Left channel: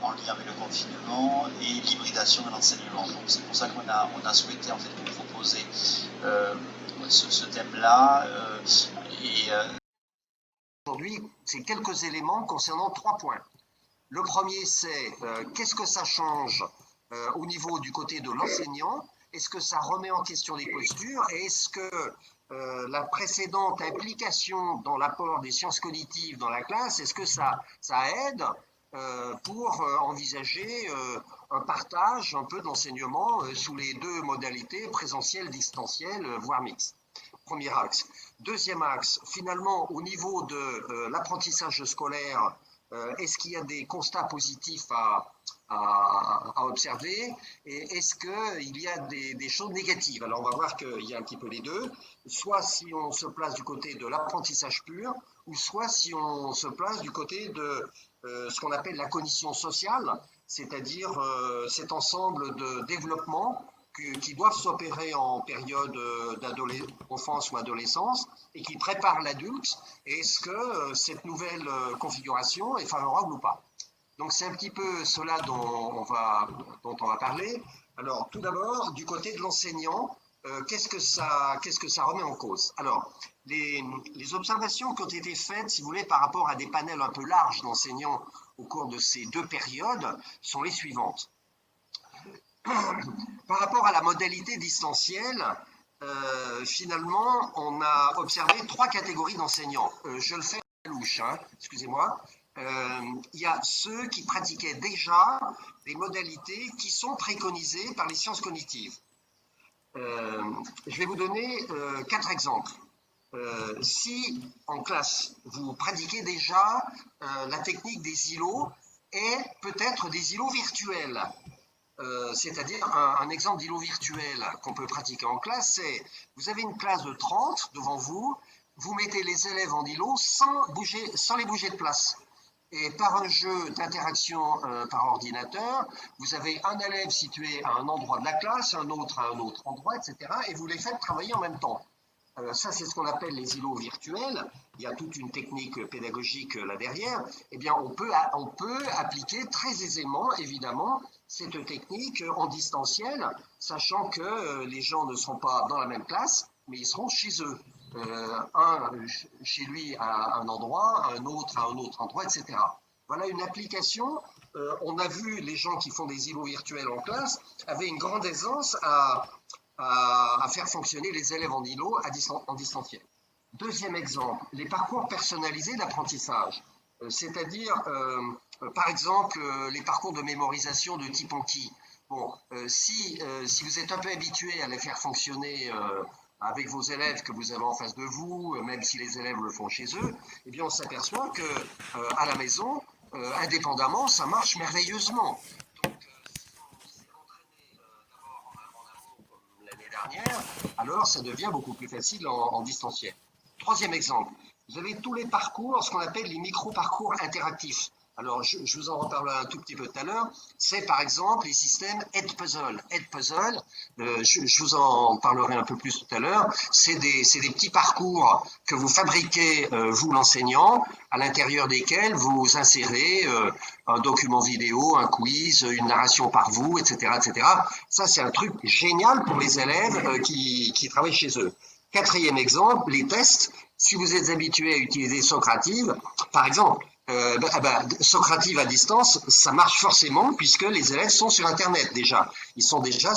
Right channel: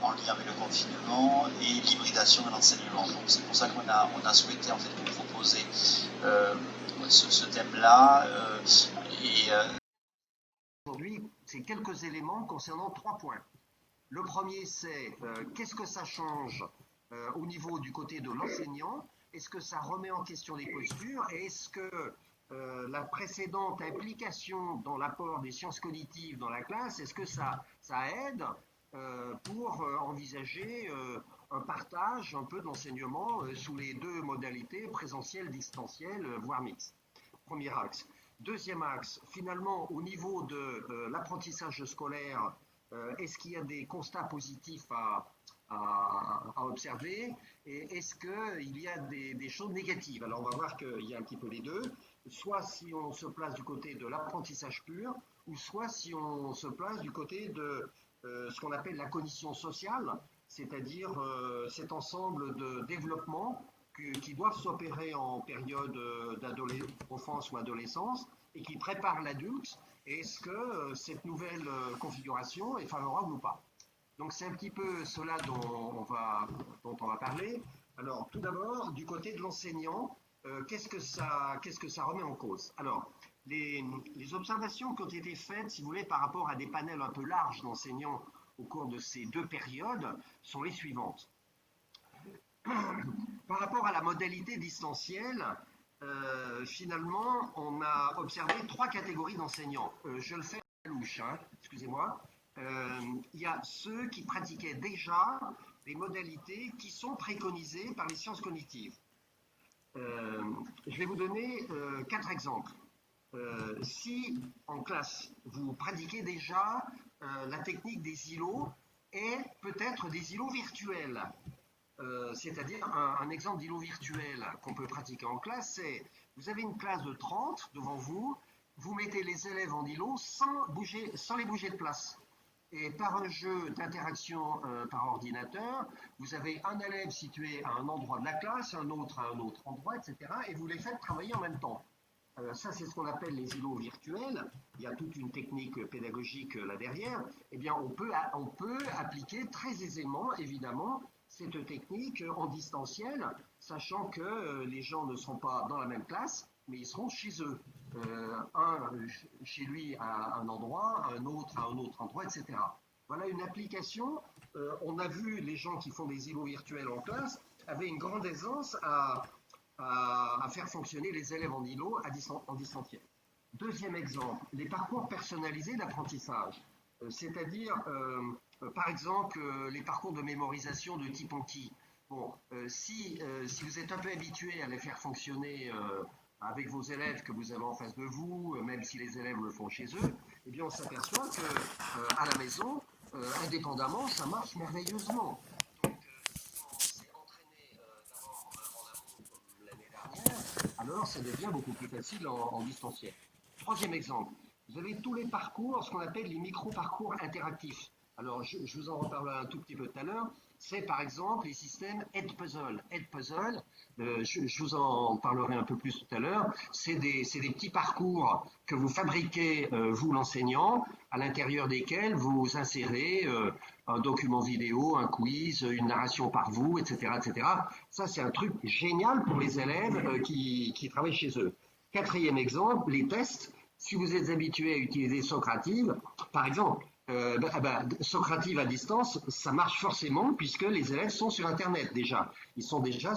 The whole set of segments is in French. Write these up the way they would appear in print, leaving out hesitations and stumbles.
en lien avec le confinement et l'hybridation de l'enseignement. Donc c'est pour ça qu'on a souhaité en fait vous proposer ce thème-là. Aujourd'hui, c'est quelques éléments concernant 3 points. Le premier, c'est qu'est-ce que ça change au niveau du côté de l'enseignant? Est-ce que ça remet en question les postures? Et est-ce que la précédente implication dans l'apport des sciences cognitives dans la classe, est-ce que ça aide pour envisager un partage un peu d'enseignement sous les deux modalités, présentiel, distanciel, voire mixte? Premier axe. Deuxième axe, finalement, au niveau de l'apprentissage scolaire, est-ce qu'il y a des constats positifs à observer et est-ce qu'il y a des choses négatives? Alors, on va voir qu'il y a un petit peu les deux, soit si on se place du côté de l'apprentissage pur, ou soit si on se place du côté de ce qu'on appelle la cognition sociale, c'est-à-dire cet ensemble de développement qui doivent s'opérer en période d'enfance ou adolescence et qui préparent l'adulte. Est-ce que cette nouvelle configuration est favorable ou pas? Donc c'est un petit peu cela dont on va parler. Alors tout d'abord, du côté de l'enseignant, qu'est-ce que ça remet en cause? Alors, les observations qui ont été faites, si vous voulez, par rapport à des panels un peu larges d'enseignants au cours de ces deux périodes, sont les suivantes. Par rapport à la modalité distancielle, finalement, on a observé 3 catégories d'enseignants. Je le fais à la louche, hein, excusez-moi. Il y a ceux qui pratiquaient déjà des modalités qui sont préconisées par les sciences cognitives. Je vais vous donner 4 exemples. Si en classe, vous pratiquez déjà la technique des îlots et peut-être des îlots virtuels, c'est-à-dire un exemple d'îlot virtuel qu'on peut pratiquer en classe, c'est vous avez une classe de 30 devant vous, vous mettez les élèves en îlot sans les bouger de place. Et par un jeu d'interaction par ordinateur, vous avez un élève situé à un endroit de la classe, un autre à un autre endroit, etc. Et vous les faites travailler en même temps. Ça, c'est ce qu'on appelle les îlots virtuels. Il y a toute une technique pédagogique là derrière. Eh bien, on peut appliquer très aisément, évidemment, cette technique en distanciel, sachant que les gens ne seront pas dans la même classe, mais ils seront chez eux. Un chez lui à un endroit, un autre à un autre endroit, etc. Voilà une application. On a vu les gens qui font des îlots virtuels en classe avaient une grande aisance à faire fonctionner les élèves en îlot en distanciel. Deuxième exemple, les parcours personnalisés d'apprentissage, c'est-à-dire, par exemple, les parcours de mémorisation de type Anki. Bon, si vous êtes un peu habitué à les faire fonctionner avec vos élèves que vous avez en face de vous, même si les élèves le font chez eux, eh bien on s'aperçoit qu'à la maison, indépendamment, ça marche merveilleusement. Donc, si on s'est entraîné d'abord en amont comme l'année dernière, alors ça devient beaucoup plus facile en distanciel. Troisième exemple, vous avez tous les parcours, ce qu'on appelle les micro-parcours interactifs. Alors, je vous en reparlerai un tout petit peu tout à l'heure. C'est par exemple les systèmes Edpuzzle. Edpuzzle, je vous en parlerai un peu plus tout à l'heure. C'est des petits parcours que vous fabriquez, vous l'enseignant, à l'intérieur desquels vous insérez un document vidéo, un quiz, une narration par vous, etc., etc. Ça, c'est un truc génial pour les élèves qui travaillent chez eux. Quatrième exemple, les tests. Si vous êtes habitué à utiliser Socrative, par exemple, Socrative à distance, ça marche forcément puisque les élèves sont sur Internet déjà. Ils sont déjà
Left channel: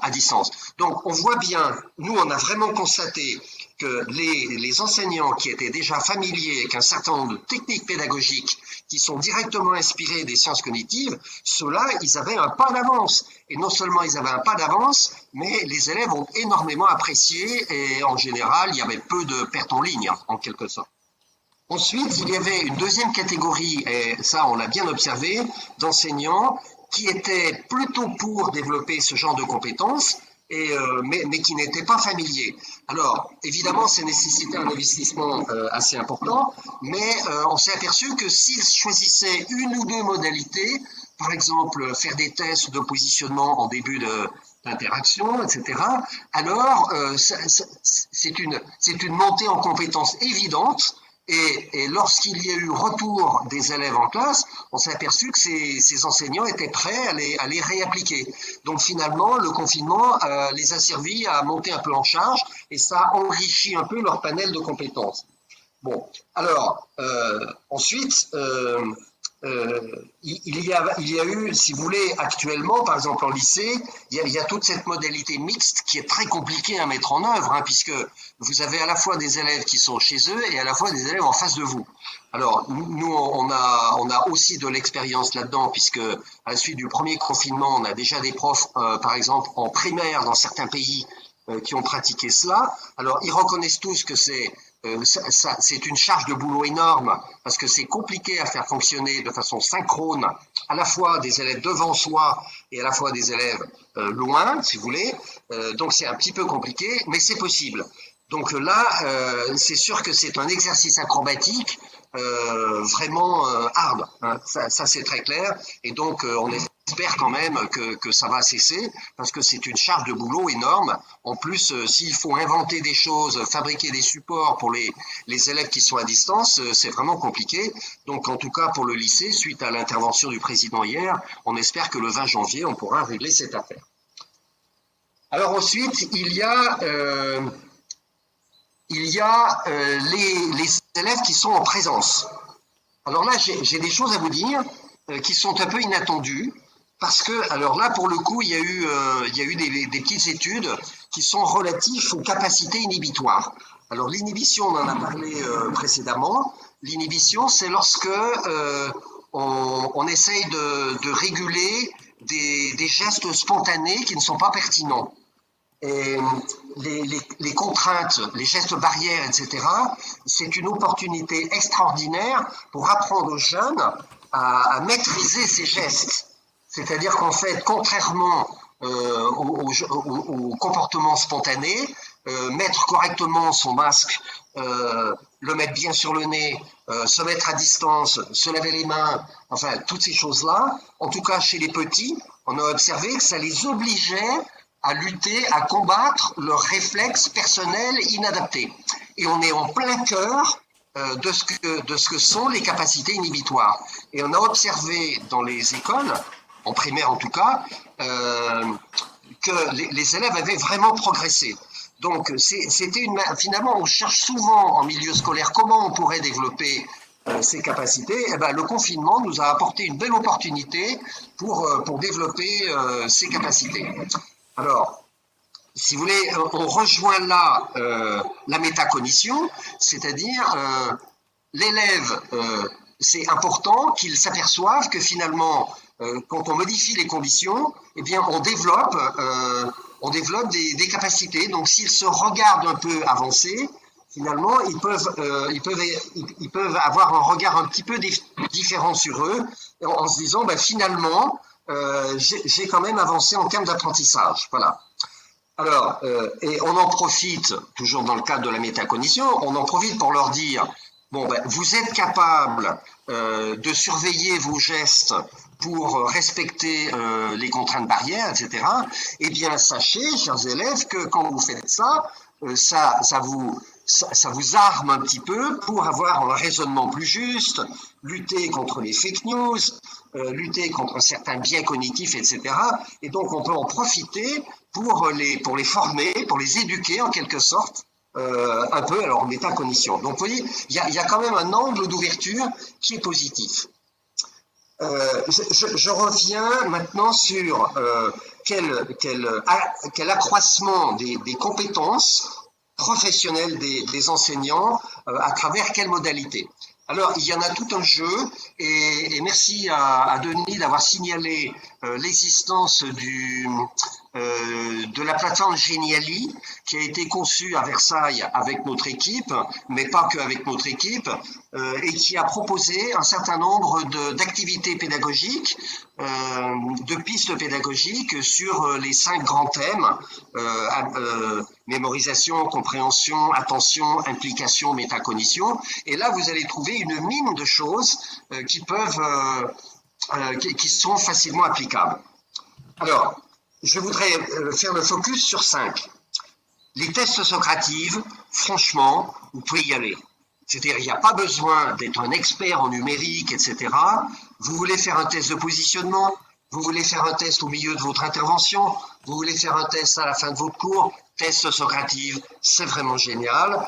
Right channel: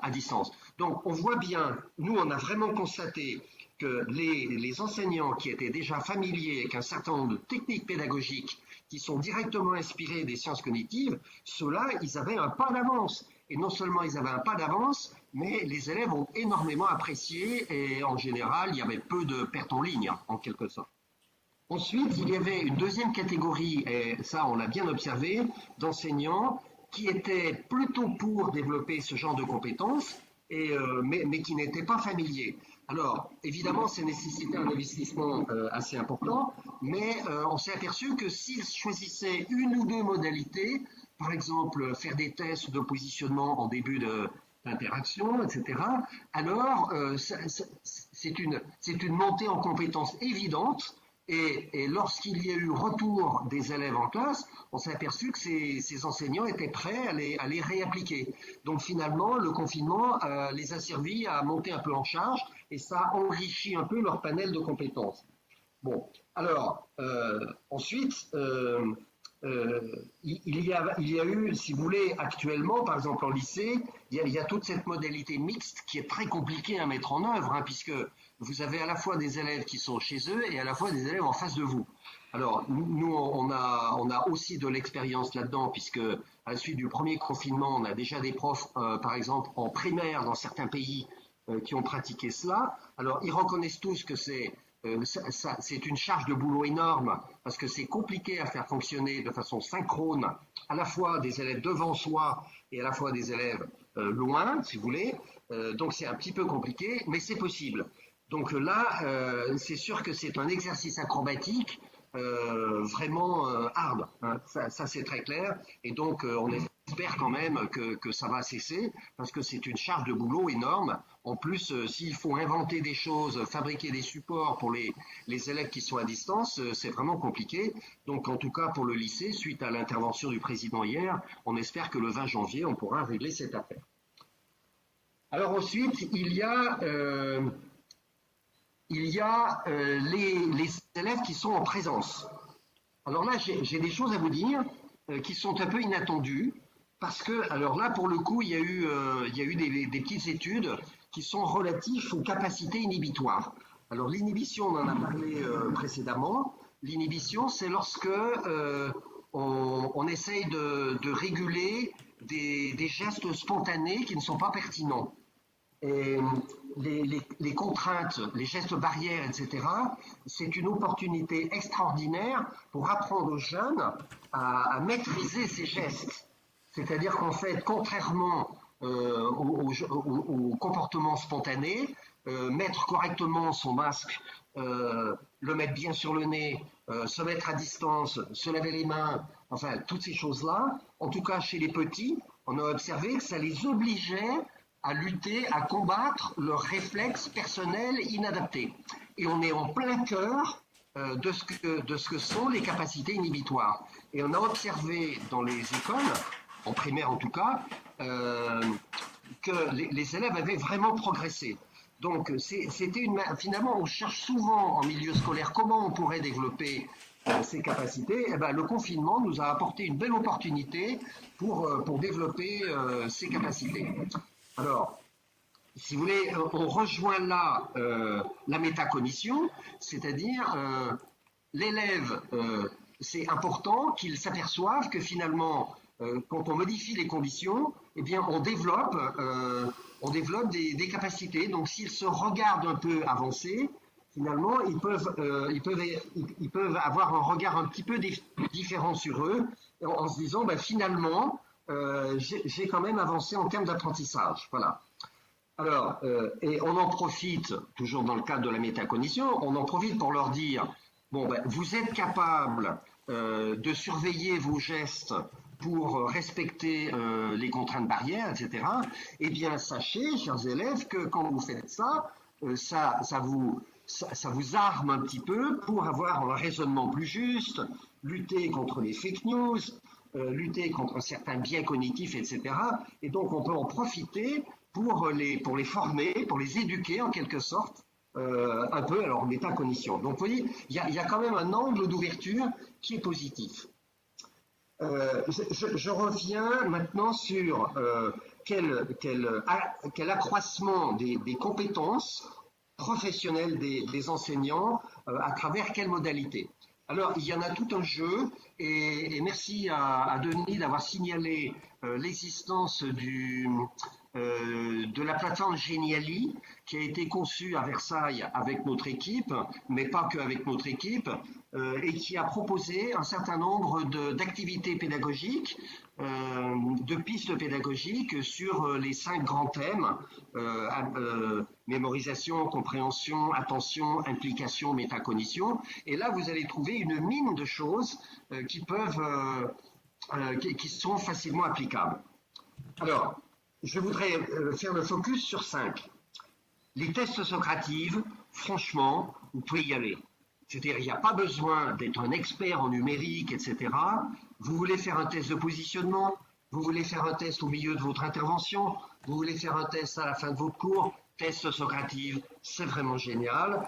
à distance. Donc, on voit bien, nous, on a vraiment constaté que les enseignants qui étaient déjà familiers avec un certain nombre de techniques pédagogiques qui sont directement inspirées des sciences cognitives, ceux-là, ils avaient un pas d'avance. Et non seulement ils avaient un pas d'avance, mais les élèves ont énormément apprécié et en général, il y avait peu de pertes en ligne, en quelque sorte. Ensuite, il y avait une deuxième catégorie, et ça on l'a bien observé, d'enseignants qui étaient plutôt pour développer ce genre de compétences, mais qui n'étaient pas familiers. Alors, évidemment, ça nécessitait un investissement assez important, mais on s'est aperçu que s'ils choisissaient une ou deux modalités, par exemple faire des tests de positionnement en début d'interaction, etc., alors c'est une montée en compétences évidente Et lorsqu'il y a eu retour des élèves en classe, on s'est aperçu que ces enseignants étaient prêts à les réappliquer. Donc finalement, le confinement les a servis à monter un peu en charge et ça a enrichi un peu leur panel de compétences. Bon, alors, ensuite, il y a eu, si vous voulez, actuellement, par exemple en lycée, il y a toute cette modalité mixte qui est très compliquée à mettre en œuvre, hein, puisque vous avez à la fois des élèves qui sont chez eux et à la fois des élèves en face de vous. Alors, nous, on a aussi de l'expérience là-dedans, puisque à la suite du premier confinement, on a déjà des profs, par exemple, en primaire dans certains pays, qui ont pratiqué cela. Alors, ils reconnaissent tous que c'est une charge de boulot énorme parce que c'est compliqué à faire fonctionner de façon synchrone à la fois des élèves devant soi et à la fois des élèves loin, si vous voulez. Donc c'est un petit peu compliqué, mais c'est possible. Donc là, c'est sûr que c'est un exercice acrobatique vraiment hard, hein. Ça c'est très clair. Et donc on espère quand même que ça va cesser parce que c'est une charge de boulot énorme. En plus, s'il faut inventer des choses, fabriquer des supports pour les élèves qui sont à distance, c'est vraiment compliqué. Donc en tout cas pour le lycée, suite à l'intervention du président hier, on espère que le 20 janvier, on pourra régler cette affaire. Alors ensuite, il y a les élèves qui sont en présence. Alors là, j'ai des choses à vous dire qui sont un peu inattendues. Parce que, alors là, pour le coup, il y a eu des petites études qui sont relatives aux capacités inhibitoires. Alors, l'inhibition, on en a parlé précédemment. L'inhibition, c'est lorsque on essaye de réguler des gestes spontanés qui ne sont pas pertinents. Et les contraintes, les gestes barrières, etc., c'est une opportunité extraordinaire pour apprendre aux jeunes à maîtriser ces gestes. C'est-à-dire qu'en fait, contrairement au comportement spontané, mettre correctement son masque, le mettre bien sur le nez, se mettre à distance, se laver les mains, enfin, toutes ces choses-là, en tout cas chez les petits, on a observé que ça les obligeait à lutter, à combattre leurs réflexes personnels inadaptés. Et on est en plein cœur de ce que sont les capacités inhibitoires. Et on a observé dans les écoles, en primaire en tout cas, que les élèves avaient vraiment progressé. Donc, finalement, on cherche souvent en milieu scolaire comment on pourrait développer ces capacités. Et ben, le confinement nous a apporté une belle opportunité pour développer ces capacités. Alors, si vous voulez, on rejoint là la métacognition, c'est-à-dire l'élève, c'est important qu'il s'aperçoive que finalement, quand on modifie les conditions, eh bien, on développe des capacités. Donc, s'ils se regardent un peu avancer, finalement, ils peuvent avoir un regard un petit peu différent sur eux, en se disant, ben, finalement, j'ai quand même avancé en termes d'apprentissage. Voilà. Alors, et on en profite, toujours dans le cadre de la métacognition, on en profite pour leur dire, bon, ben, vous êtes capable de surveiller vos gestes pour respecter les contraintes barrières, etc. Eh bien, sachez, chers élèves, que quand vous faites ça, ça vous arme un petit peu pour avoir un raisonnement plus juste, lutter contre les fake news, lutter contre certains biais cognitifs, etc. Et donc, on peut en profiter pour les former, pour les éduquer en quelque sorte, un peu à leur métacognition. Donc, vous voyez, il y a quand même un angle d'ouverture qui est positif. Je reviens maintenant sur quel accroissement des compétences professionnelles des enseignants à travers quelle modalité. Alors, il y en a tout un jeu, et merci à Denis d'avoir signalé l'existence de la plateforme Geniali, qui a été conçue à Versailles avec notre équipe, mais pas qu'avec notre équipe, et qui a proposé un certain nombre d'activités pédagogiques, de pistes pédagogiques sur les 5 grands thèmes, mémorisation, compréhension, attention, implication, métacognition. Et là, vous allez trouver une mine de choses qui sont facilement applicables. Alors, je voudrais faire le focus sur 5. Les tests Socrative, franchement, vous pouvez y aller. C'est-à-dire, il n'y a pas besoin d'être un expert en numérique, etc. Vous voulez faire un test de positionnement, vous voulez faire un test au milieu de votre intervention, vous voulez faire un test à la fin de votre cours, test Socrative, c'est vraiment génial.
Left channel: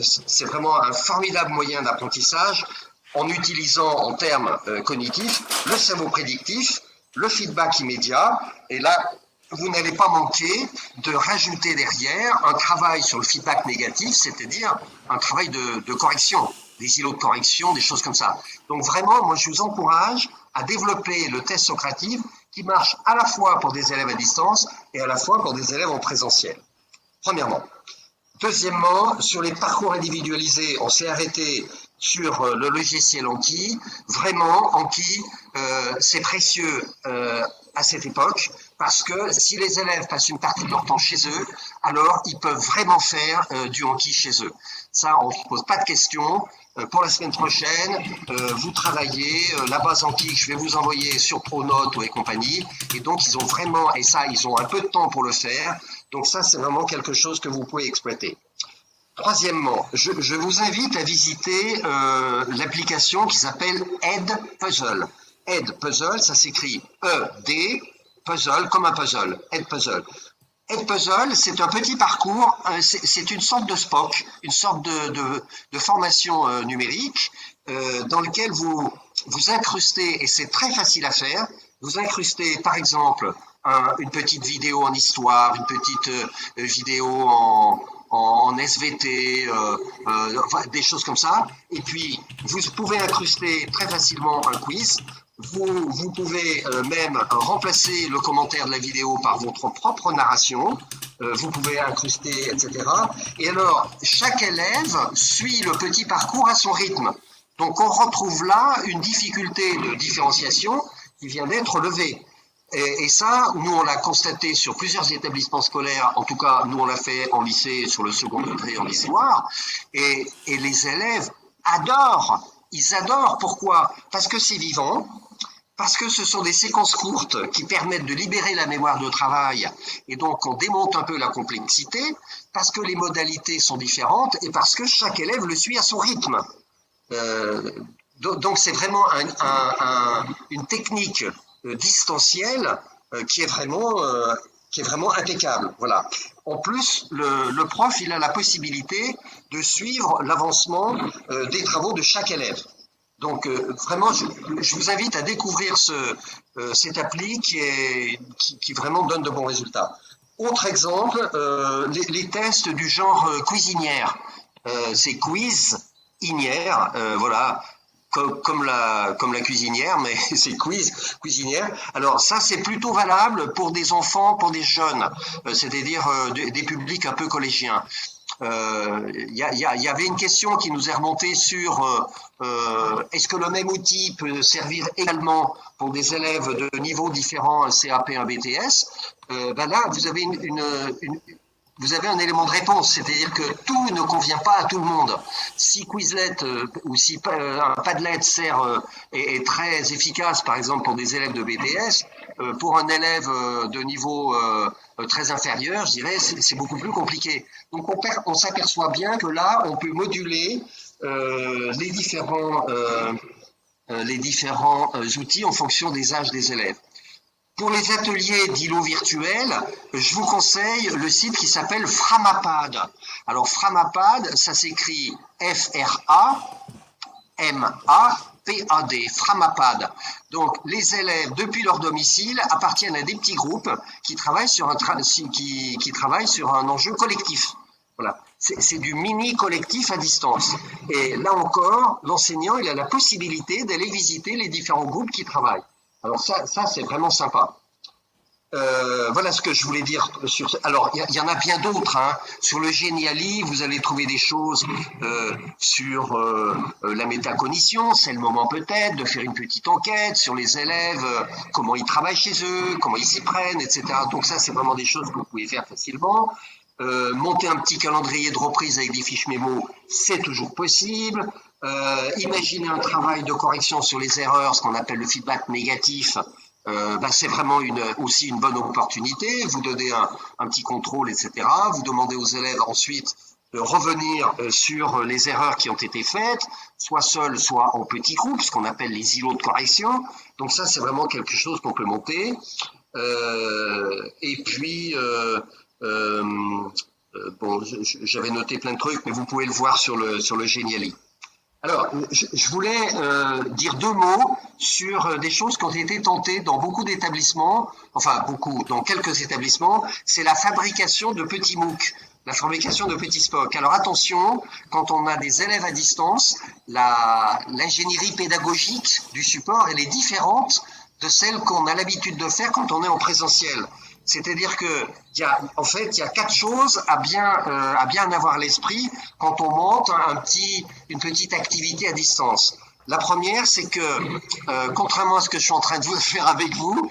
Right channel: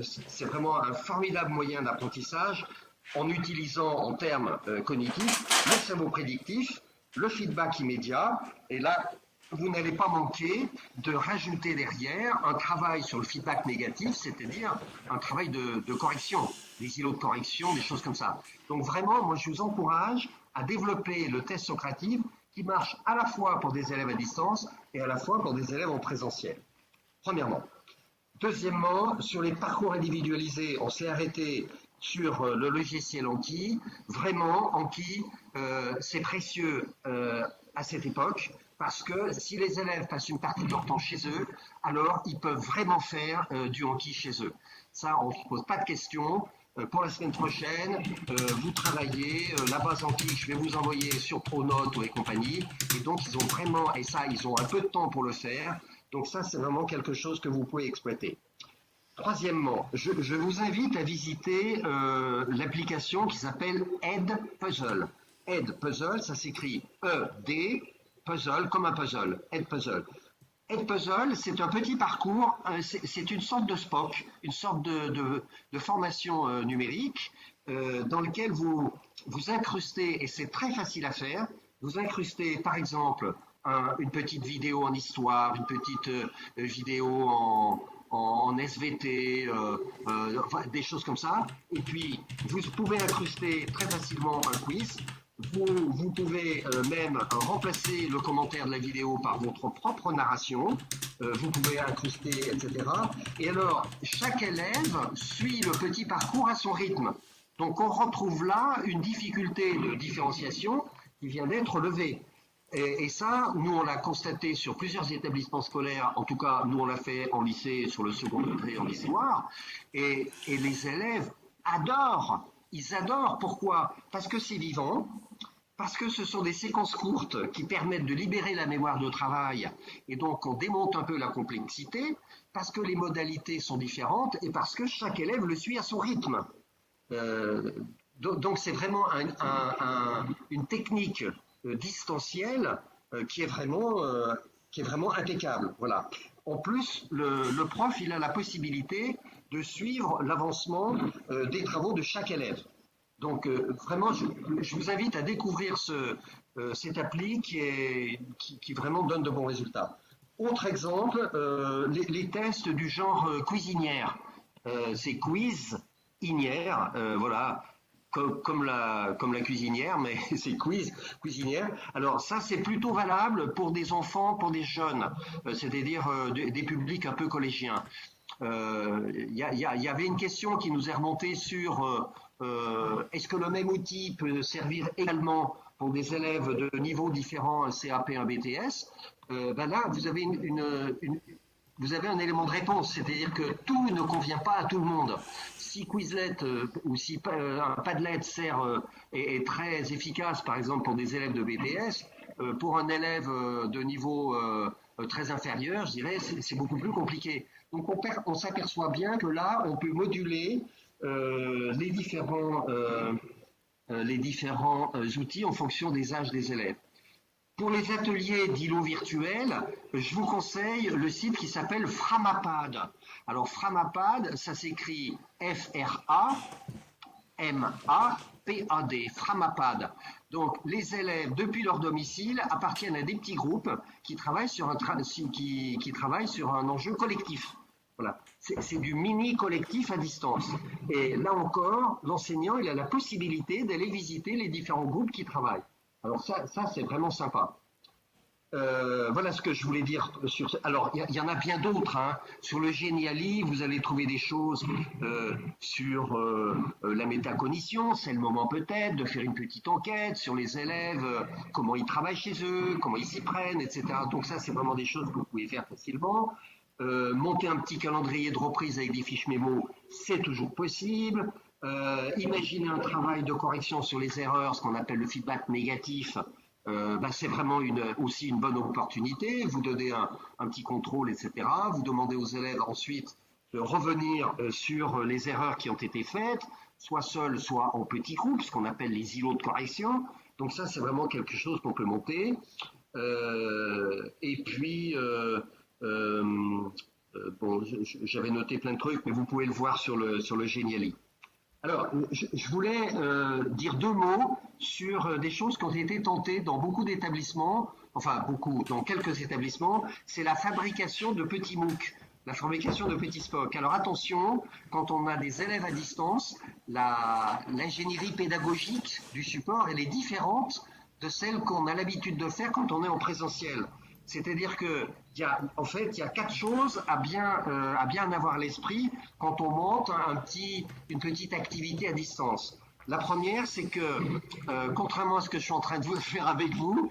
C'est vraiment un formidable moyen d'apprentissage en utilisant en termes cognitifs le cerveau prédictif, le feedback immédiat, et là, vous n'allez pas manquer de rajouter derrière un travail sur le feedback négatif, c'est-à-dire un travail de correction, des îlots de correction, des choses comme ça. Donc vraiment, moi je vous encourage à développer le test Socrative qui marche à la fois pour des élèves à distance et à la fois pour des élèves en présentiel. Premièrement. Deuxièmement, sur les parcours individualisés, on s'est arrêté sur le logiciel Anki. Vraiment, Anki, c'est précieux à cette époque, parce que si les élèves passent une partie de leur temps chez eux, alors ils peuvent vraiment faire du Anki chez eux. Ça, on ne se pose pas de questions. Pour la semaine prochaine, vous travaillez la base Anki que je vais vous envoyer sur Pronote et compagnie. Et donc, ils ont vraiment, et ça, ils ont un peu de temps pour le faire. Donc ça, c'est vraiment quelque chose que vous pouvez exploiter. Troisièmement, je vous invite à visiter l'application qui s'appelle Edpuzzle. Edpuzzle, ça s'écrit E-D, puzzle, comme un puzzle, Edpuzzle. Edpuzzle, c'est un petit parcours, c'est une sorte de SPOC, une sorte de formation numérique dans lequel vous incrustez, et c'est très facile à faire, vous incrustez par exemple une petite vidéo en histoire, une petite vidéo en SVT, des choses comme ça. Et puis, vous pouvez incruster très facilement un quiz. Vous pouvez même remplacer le commentaire de la vidéo par votre propre narration. Vous pouvez incruster, etc. Et alors, chaque élève suit le petit parcours à son rythme. Donc, on retrouve là une difficulté de différenciation qui vient d'être levée. Et ça, nous, on l'a constaté sur plusieurs établissements scolaires. En tout cas, nous, on l'a fait en lycée, sur le second degré en histoire. Et les élèves adorent. Ils adorent. Pourquoi? Parce que c'est vivant. Parce que ce sont des séquences courtes qui permettent de libérer la mémoire de travail. Et donc, on démonte un peu la complexité. Parce que les modalités sont différentes. Et parce que chaque élève le suit à son rythme. Donc, c'est vraiment une technique distanciel qui est vraiment impeccable. Voilà. En plus, le prof, il a la possibilité de suivre l'avancement des travaux de chaque élève. Donc, vraiment, je vous invite à découvrir cette appli qui vraiment donne de bons résultats. Autre exemple, les tests du genre cuisinière. C'est quiz-inière, voilà. Comme la cuisinière, mais c'est cuisinière. Alors ça, c'est plutôt valable pour des enfants, pour des jeunes, c'est-à-dire des publics un peu collégiens. Il y avait une question qui nous est remontée sur est-ce que le même outil peut servir également pour des élèves de niveaux différents, un CAP, un BTS. Là, vous avez un élément de réponse, c'est-à-dire que tout ne convient pas à tout le monde. Si Quizlet ou si un Padlet est très efficace, par exemple pour des élèves de BTS, pour un élève de niveau très inférieur, je dirais, c'est beaucoup plus compliqué. Donc on s'aperçoit bien que là, on peut moduler les différents outils en fonction des âges des élèves. Pour les ateliers d'îlots virtuels, je vous conseille le site qui s'appelle Framapad. Alors Framapad, ça s'écrit F-R-A-M-A-P-A-D, Framapad. Donc les élèves, depuis leur domicile, appartiennent à des petits groupes qui travaillent sur un enjeu collectif. Voilà. C'est du mini collectif à distance. Et là encore, l'enseignant, il a la possibilité d'aller visiter les différents groupes qui travaillent. Alors ça c'est vraiment sympa. Voilà ce que je voulais dire sur. Alors il y en a bien d'autres. Hein. Sur le Geniali, vous allez trouver des choses sur la métacognition. C'est le moment peut-être de faire une petite enquête sur les élèves, comment ils travaillent chez eux, comment ils s'y prennent, etc. Donc ça, c'est vraiment des choses que vous pouvez faire facilement. Monter un petit calendrier de reprise avec des fiches mémo, c'est toujours possible. Imaginer un travail de correction sur les erreurs, ce qu'on appelle le feedback négatif, c'est vraiment aussi une bonne opportunité. Vous donnez un petit contrôle, etc. Vous demandez aux élèves ensuite revenir sur les erreurs qui ont été faites, soit seul, soit en petits groupes, ce qu'on appelle les îlots de correction. Donc ça, c'est vraiment quelque chose qu'on peut monter. Et puis, bon, j'avais noté plein de trucs, mais vous pouvez le voir sur le Geniali. Alors, je voulais dire 2 mots sur des choses qui ont été tentées dans beaucoup d'établissements, enfin beaucoup, dans quelques établissements, c'est la fabrication de petits MOOC, la fabrication de petits SPOC. Alors attention, quand on a des élèves à distance, l'ingénierie pédagogique du support, elle est différente de celle qu'on a l'habitude de faire quand on est en présentiel. C'est-à-dire que en fait, il y a 4 choses à bien avoir à l'esprit quand on monte une petite activité à distance. La première, c'est que, contrairement à ce que je suis en train de faire avec vous,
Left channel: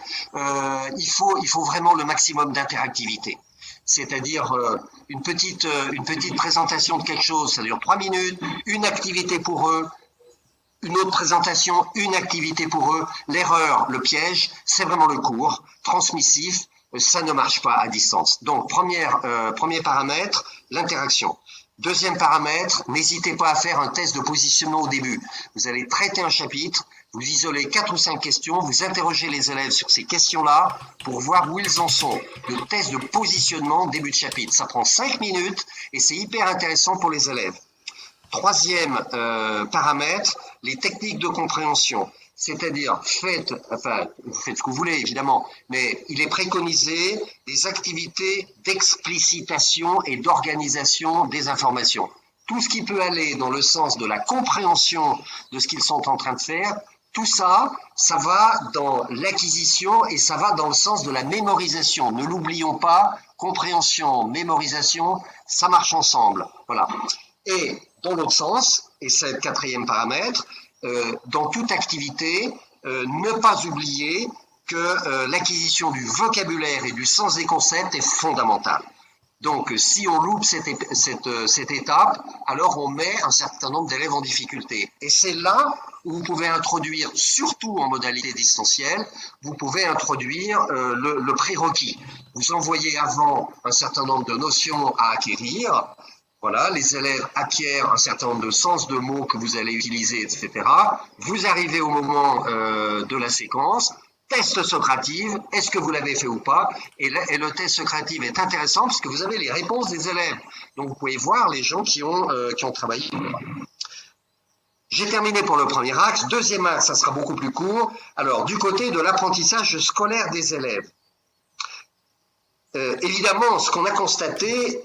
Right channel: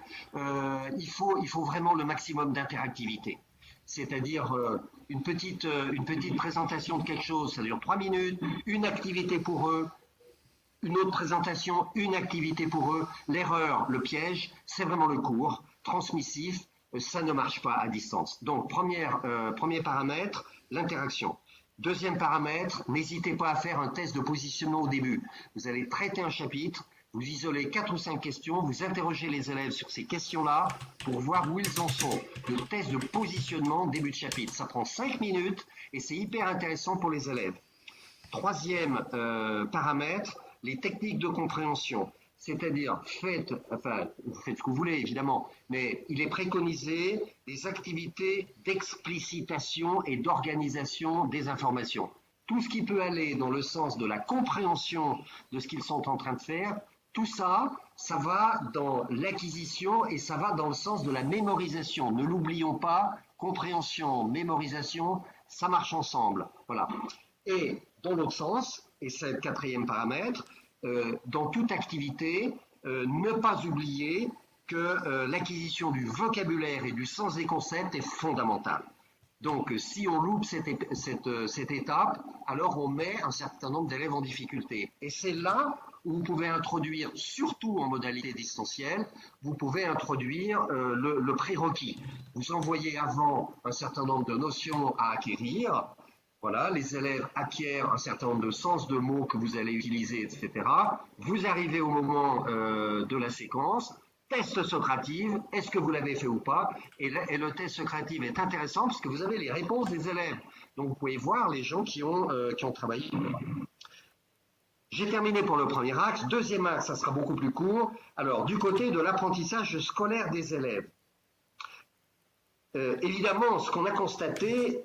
il faut vraiment le maximum d'interactivité. C'est-à-dire une petite présentation de quelque chose, ça dure 3 minutes, une activité pour eux, une autre présentation, une activité pour eux. L'erreur, le piège, c'est vraiment le cours transmissif. Ça ne marche pas à distance. Donc, premier paramètre, l'interaction. Deuxième paramètre, n'hésitez pas à faire un test de positionnement au début. Vous allez traiter un chapitre, vous isolez 4 ou 5 questions, vous interrogez les élèves sur ces questions-là pour voir où ils en sont. Le test de positionnement début de chapitre, ça prend 5 minutes et c'est hyper intéressant pour les élèves. Troisième paramètre, les techniques de compréhension. C'est-à-dire, vous faites ce que vous voulez, évidemment, mais il est préconisé des activités d'explicitation et d'organisation des informations. Tout ce qui peut aller dans le sens de la compréhension de ce qu'ils sont en train de faire, tout ça, ça va dans l'acquisition et ça va dans le sens de la mémorisation. Ne l'oublions pas, compréhension, mémorisation, ça marche ensemble. Voilà. Et dans l'autre sens, et c'est le 4e paramètre, dans toute activité, ne pas oublier que l'acquisition du vocabulaire et du sens des concepts est fondamentale. Donc, si on loupe cette étape, alors on met un certain nombre d'élèves en difficulté. Et c'est là où vous pouvez introduire, surtout en modalité distancielle, vous pouvez introduire le prérequis. Vous envoyez avant un certain nombre de notions à acquérir. Voilà, les élèves acquièrent un certain nombre de sens de mots que vous allez utiliser, etc. Vous arrivez au moment de la séquence, test Socrative, est-ce que vous l'avez fait ou pas? Et le test Socrative est intéressant parce que vous avez les réponses des élèves. Donc vous pouvez voir les gens qui ont travaillé. J'ai terminé pour le premier axe. Deuxième axe, ça sera beaucoup plus court. Alors, du côté de l'apprentissage scolaire des élèves. Évidemment, ce qu'on a constaté,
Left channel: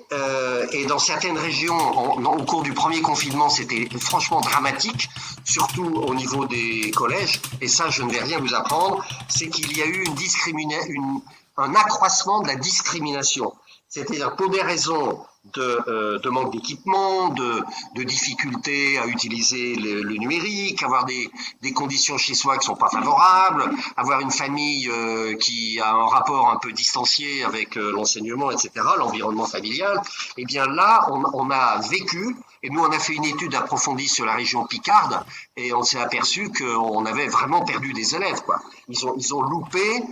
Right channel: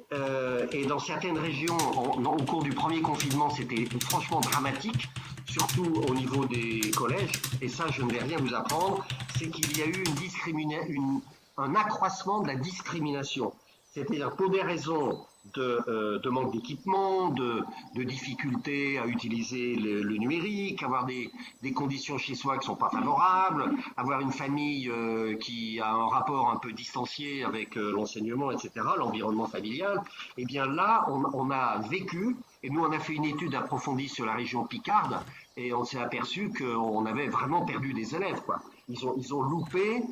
et dans certaines régions, au cours du premier confinement, c'était franchement dramatique, surtout au niveau des collèges, et ça, je ne vais rien vous apprendre, c'est qu'il y a eu un accroissement de la discrimination. C'est-à-dire pour des raisons de manque d'équipement, de difficultés à utiliser le numérique, avoir des conditions chez soi qui ne sont pas favorables, avoir une famille qui a un rapport un peu distancié avec l'enseignement, etc., l'environnement familial, eh bien là, on a vécu, et nous on a fait une étude approfondie sur la région Picarde, et on s'est aperçu qu'on avait vraiment perdu des élèves, quoi. Ils ont loupé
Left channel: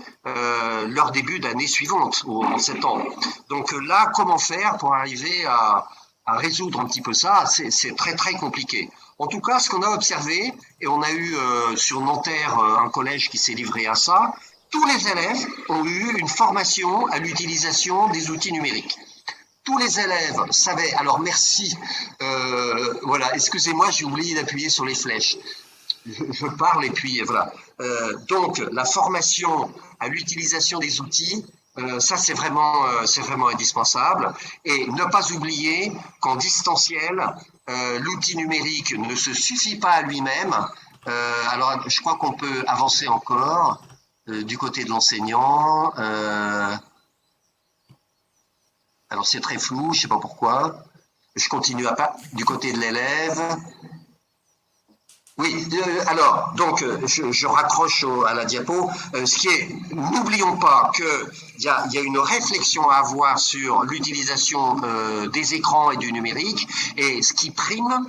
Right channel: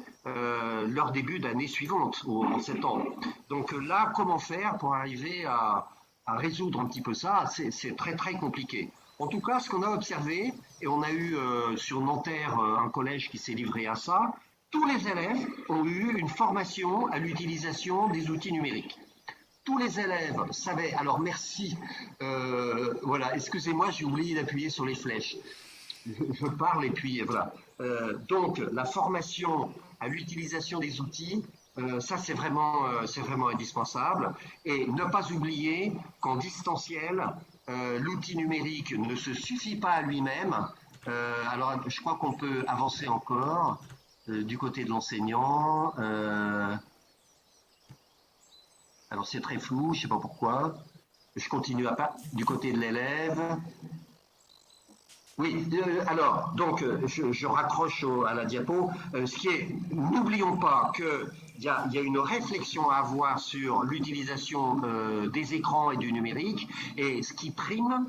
leur début d'année suivante, en septembre. Donc là, comment faire pour arriver à résoudre un petit peu ça? C'est très très compliqué. En tout cas, ce qu'on a observé, et on a eu sur Nanterre un collège qui s'est livré à ça, tous les élèves ont eu une formation à l'utilisation des outils numériques. Tous les élèves savaient, alors merci, voilà, excusez-moi, j'ai oublié d'appuyer sur les flèches. Je parle et puis voilà. Donc, la formation à l'utilisation des outils, ça c'est vraiment indispensable. Et ne pas oublier qu'en distanciel, l'outil numérique ne se suffit pas à lui-même. Alors, je crois qu'on peut avancer encore du côté de l'enseignant. Alors, c'est très flou, je ne sais pas pourquoi. Je continue du côté de l'élève. Oui, alors, donc, je raccroche à la diapo. N'oublions pas qu'il y a une réflexion à avoir sur l'utilisation des écrans et du numérique. Et ce qui prime,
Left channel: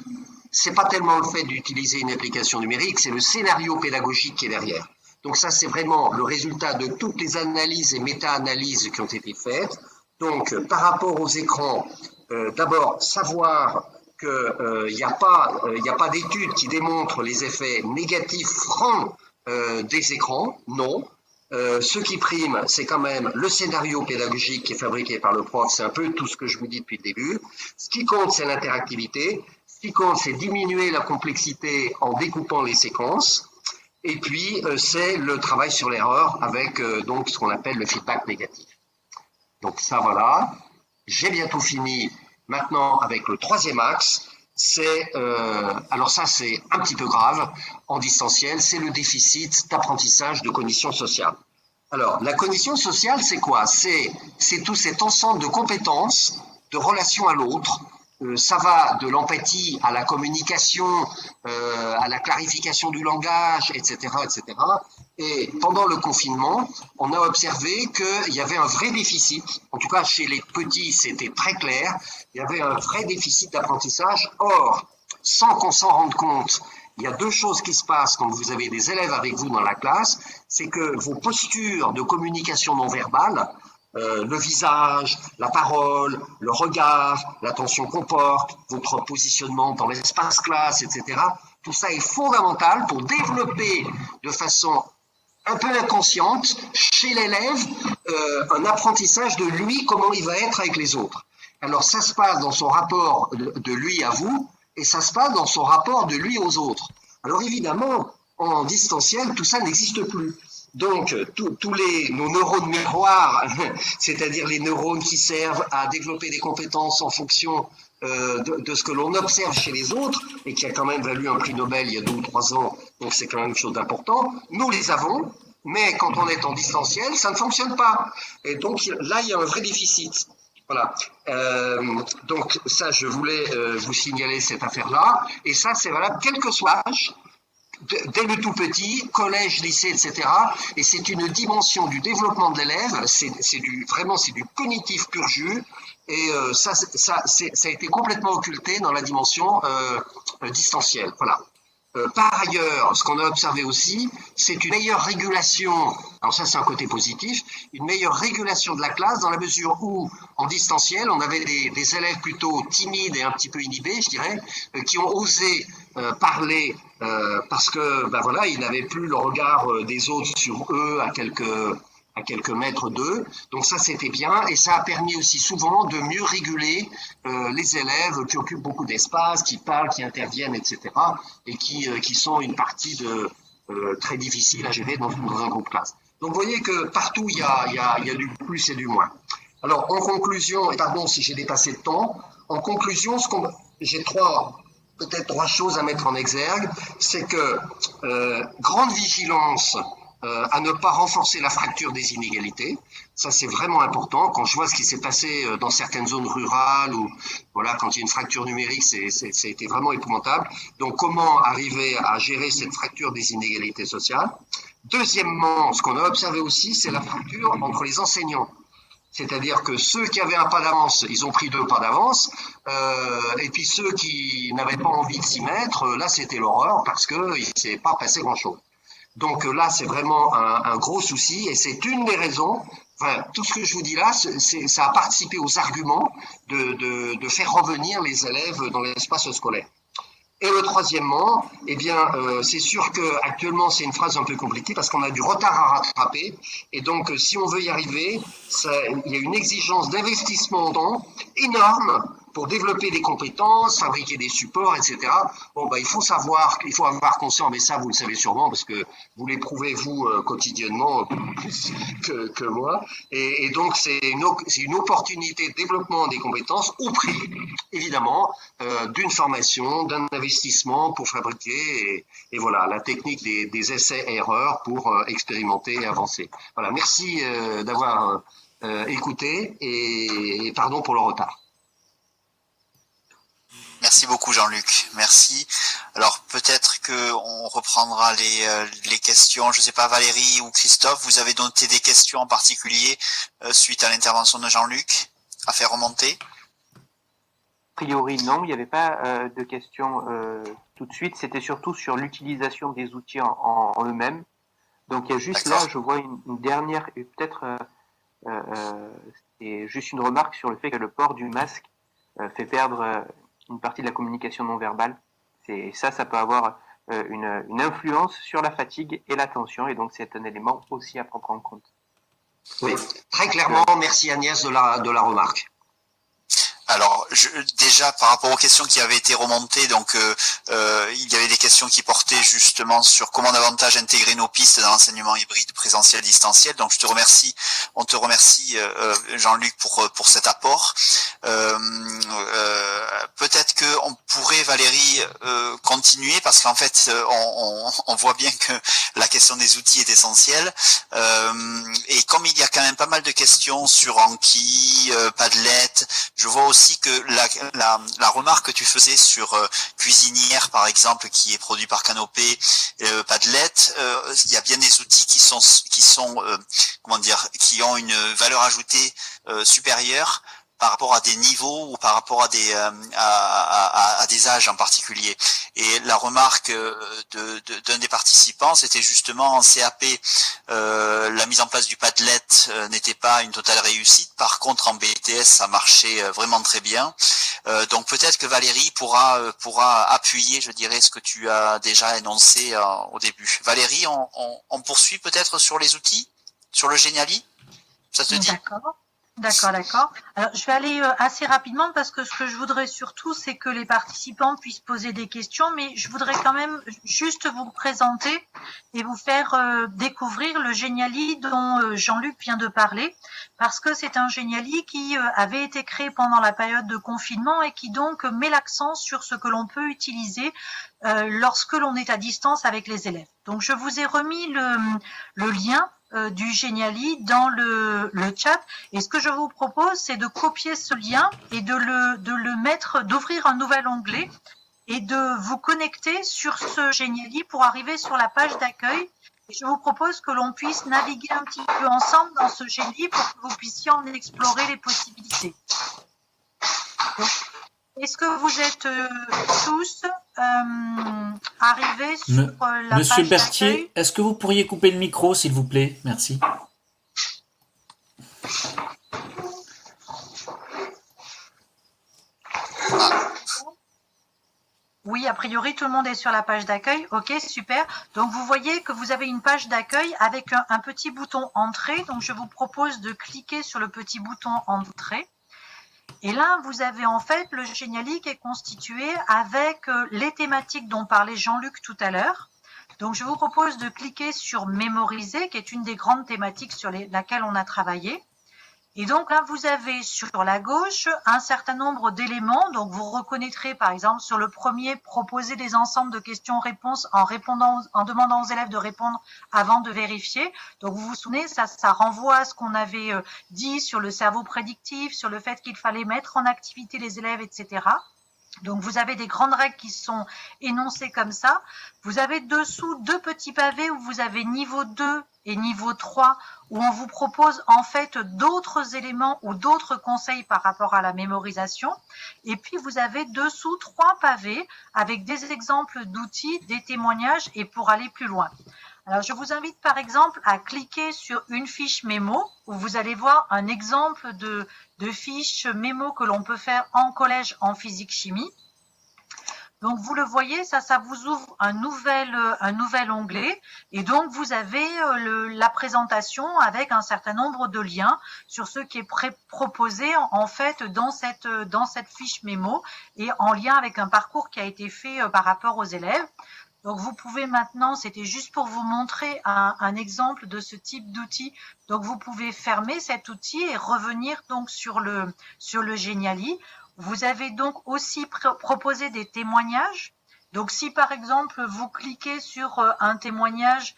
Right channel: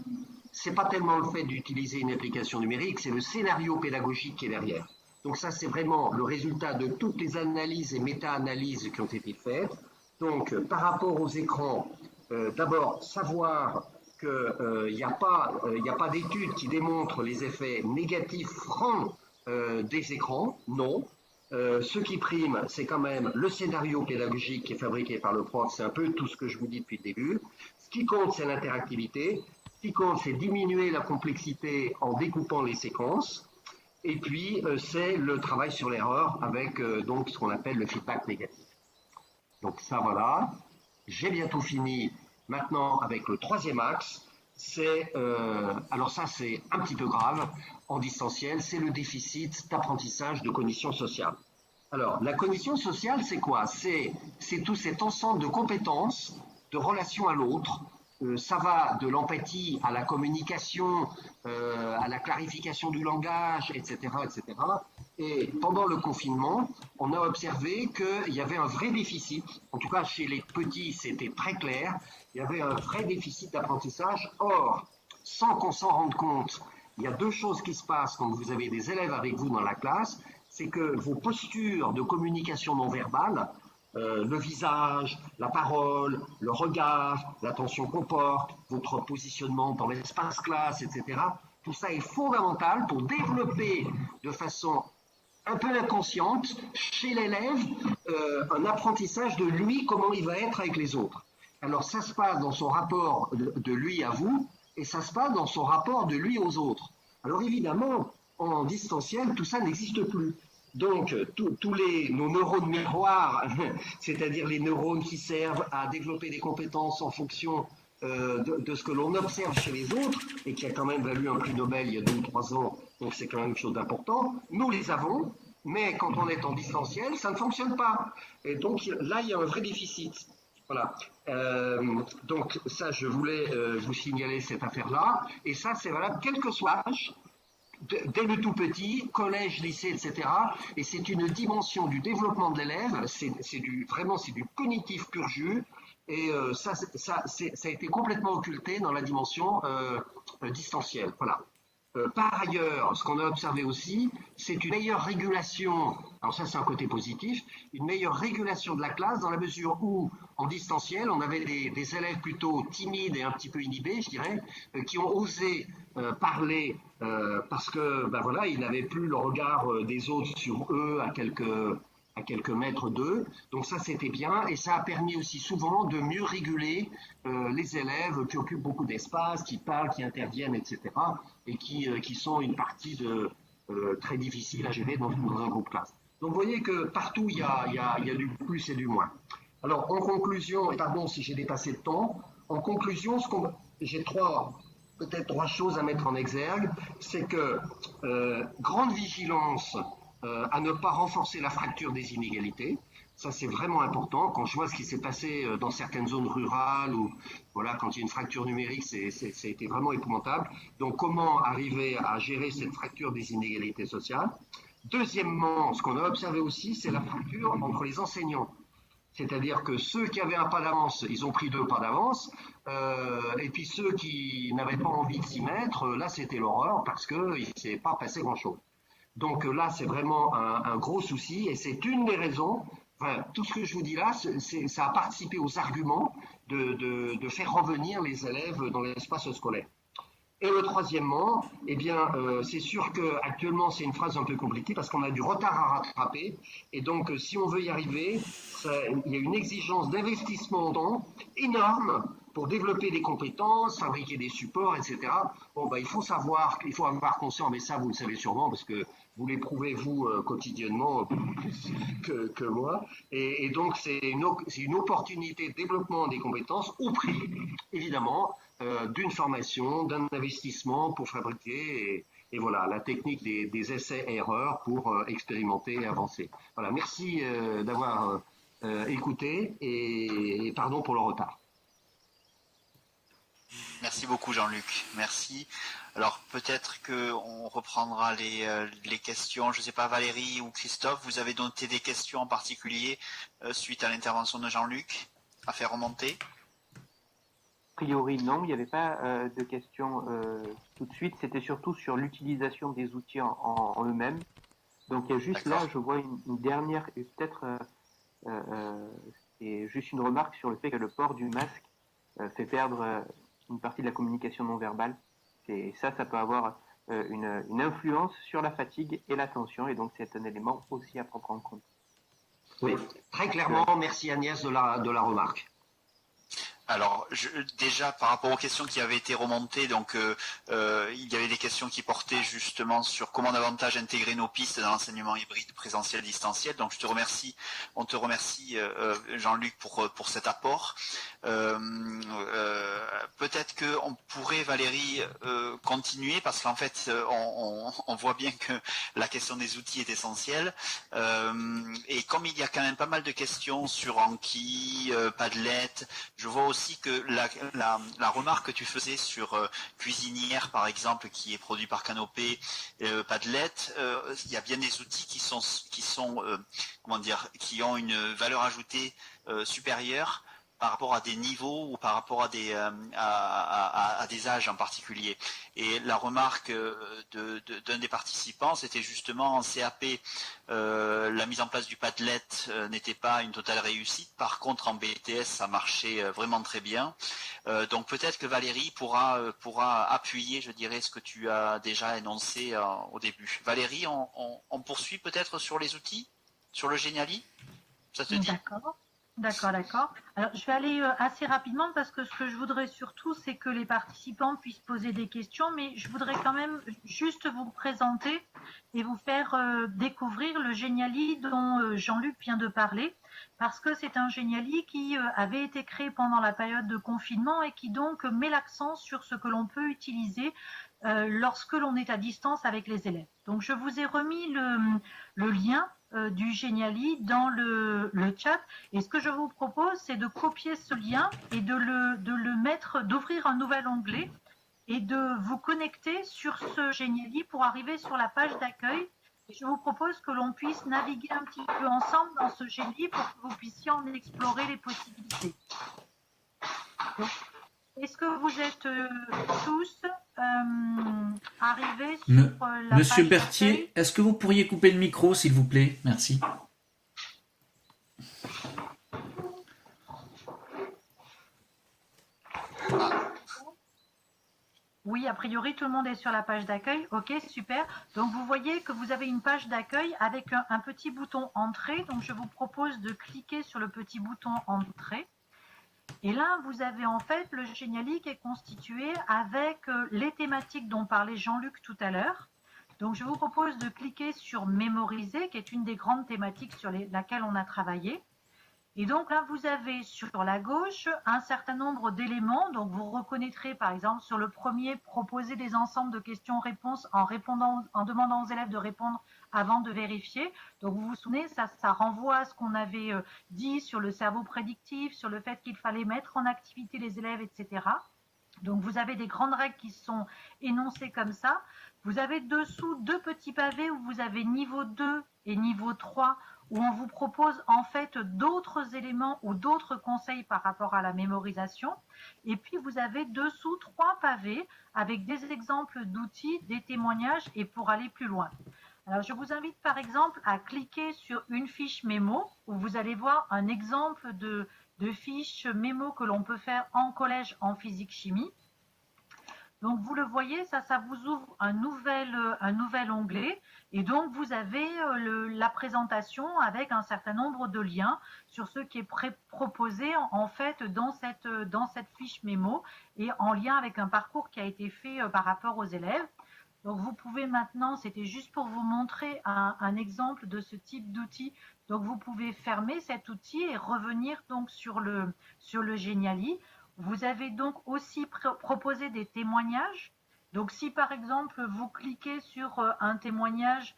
c'est pas tellement le fait d'utiliser une application numérique, c'est le scénario pédagogique qui est derrière. Donc ça, c'est vraiment le résultat de toutes les analyses et méta-analyses qui ont été faites. Donc, par rapport aux écrans, d'abord savoir qu'il n'y a pas d'études qui démontrent les effets négatifs francs des écrans, non. Ce qui prime, c'est quand même le scénario pédagogique qui est fabriqué par le prof, c'est un peu tout ce que je vous dis depuis le début. Ce qui compte, c'est l'interactivité. Ce qui compte, c'est diminuer la complexité en découpant les séquences. Et puis, c'est le travail sur l'erreur avec donc ce qu'on appelle le feedback négatif. Donc ça, voilà. J'ai bientôt fini. Maintenant, avec le troisième axe, alors ça, c'est un petit peu grave en distanciel, c'est le déficit d'apprentissage de cognition sociale. Alors, la cognition sociale, c'est quoi? C'est tout cet ensemble de compétences, de relations à l'autre. Ça va de l'empathie à la communication, à la clarification du langage, etc., etc. Et pendant le confinement, on a observé qu'il y avait un vrai déficit, en tout cas chez les petits, c'était très clair, il y avait un vrai déficit d'apprentissage. Or, sans qu'on s'en rende compte, il y a deux choses qui se passent quand vous avez des élèves avec vous dans la classe, c'est que vos postures de communication non verbale, le visage, la parole, le regard, l'attention qu'on porte, votre positionnement dans l'espace classe, etc. Tout ça est fondamental pour développer de façon un peu inconsciente chez l'élève un apprentissage de lui, comment il va être avec les autres. Alors ça se passe dans son rapport de lui à vous et ça se passe dans son rapport de lui aux autres. Alors évidemment, en distanciel, tout ça n'existe plus. Donc, tous nos neurones miroirs, c'est-à-dire les neurones qui servent à développer des compétences en fonction de ce que l'on observe chez les autres, et qui a quand même valu un prix Nobel il y a 2 ou 3 ans, donc c'est quand même une chose d'important, nous les avons, mais quand on est en distanciel, ça ne fonctionne pas. Et donc là, il y a un vrai déficit. Voilà. Donc ça, je voulais vous signaler cette affaire-là, et ça, c'est valable quel que soit l'âge, dès le tout petit, collège, lycée, etc. Et c'est une dimension du développement de l'élève, c'est du cognitif pur jus, et ça a été complètement occulté dans la dimension distancielle. Voilà. Par ailleurs, ce qu'on a observé aussi, c'est une meilleure régulation, alors ça c'est un côté positif, une meilleure régulation de la classe dans la mesure où, en distanciel, on avait des élèves plutôt timides et un petit peu inhibés, je dirais, qui ont osé parler parce que, ben voilà, ils n'avaient plus le regard des autres sur eux à quelques mètres d'eux. Donc ça, c'était bien. Et ça a permis aussi souvent de mieux réguler les élèves qui occupent beaucoup d'espace, qui parlent, qui interviennent, etc. Et qui sont une partie très difficile à gérer dans un groupe classe. Donc vous voyez que partout, il y a du plus et du moins. Alors, en conclusion, et pardon si j'ai dépassé le temps, en conclusion, j'ai peut-être trois choses à mettre en exergue. C'est que grande vigilance à ne pas renforcer la fracture des inégalités. Ça, c'est vraiment important. Quand je vois ce qui s'est passé dans certaines zones rurales, ou voilà, quand il y a une fracture numérique, ça a été vraiment épouvantable. Donc, comment arriver à gérer cette fracture des inégalités sociales? Deuxièmement, ce qu'on a observé aussi, c'est la fracture entre les enseignants. C'est-à-dire que ceux qui avaient un pas d'avance, ils ont pris 2 pas d'avance, et puis ceux qui n'avaient pas envie de s'y mettre, là, c'était l'horreur parce qu'il ne s'est pas passé grand-chose. Donc là, c'est vraiment un gros souci et c'est une des raisons, enfin, tout ce que je vous dis là, ça a participé aux arguments de faire revenir les élèves dans l'espace scolaire. Et le troisièmement, eh bien, c'est sûr qu'actuellement, c'est une phrase un peu compliquée parce qu'on a du retard à rattraper. Et donc, si on veut y arriver, il y a une exigence d'investissement en temps énorme pour développer des compétences, fabriquer des supports, etc. Bon, il faut avoir conscience, mais ça, vous le savez sûrement, parce que vous l'éprouvez, vous, quotidiennement, plus que moi. Et donc, c'est une opportunité de développement des compétences au prix, évidemment, d'une formation, d'un investissement pour fabriquer, et voilà, la technique des essais-erreurs pour expérimenter et avancer. Voilà, merci d'avoir écouté, et pardon pour le retard. Merci beaucoup Jean-Luc, merci. Alors peut-être qu'on reprendra les questions, je ne sais pas Valérie ou Christophe, vous avez noté des questions en particulier suite à l'intervention de Jean-Luc à faire remonter? A priori non, il n'y avait pas de questions tout de suite, c'était surtout sur l'utilisation des outils en eux-mêmes. Donc il y a juste là, je vois une dernière, peut-être c'est juste une remarque sur le fait que le port du masque fait perdre une partie de la communication non verbale. Et ça peut avoir une influence sur la fatigue et l'attention, et donc c'est un élément aussi à prendre en compte. Oui, très clairement, merci Agnès de la remarque. Alors, déjà, par rapport aux questions qui avaient été remontées, donc il y avait des questions qui portaient justement sur comment davantage intégrer nos pistes dans l'enseignement hybride, présentiel, distanciel. Donc, on te remercie, Jean-Luc, pour cet apport. Peut-être qu'on pourrait, Valérie, continuer, parce qu'en fait, on voit bien que la question des outils est essentielle. Et comme il y a quand même pas mal de questions sur Anki, Padlet, je vois aussi que la remarque que tu faisais sur Cuisinière, par exemple, qui est produit par Canopé, Padlet, il y a bien des outils qui ont une valeur ajoutée supérieure par rapport à des niveaux ou par rapport à des âges en particulier. Et la remarque d'un des participants, c'était justement en CAP, la mise en place du Padlet n'était pas une totale réussite. Par contre, en BTS, ça marchait vraiment très bien. Donc peut-être que Valérie pourra appuyer, je dirais, ce que tu as déjà énoncé au début. Valérie, on poursuit peut-être sur les outils, sur le Geniali? Ça te dit? D'accord. Alors, je vais aller assez rapidement parce que ce que je voudrais surtout, c'est que les participants puissent poser des questions, mais je voudrais quand même juste vous présenter et vous faire découvrir le Geniali dont Jean-Luc vient de parler, parce que c'est un Geniali qui avait été créé pendant la période de confinement et qui donc met l'accent sur ce que l'on peut utiliser lorsque l'on est à distance avec les élèves. Donc, je vous ai remis le lien du Geniali dans le chat, et ce que je vous propose, c'est de copier ce lien et d'ouvrir un nouvel onglet et de vous connecter sur ce Geniali pour arriver sur la page d'accueil. Et je vous propose que l'on puisse naviguer un petit peu ensemble dans ce Geniali pour que vous puissiez en explorer les possibilités. Donc, est-ce que vous êtes tous arrivés sur la Monsieur page Berthier, d'accueil? est-ce que vous pourriez couper le micro, s'il vous plaît? Merci. Oui, a priori, tout le monde est sur la page d'accueil. Ok, super. Donc, vous voyez que vous avez une page d'accueil avec un petit bouton Entrée. Donc, je vous propose de cliquer sur le petit bouton Entrée. Et là, vous avez en fait le Geniali qui est constitué avec les thématiques dont parlait Jean-Luc tout à l'heure. Donc, je vous propose de cliquer sur Mémoriser, qui est une des grandes thématiques sur laquelle on a travaillé. Et donc là, vous avez sur la gauche un certain nombre d'éléments. Donc, vous reconnaîtrez par exemple sur le premier, proposer des ensembles de questions-réponses en demandant aux élèves de répondre avant de vérifier. Donc, vous vous souvenez, ça renvoie à ce qu'on avait dit sur le cerveau prédictif, sur le fait qu'il fallait mettre en activité les élèves, etc. Donc, vous avez des grandes règles qui sont énoncées comme ça. Vous avez dessous deux petits pavés où vous avez niveau 2 et niveau 3, où on vous propose en fait d'autres éléments ou d'autres conseils par rapport à la mémorisation. Et puis, vous avez dessous 3 pavés avec des exemples d'outils, des témoignages et pour aller plus loin. Alors, je vous invite par exemple à cliquer sur une fiche mémo où vous allez voir un exemple de fiche mémo que l'on peut faire en collège en physique-chimie. Donc, vous le voyez, ça vous ouvre un nouvel onglet. Et donc, vous avez la présentation avec un certain nombre de liens sur ce qui est proposé en fait dans cette fiche mémo et en lien avec un parcours qui a été fait par rapport aux élèves. Donc, vous pouvez maintenant, c'était juste pour vous montrer un exemple de ce type d'outil. Donc, vous pouvez fermer cet outil et revenir donc sur le Geniali. Vous avez donc aussi proposé des témoignages. Donc, si par exemple, vous cliquez sur un témoignage,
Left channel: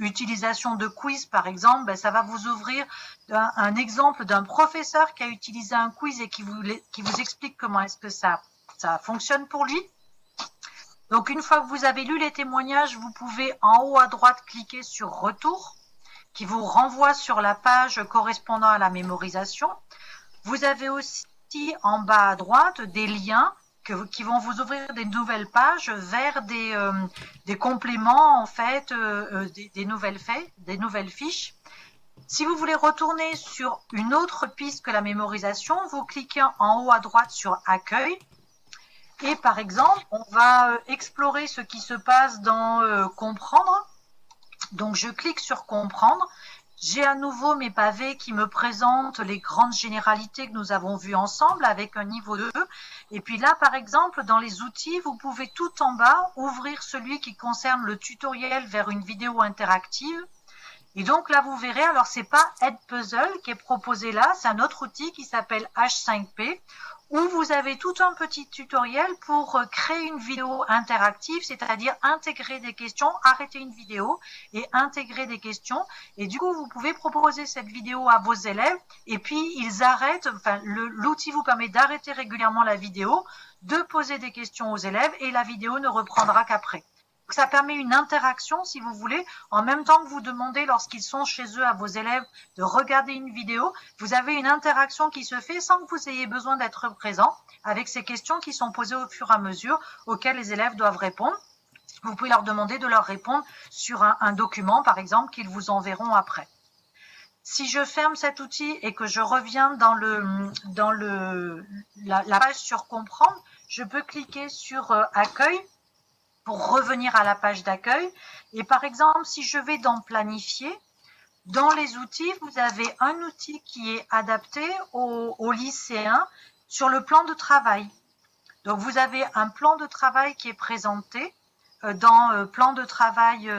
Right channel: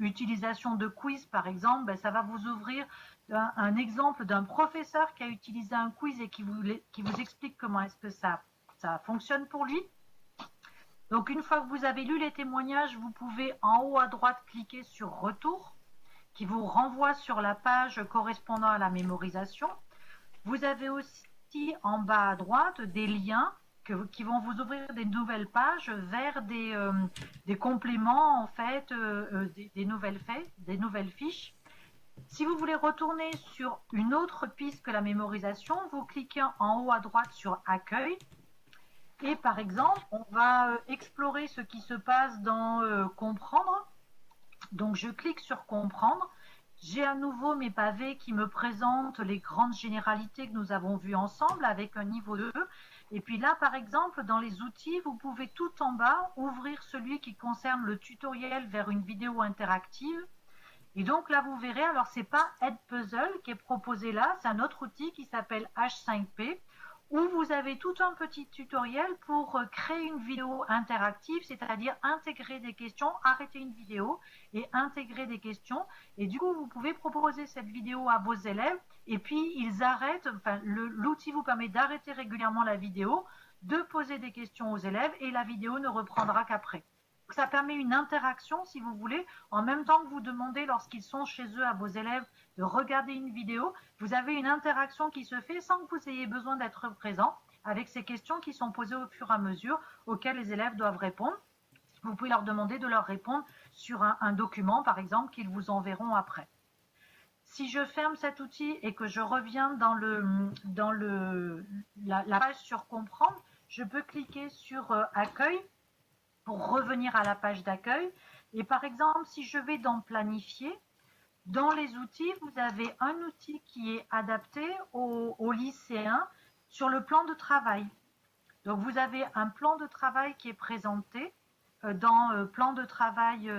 utilisation de quiz par exemple, ben, ça va vous ouvrir un exemple d'un professeur qui a utilisé un quiz et qui vous explique comment est-ce que ça fonctionne pour lui. Donc, une fois que vous avez lu les témoignages, vous pouvez en haut à droite cliquer sur Retour, qui vous renvoie sur la page correspondant à la mémorisation. Vous avez aussi en bas à droite des liens qui vont vous ouvrir des nouvelles pages vers des compléments, en fait, des nouvelles fiches. Si vous voulez retourner sur une autre piste que la mémorisation, vous cliquez en haut à droite sur Accueil. Et par exemple, on va explorer ce qui se passe dans Comprendre. Donc je clique sur Comprendre. J'ai à nouveau mes pavés qui me présentent les grandes généralités que nous avons vues ensemble avec un niveau 2. Et puis là, par exemple, dans les outils, vous pouvez tout en bas ouvrir celui qui concerne le tutoriel vers une vidéo interactive. Et donc là, vous verrez, alors c'est pas Edpuzzle qui est proposé là, c'est un autre outil qui s'appelle H5P, où vous avez tout un petit tutoriel pour créer une vidéo interactive, c'est-à-dire intégrer des questions, arrêter une vidéo et intégrer des questions. Et du coup, vous pouvez proposer cette vidéo à vos élèves et puis ils arrêtent, enfin, l'outil vous permet d'arrêter régulièrement la vidéo, de poser des questions aux élèves et la vidéo ne reprendra qu'après. Ça permet une interaction, si vous voulez, en même temps que vous demandez lorsqu'ils sont chez eux à vos élèves de regarder une vidéo, vous avez une interaction qui se fait sans que vous ayez besoin d'être présent avec ces questions qui sont posées au fur et à mesure auxquelles les élèves doivent répondre. Vous pouvez leur demander de leur répondre sur un document, par exemple, qu'ils vous enverront après. Si je ferme cet outil et que je reviens dans la page sur Comprendre, je peux cliquer sur Accueil pour revenir à la page d'accueil. Et par exemple, si je vais dans Planifier, dans les outils, vous avez un outil qui est adapté aux lycéens sur le plan de travail. Donc, vous avez un plan de travail qui est présenté dans plan de travail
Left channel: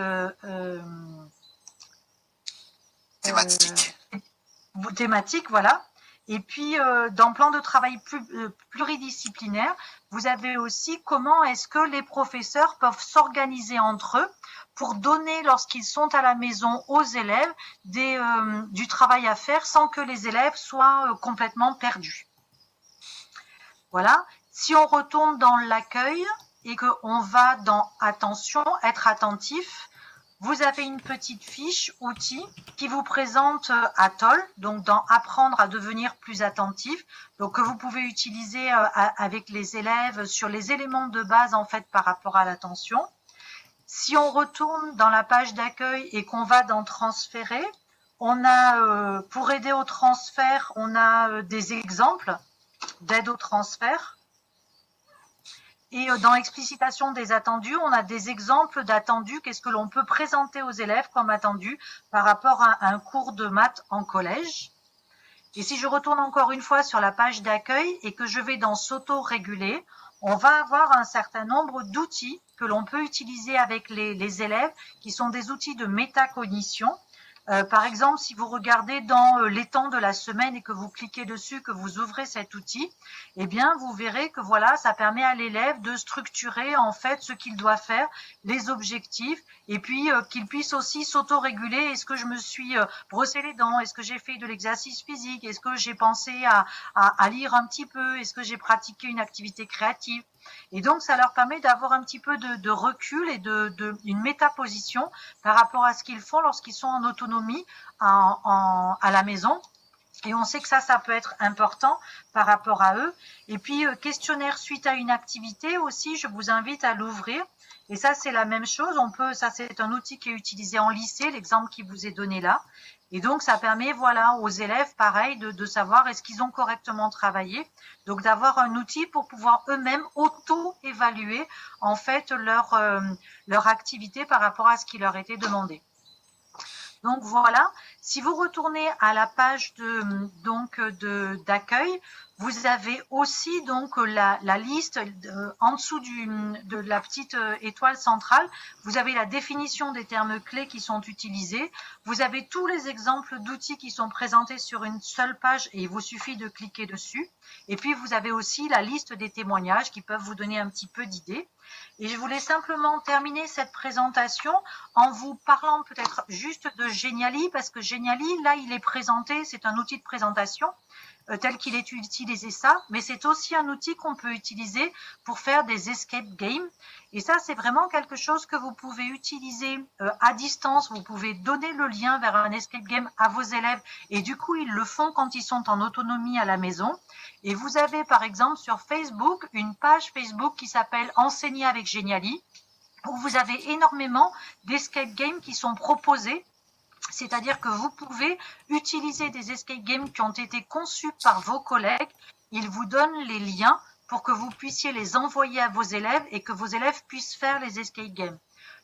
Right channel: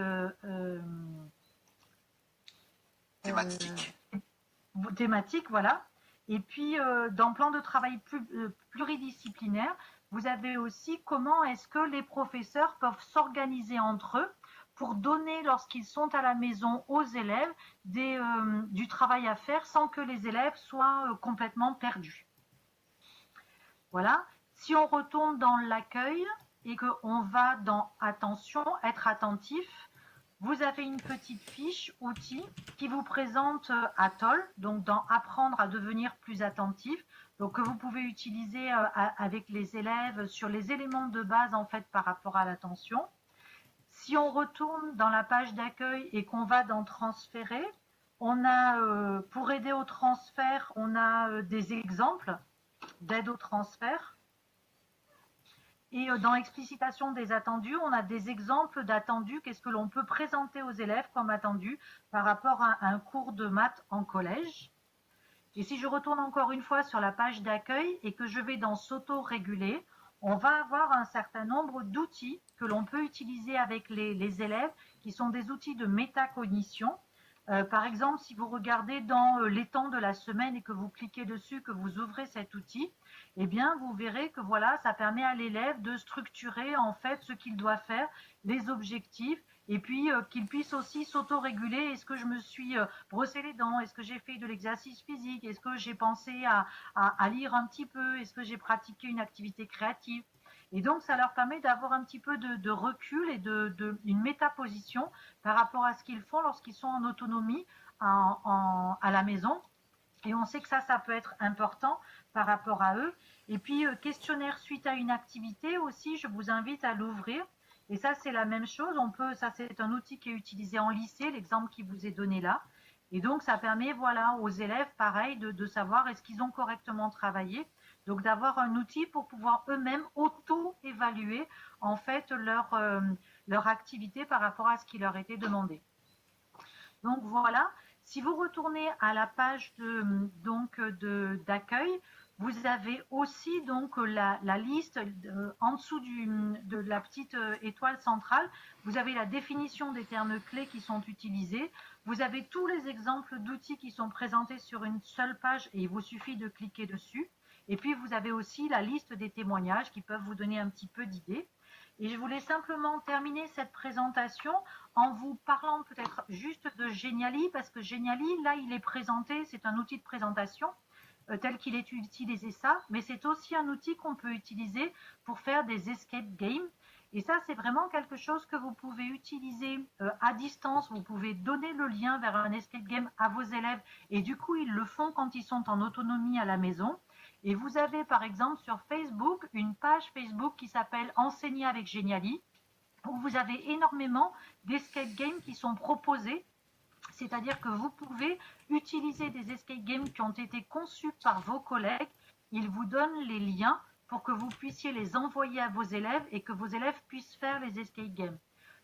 thématique, voilà. Et puis, dans plan de travail pluridisciplinaire, vous avez aussi comment est-ce que les professeurs peuvent s'organiser entre eux pour donner, lorsqu'ils sont à la maison, aux élèves du travail à faire sans que les élèves soient complètement perdus. Voilà. Si on retourne dans l'accueil et qu'on va dans Attention, être attentif, vous avez une petite fiche outils qui vous présente Atoll, donc dans Apprendre à devenir plus attentif, donc que vous pouvez utiliser avec les élèves sur les éléments de base en fait par rapport à l'attention. Si on retourne dans la page d'accueil et qu'on va dans Transférer, on a pour aider au transfert, on a des exemples d'aide au transfert. Et dans l'explicitation des attendus, on a des exemples d'attendus, qu'est-ce que l'on peut présenter aux élèves comme attendu par rapport à un cours de maths en collège. Et si je retourne encore une fois sur la page d'accueil et que je vais dans s'auto-réguler, on va avoir un certain nombre d'outils que l'on peut utiliser avec les élèves, qui sont des outils de métacognition. Par exemple, si vous regardez dans les temps de la semaine et que vous cliquez dessus, que vous ouvrez cet outil, eh bien, vous verrez que voilà, ça permet à l'élève de structurer en fait ce qu'il doit faire, les objectifs, et puis qu'il puisse aussi s'auto-réguler. Est-ce que je me suis brossé les dents? Est-ce que j'ai fait de l'exercice physique? Est-ce que j'ai pensé à lire un petit peu? Est-ce que j'ai pratiqué une activité créative? Et donc, ça leur permet d'avoir un petit peu de recul et une métaposition par rapport à ce qu'ils font lorsqu'ils sont en autonomie à la maison. Et on sait que ça peut être important par rapport à eux. Et puis, questionnaire suite à une activité aussi, je vous invite à l'ouvrir. Et ça, c'est la même chose. Ça, c'est un outil qui est utilisé en lycée, l'exemple qui vous est donné là. Et donc, ça permet, voilà, aux élèves, pareil, de savoir est-ce qu'ils ont correctement travaillé. Donc, d'avoir un outil pour pouvoir eux-mêmes auto-évaluer, en fait, leur activité par rapport à ce qui leur était demandé. Donc, voilà. Si vous retournez à la page d'accueil, vous avez aussi donc la liste en dessous de la petite étoile centrale. Vous avez la définition des termes clés qui sont utilisés. Vous avez tous les exemples d'outils qui sont présentés sur une seule page et il vous suffit de cliquer dessus. Et puis, vous avez aussi la liste des témoignages qui peuvent vous donner un petit peu d'idées. Et je voulais simplement terminer cette présentation en vous parlant peut-être juste de Geniali, parce que Geniali, là, il est présenté, c'est un outil de présentation tel qu'il est utilisé ça, mais c'est aussi un outil qu'on peut utiliser pour faire des escape games. Et ça, c'est vraiment quelque chose que vous pouvez utiliser à distance. Vous pouvez donner le lien vers un escape game à vos élèves et du coup, ils le font quand ils sont en autonomie à la maison. Et vous avez par exemple sur Facebook une page Facebook qui s'appelle Enseigner avec Geniali, où vous avez énormément d'escape games qui sont proposés. C'est-à-dire que vous pouvez utiliser des escape games qui ont été conçus par vos collègues. Ils vous donnent les liens pour que vous puissiez les envoyer à vos élèves et que vos élèves puissent faire les escape games.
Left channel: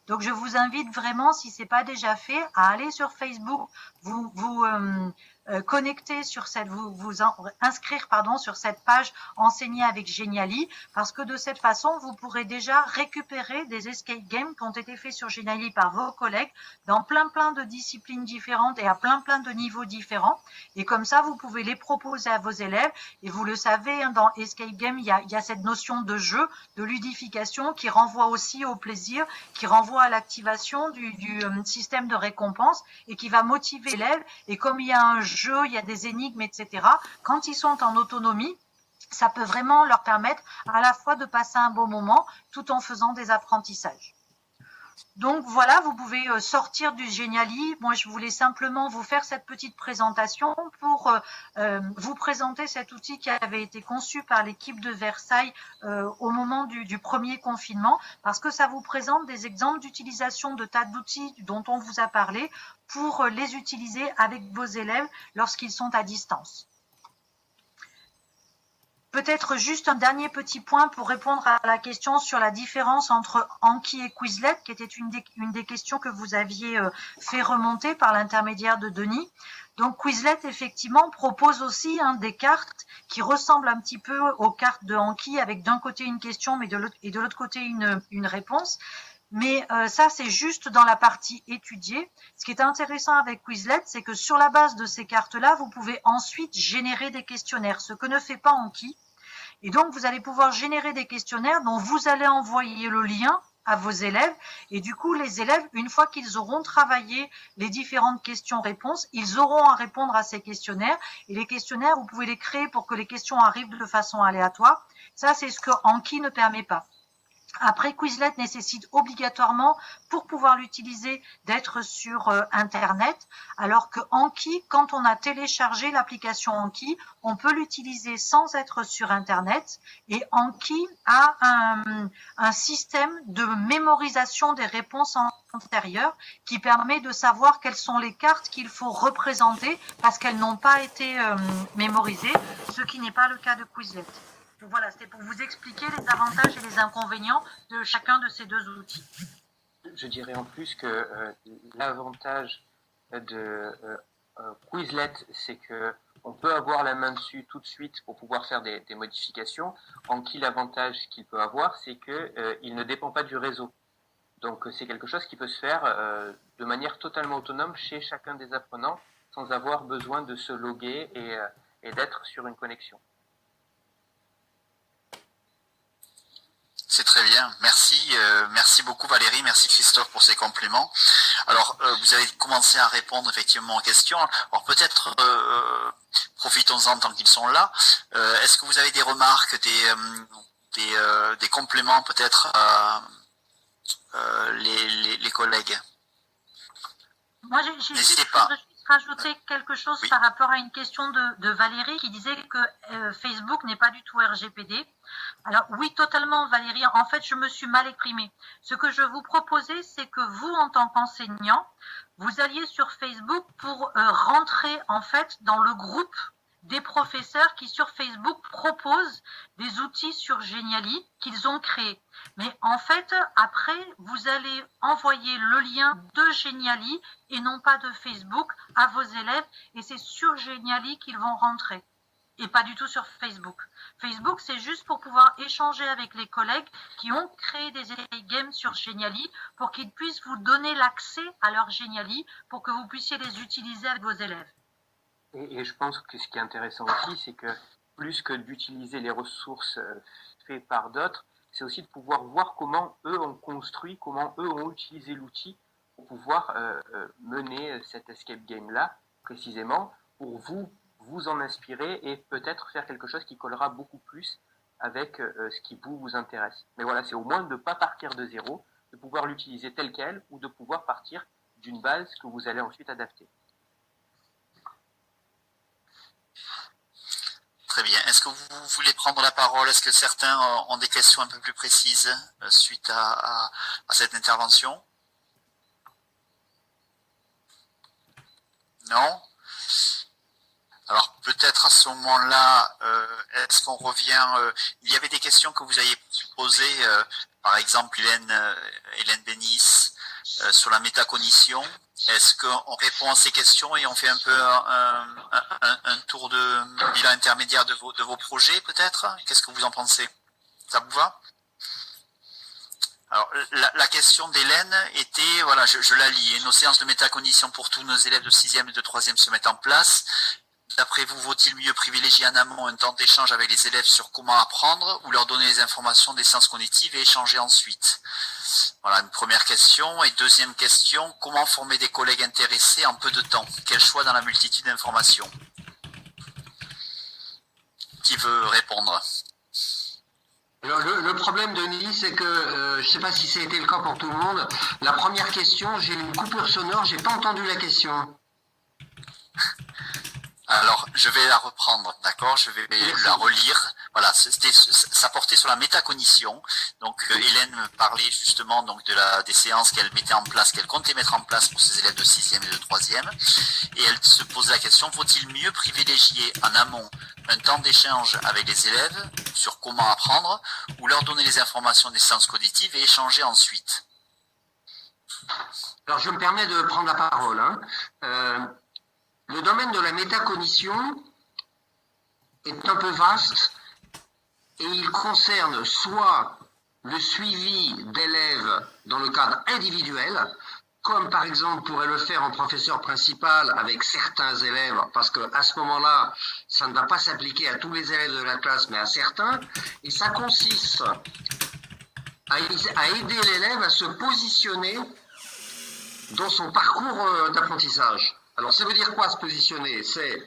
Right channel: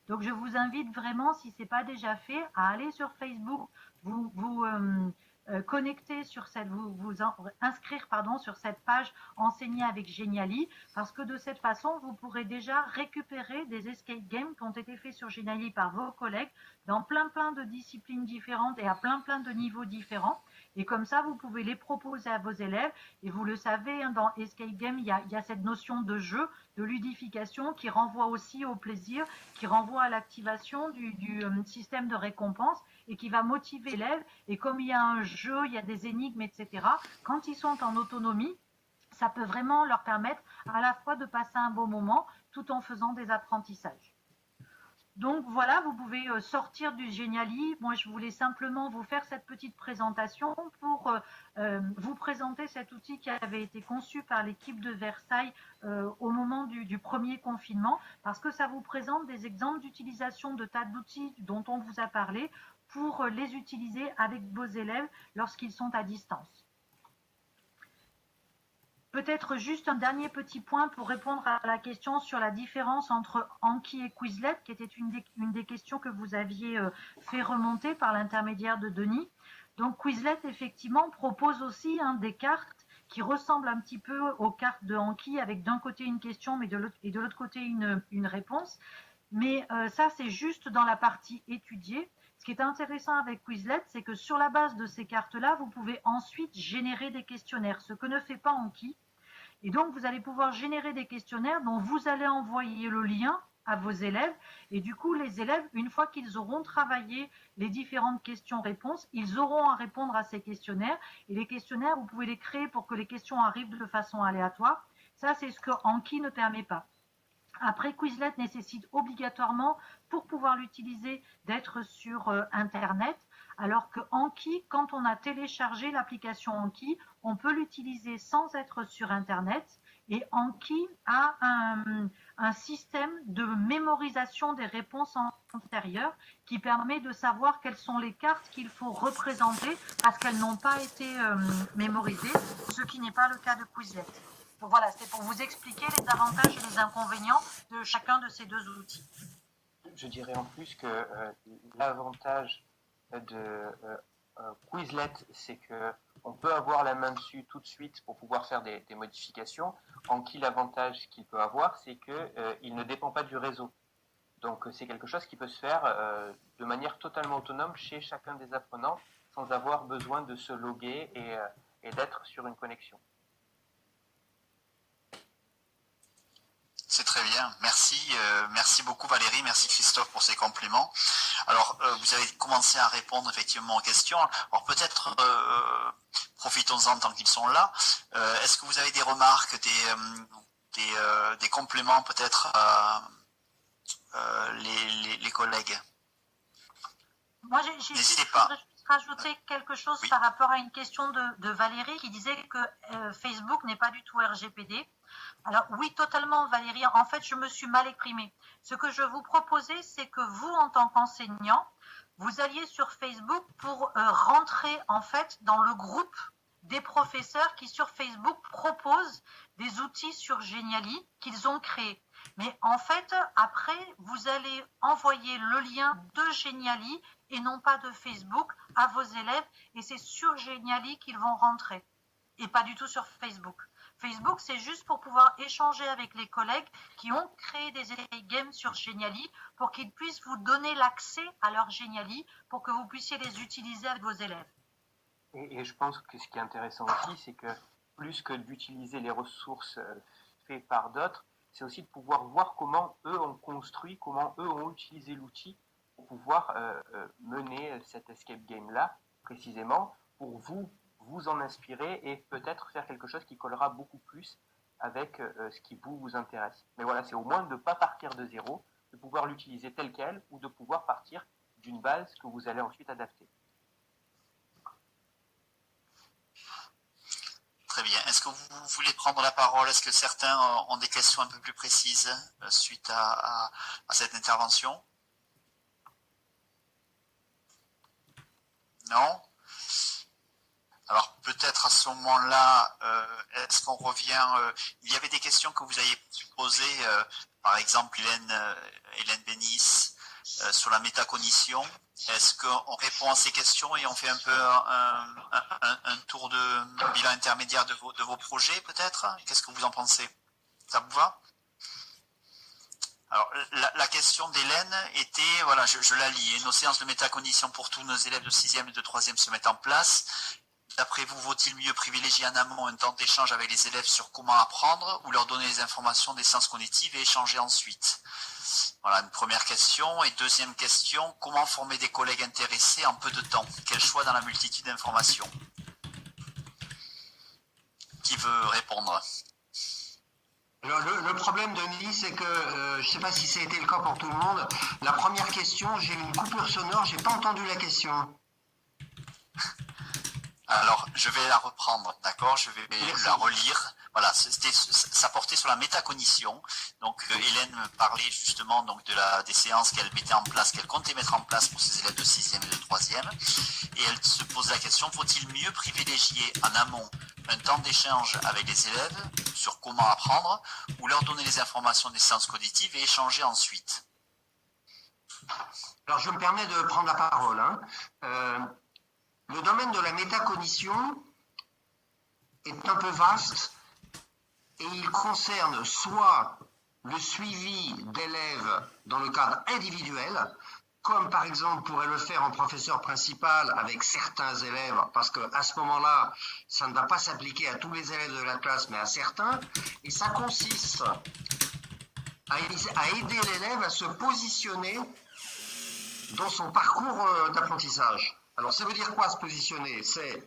Donc, je vous invite vraiment, si ce n'est pas déjà fait, à aller sur Facebook, vous connecter sur cette, inscrire sur cette page Enseigner avec Geniali, parce que de cette façon, vous pourrez déjà récupérer des escape games qui ont été faits sur Geniali par vos collègues dans plein de disciplines différentes et à plein de niveaux différents. Et comme ça, vous pouvez les proposer à vos élèves. Et vous le savez, hein, dans escape game, il y a cette notion de jeu, de ludification qui renvoie aussi au plaisir, qui renvoie à l'activation du système de récompense et qui va motiver l'élève. Et comme il y a un jeu, il y a des énigmes, etc., quand ils sont en autonomie, ça peut vraiment leur permettre à la fois de passer un bon moment tout en faisant des apprentissages. Donc voilà, vous pouvez sortir du Geniali. Moi, je voulais simplement vous faire cette petite présentation pour vous présenter cet outil qui avait été conçu par l'équipe de Versailles au moment du premier confinement, parce que ça vous présente des exemples d'utilisation de tas d'outils dont on vous a parlé pour les utiliser avec vos élèves lorsqu'ils sont à distance. Peut-être juste un dernier petit point pour répondre à la question sur la différence entre Anki et Quizlet, qui était une des questions que vous aviez fait remonter par l'intermédiaire de Denis. Donc Quizlet, effectivement, propose aussi des cartes qui ressemblent un petit peu aux cartes de Anki, avec d'un côté une question mais de l'autre côté une réponse. Mais ça, c'est juste dans la partie étudiée. Ce qui est intéressant avec Quizlet, c'est que sur la base de ces cartes-là, vous pouvez ensuite générer des questionnaires, ce que ne fait pas Anki. Et donc, vous allez pouvoir générer des questionnaires dont vous allez envoyer le lien à vos élèves. Et du coup, les élèves, une fois qu'ils auront travaillé les différentes questions-réponses, ils auront à répondre à ces questionnaires. Et les questionnaires, vous pouvez les créer pour que les questions arrivent de façon aléatoire. Ça, c'est ce que Anki ne permet pas. Après, Quizlet nécessite obligatoirement, pour pouvoir l'utiliser, d'être sur Internet, alors que Anki, quand on a téléchargé l'application Anki, on peut l'utiliser sans être sur Internet. Et Anki a un système de mémorisation des réponses antérieures qui permet de savoir quelles sont les cartes qu'il faut représenter parce qu'elles n'ont pas été mémorisées, ce qui n'est pas le cas de Quizlet. Donc voilà, c'était pour vous expliquer les avantages et les inconvénients de chacun de ces deux outils. Je dirais en plus que l'avantage de Quizlet, c'est qu'on peut avoir la main dessus tout de suite pour pouvoir faire des modifications. Anki, l'avantage qu'il peut avoir, c'est qu'il ne dépend pas du réseau. Donc c'est quelque chose qui peut se faire de manière totalement autonome chez chacun des apprenants sans avoir besoin de se loguer et d'être sur une connexion. C'est très bien. Merci. Merci beaucoup Valérie. Merci Christophe pour ces compléments. Alors, vous avez commencé à répondre effectivement aux questions. Alors peut-être, profitons-en tant qu'ils sont là. Est-ce que vous avez des remarques, des compléments peut-être à les collègues? Moi, j'ai juste rajouter quelque chose par rapport à une question de Valérie qui disait que Facebook n'est pas du tout RGPD. Alors oui, totalement Valérie, en fait je me suis mal exprimée. Ce que je vous proposais, c'est que vous en tant qu'enseignant, vous alliez sur Facebook pour rentrer en fait dans le groupe des professeurs qui sur Facebook proposent des outils sur Geniali qu'ils ont créés. Mais en fait, après, vous allez envoyer le lien de Geniali et non pas de Facebook à vos élèves et c'est sur Geniali qu'ils vont rentrer et pas du tout sur Facebook. Facebook, c'est juste pour pouvoir échanger avec les collègues qui ont créé des games sur Geniali pour qu'ils puissent vous donner l'accès à leur Geniali pour que vous puissiez les utiliser avec vos élèves. Et je pense que ce qui est intéressant aussi, c'est que plus que d'utiliser les ressources faites par d'autres, c'est aussi de pouvoir voir comment eux ont construit, comment eux ont utilisé l'outil pour pouvoir mener cet escape game-là, précisément, pour vous en inspirer et peut-être faire quelque chose qui collera beaucoup plus avec ce qui vous intéresse. Mais voilà, c'est au moins de ne pas partir de zéro, de pouvoir l'utiliser tel quel ou de pouvoir partir d'une base que vous allez ensuite adapter. Très bien. Est-ce que vous voulez prendre la parole? Est-ce que certains ont des questions un peu plus précises suite à cette intervention? Non? Alors peut-être à ce moment-là, est-ce qu'on revient il y avait des questions que vous aviez posées, par exemple Hélène Bénis, sur la métacognition. Est-ce qu'on répond à ces questions et on fait un peu un tour de bilan intermédiaire de vos projets peut-être? Qu'est-ce que vous en pensez? Ça vous va? Alors, la question d'Hélène était, voilà, je la lis, nos séances de métacognition pour tous nos élèves de 6e et de 3e se mettent en place. D'après vous, vaut-il mieux privilégier en amont un temps d'échange avec les élèves sur comment apprendre ou leur donner les informations des sciences cognitives et échanger ensuite? Voilà, une première question. Et deuxième question, comment former des collègues intéressés en peu de temps? Quel choix dans la multitude d'informations? Qui veut répondre? Alors, le problème, Denis, c'est que, je ne sais pas si ça a été le cas pour tout le monde, la première question, j'ai eu une coupure sonore, j'ai pas entendu la question. Alors, je vais la reprendre, d'accord? Je vais la relire. Voilà, ça portait sur la métacognition. Donc, Hélène parlait justement donc des séances qu'elle mettait en place, qu'elle comptait mettre en place pour ses élèves de 6e et de 3e. Et elle se pose la question, faut-il mieux privilégier en amont un temps d'échange avec les élèves sur comment apprendre ou leur donner les informations des sciences cognitives et échanger ensuite? Alors, je me permets de prendre la parole, hein. Le domaine de la métacognition est un peu vaste et il concerne soit le suivi d'élèves dans le cadre individuel, comme par exemple pourrait le faire un professeur principal avec certains élèves, parce qu'à ce moment-là, ça ne va pas s'appliquer à tous les élèves de la classe, mais à certains, et ça consiste à aider l'élève à se positionner dans son parcours d'apprentissage. Alors, ça veut dire quoi se positionner? C'est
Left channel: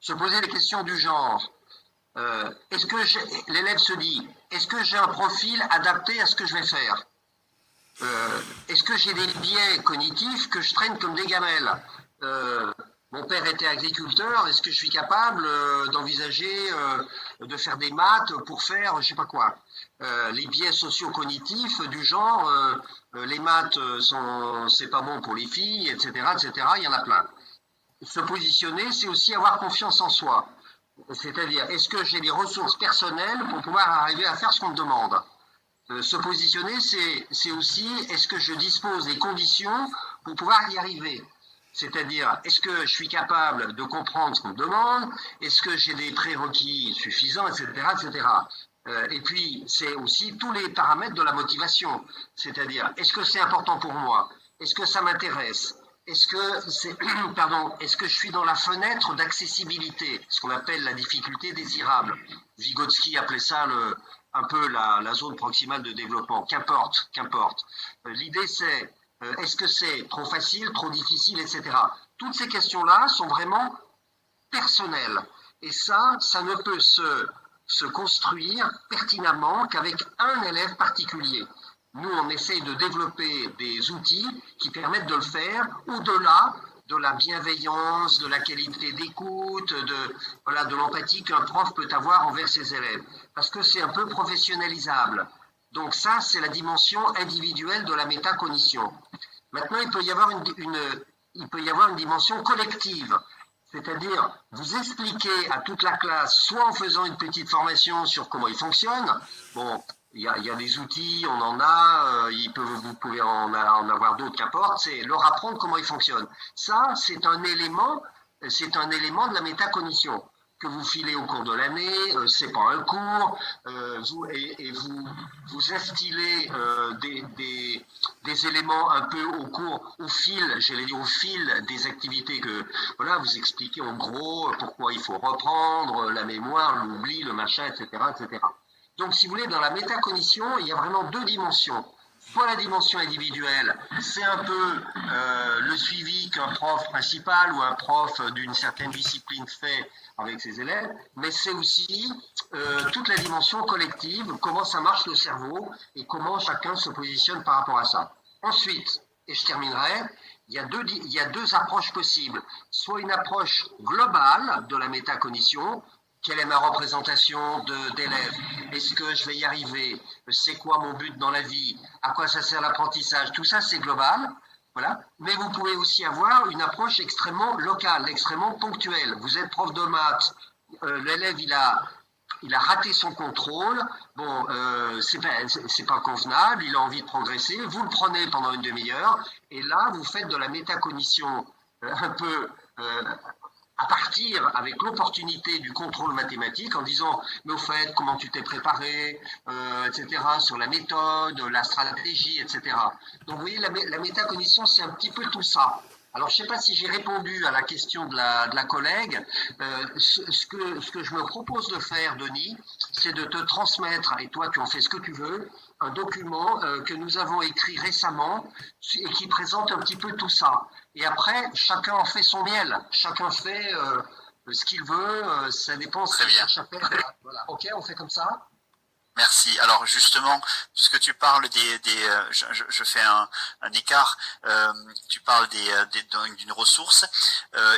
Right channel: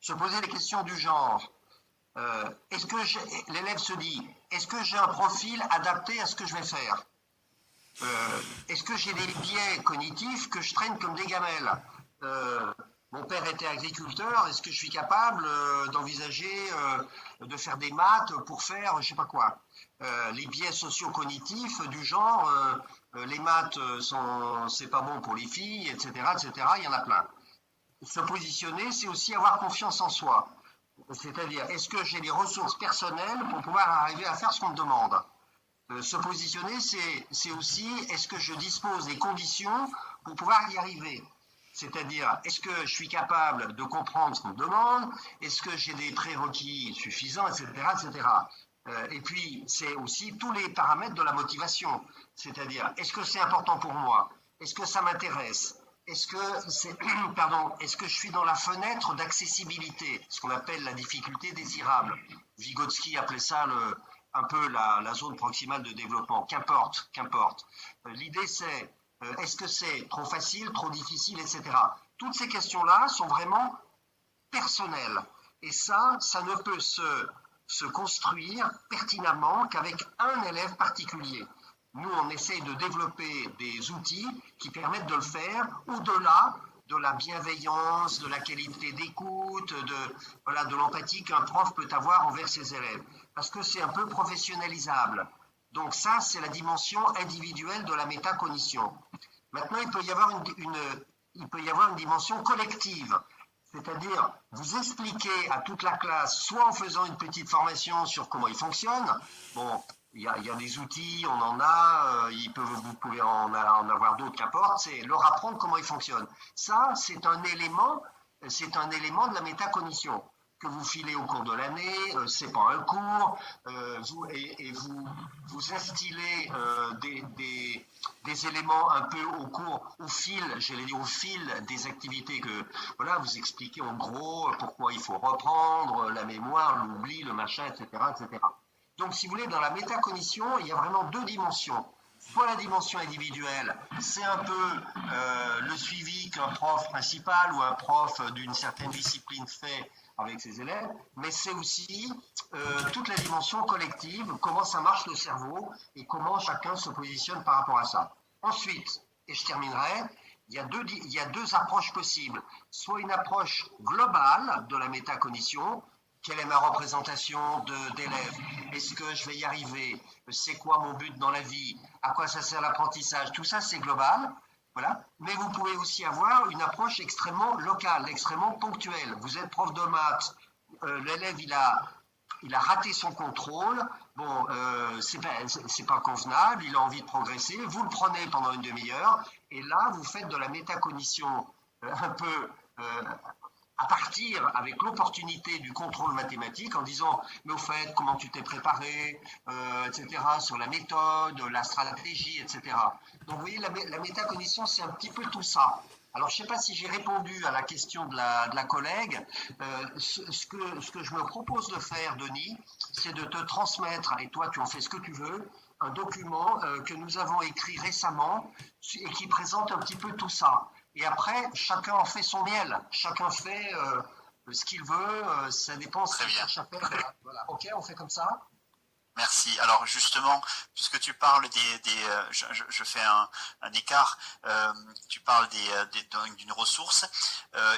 se poser des questions du genre. L'élève se dit, est-ce que j'ai un profil adapté à ce que je vais faire? Est-ce que j'ai des biais cognitifs que je traîne comme des gamelles? Mon père était agriculteur, est-ce que je suis capable d'envisager de faire des maths pour faire je sais pas quoi? Les biais socio-cognitifs du genre, les maths c'est pas bon pour les filles, etc., etc., il y en a plein. Se positionner, c'est aussi avoir confiance en soi. C'est-à-dire, est-ce que j'ai des ressources personnelles pour pouvoir arriver à faire ce qu'on me demande? Se positionner, c'est aussi, est-ce que je dispose des conditions pour pouvoir y arriver? C'est-à-dire, est-ce que je suis capable de comprendre ce qu'on me demande? Est-ce que j'ai des prérequis suffisants, etc., etc. Et puis, c'est aussi tous les paramètres de la motivation. C'est-à-dire, est-ce que c'est important pour moi? Est-ce que ça m'intéresse? Est-ce que je suis dans la fenêtre d'accessibilité, ce qu'on appelle la difficulté désirable? Vygotsky appelait ça un peu la zone proximale de développement. Qu'importe. L'idée, c'est est-ce que c'est trop facile, trop difficile, etc. Toutes ces questions-là sont vraiment personnelles. Et ça ne peut se construire pertinemment qu'avec un élève particulier. Nous, on essaye de développer des outils qui permettent de le faire au-delà de la bienveillance, de la qualité d'écoute, de l'empathie qu'un prof peut avoir envers ses élèves. Parce que c'est un peu professionnalisable. Donc ça, c'est la dimension individuelle de la métacognition. Maintenant, il peut y avoir une dimension collective. C'est-à-dire, vous expliquez à toute la classe, soit en faisant une petite formation sur comment il fonctionne. Bon, il y a des outils, on en a, vous pouvez en avoir d'autres, qu'importe, c'est leur apprendre comment il fonctionne. Ça, c'est un élément de la métacognition que vous filez au cours de l'année, c'est pas un cours, vous instillez des éléments un peu au fil des activités que, voilà, vous expliquez en gros pourquoi il faut reprendre la mémoire, l'oubli, le machin, etc., etc. Donc, si vous voulez, dans la métacognition, il y a vraiment deux dimensions. Soit la dimension individuelle, c'est un peu le suivi qu'un prof principal ou un prof d'une certaine discipline fait avec ses élèves, mais c'est aussi toute la dimension collective, comment ça marche le cerveau et comment chacun se positionne par rapport à ça. Ensuite, et je terminerai, il y a deux approches possibles. Soit une approche globale de la métacognition. Quelle est ma représentation d'élèves? Est-ce que je vais y arriver? C'est quoi mon but dans la vie? À quoi ça sert l'apprentissage? Tout ça, c'est global. Voilà. Mais vous pouvez aussi avoir une approche extrêmement locale, extrêmement ponctuelle. Vous êtes prof de maths, l'élève il a raté son contrôle, bon, c'est pas convenable, il a envie de progresser, vous le prenez pendant une demi-heure, et là, vous faites de la métacognition un peu à partir avec l'opportunité du contrôle mathématique en disant, mais au fait, comment tu t'es préparé, etc., sur la méthode, la stratégie, etc. Donc, vous voyez, la métacognition, c'est un petit peu tout ça. Alors, je ne sais pas si j'ai répondu à la question de la collègue. Ce que je me propose de faire, Denis, c'est de te transmettre, et toi, tu en fais ce que tu veux, un document que nous avons écrit récemment et qui présente un petit peu tout ça. Et après, chacun en fait son miel. Chacun fait ce qu'il veut. Ça dépend ce qu'il cherche à faire. Voilà. Ok, on fait comme ça. Merci. Alors justement, puisque tu parles je fais un écart. Tu parles d'une ressource.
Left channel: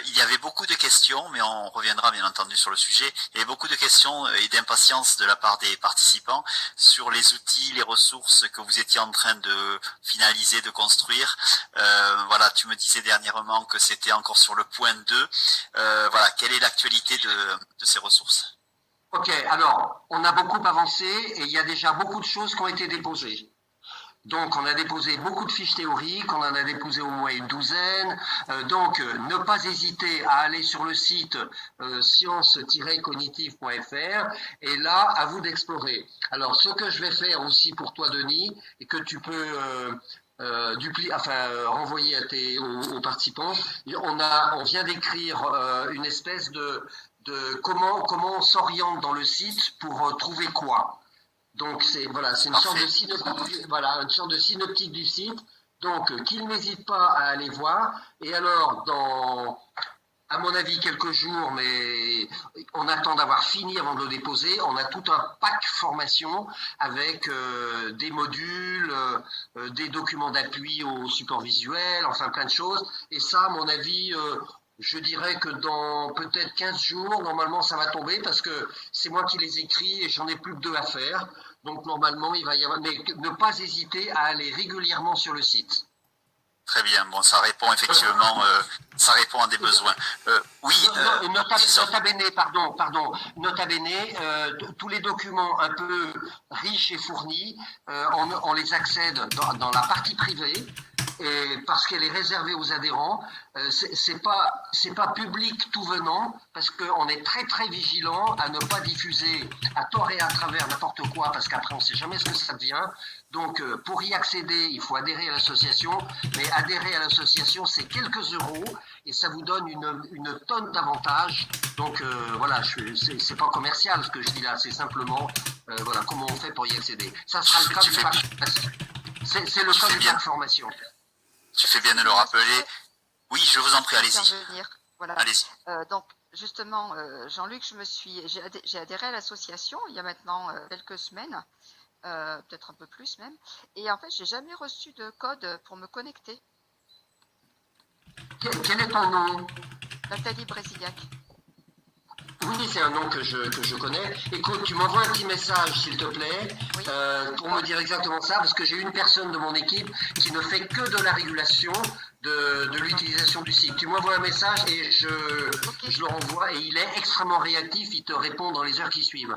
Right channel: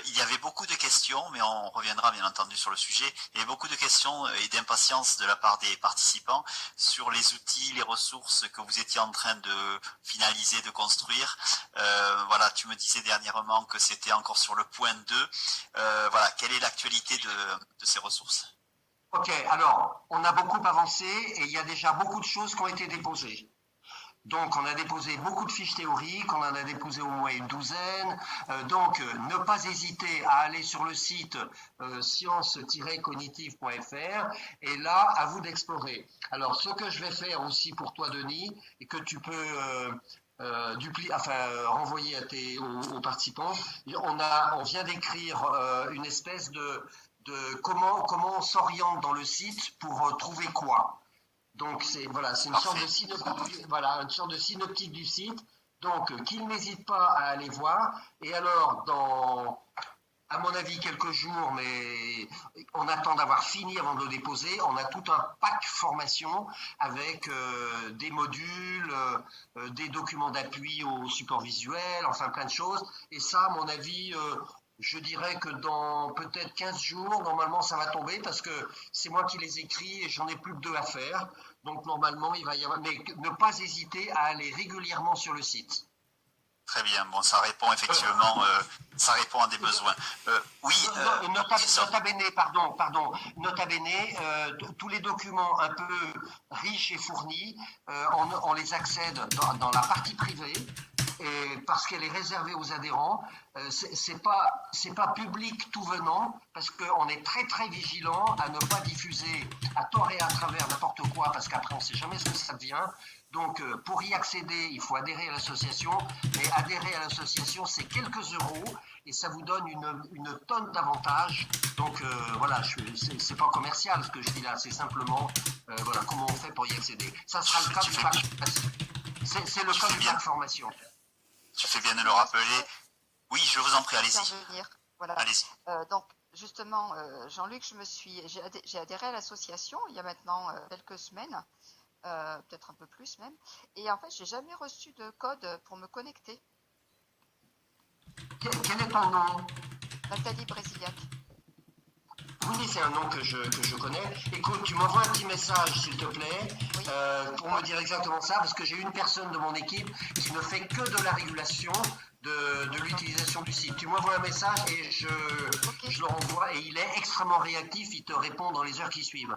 Il y avait beaucoup de questions, mais on reviendra bien entendu sur le sujet. Il y avait beaucoup de questions et d'impatience de la part des participants sur les outils, les ressources que vous étiez en train de finaliser, de construire. Voilà, tu me disais dernièrement que c'était encore sur le point 2. Voilà, quelle est l'actualité de ces ressources ? Ok, alors, on a beaucoup avancé et il y a déjà beaucoup de choses qui ont été déposées. Donc, on a déposé beaucoup de fiches théoriques, on en a déposé au moins une douzaine. Donc, ne pas hésiter à aller sur le site science-cognitive.fr et là, à vous d'explorer. Alors, ce que je vais faire aussi pour toi, Denis, et que tu peux renvoyer aux participants, on vient d'écrire une espèce de comment on s'oriente dans le site pour trouver quoi. Donc c'est une sorte de synoptique du site. Donc qu'ils n'hésitent pas à aller voir. Et alors dans, à mon avis, quelques jours, mais on attend d'avoir fini avant de le déposer. On a tout un pack formation avec des modules, des documents d'appui au support visuel, enfin plein de choses. Et ça, à mon avis, je dirais que dans peut-être 15 jours, normalement, ça va tomber parce que c'est moi qui les écris et j'en ai plus que 2 à faire. Donc, normalement, il va y avoir... Mais ne pas hésiter à aller régulièrement sur le site. Très bien. Bon, ça répond effectivement, ça répond à des besoins. Oui. Nota bene, tous les documents un peu riches et fournis, on les accède dans la partie privée. Et parce qu'elle est réservée aux adhérents, c'est pas public tout venant, parce qu'on est très très vigilant à ne pas diffuser à tort et à travers n'importe quoi, parce qu'après on ne sait jamais ce que ça devient. Donc pour y accéder, il faut adhérer à l'association, mais adhérer à l'association c'est quelques euros et ça vous donne une tonne d'avantages. Donc voilà, c'est pas commercial ce que je dis là, c'est simplement voilà comment on fait pour y accéder. Ça sera le cas du pack. C'est le cas du pack formation. Tu fais bien de le rappeler. Oui, je vous en prie, allez-y. Voilà. Allez-y. Donc, justement, Jean-Luc, j'ai adhéré à l'association il y a maintenant quelques semaines, peut-être un peu plus même. Et en fait, j'ai jamais reçu de code pour me connecter. Quel est ton nom? Nathalie Brésiliac. Oui, c'est un nom que je connais. Écoute, tu m'envoies un petit message, s'il te plaît, Oui. pour me dire exactement ça, parce que j'ai une personne de mon équipe qui ne fait que de la régulation de l'utilisation du site. Tu m'envoies un message et je le renvoie et il est extrêmement réactif, il te répond dans les heures qui suivent.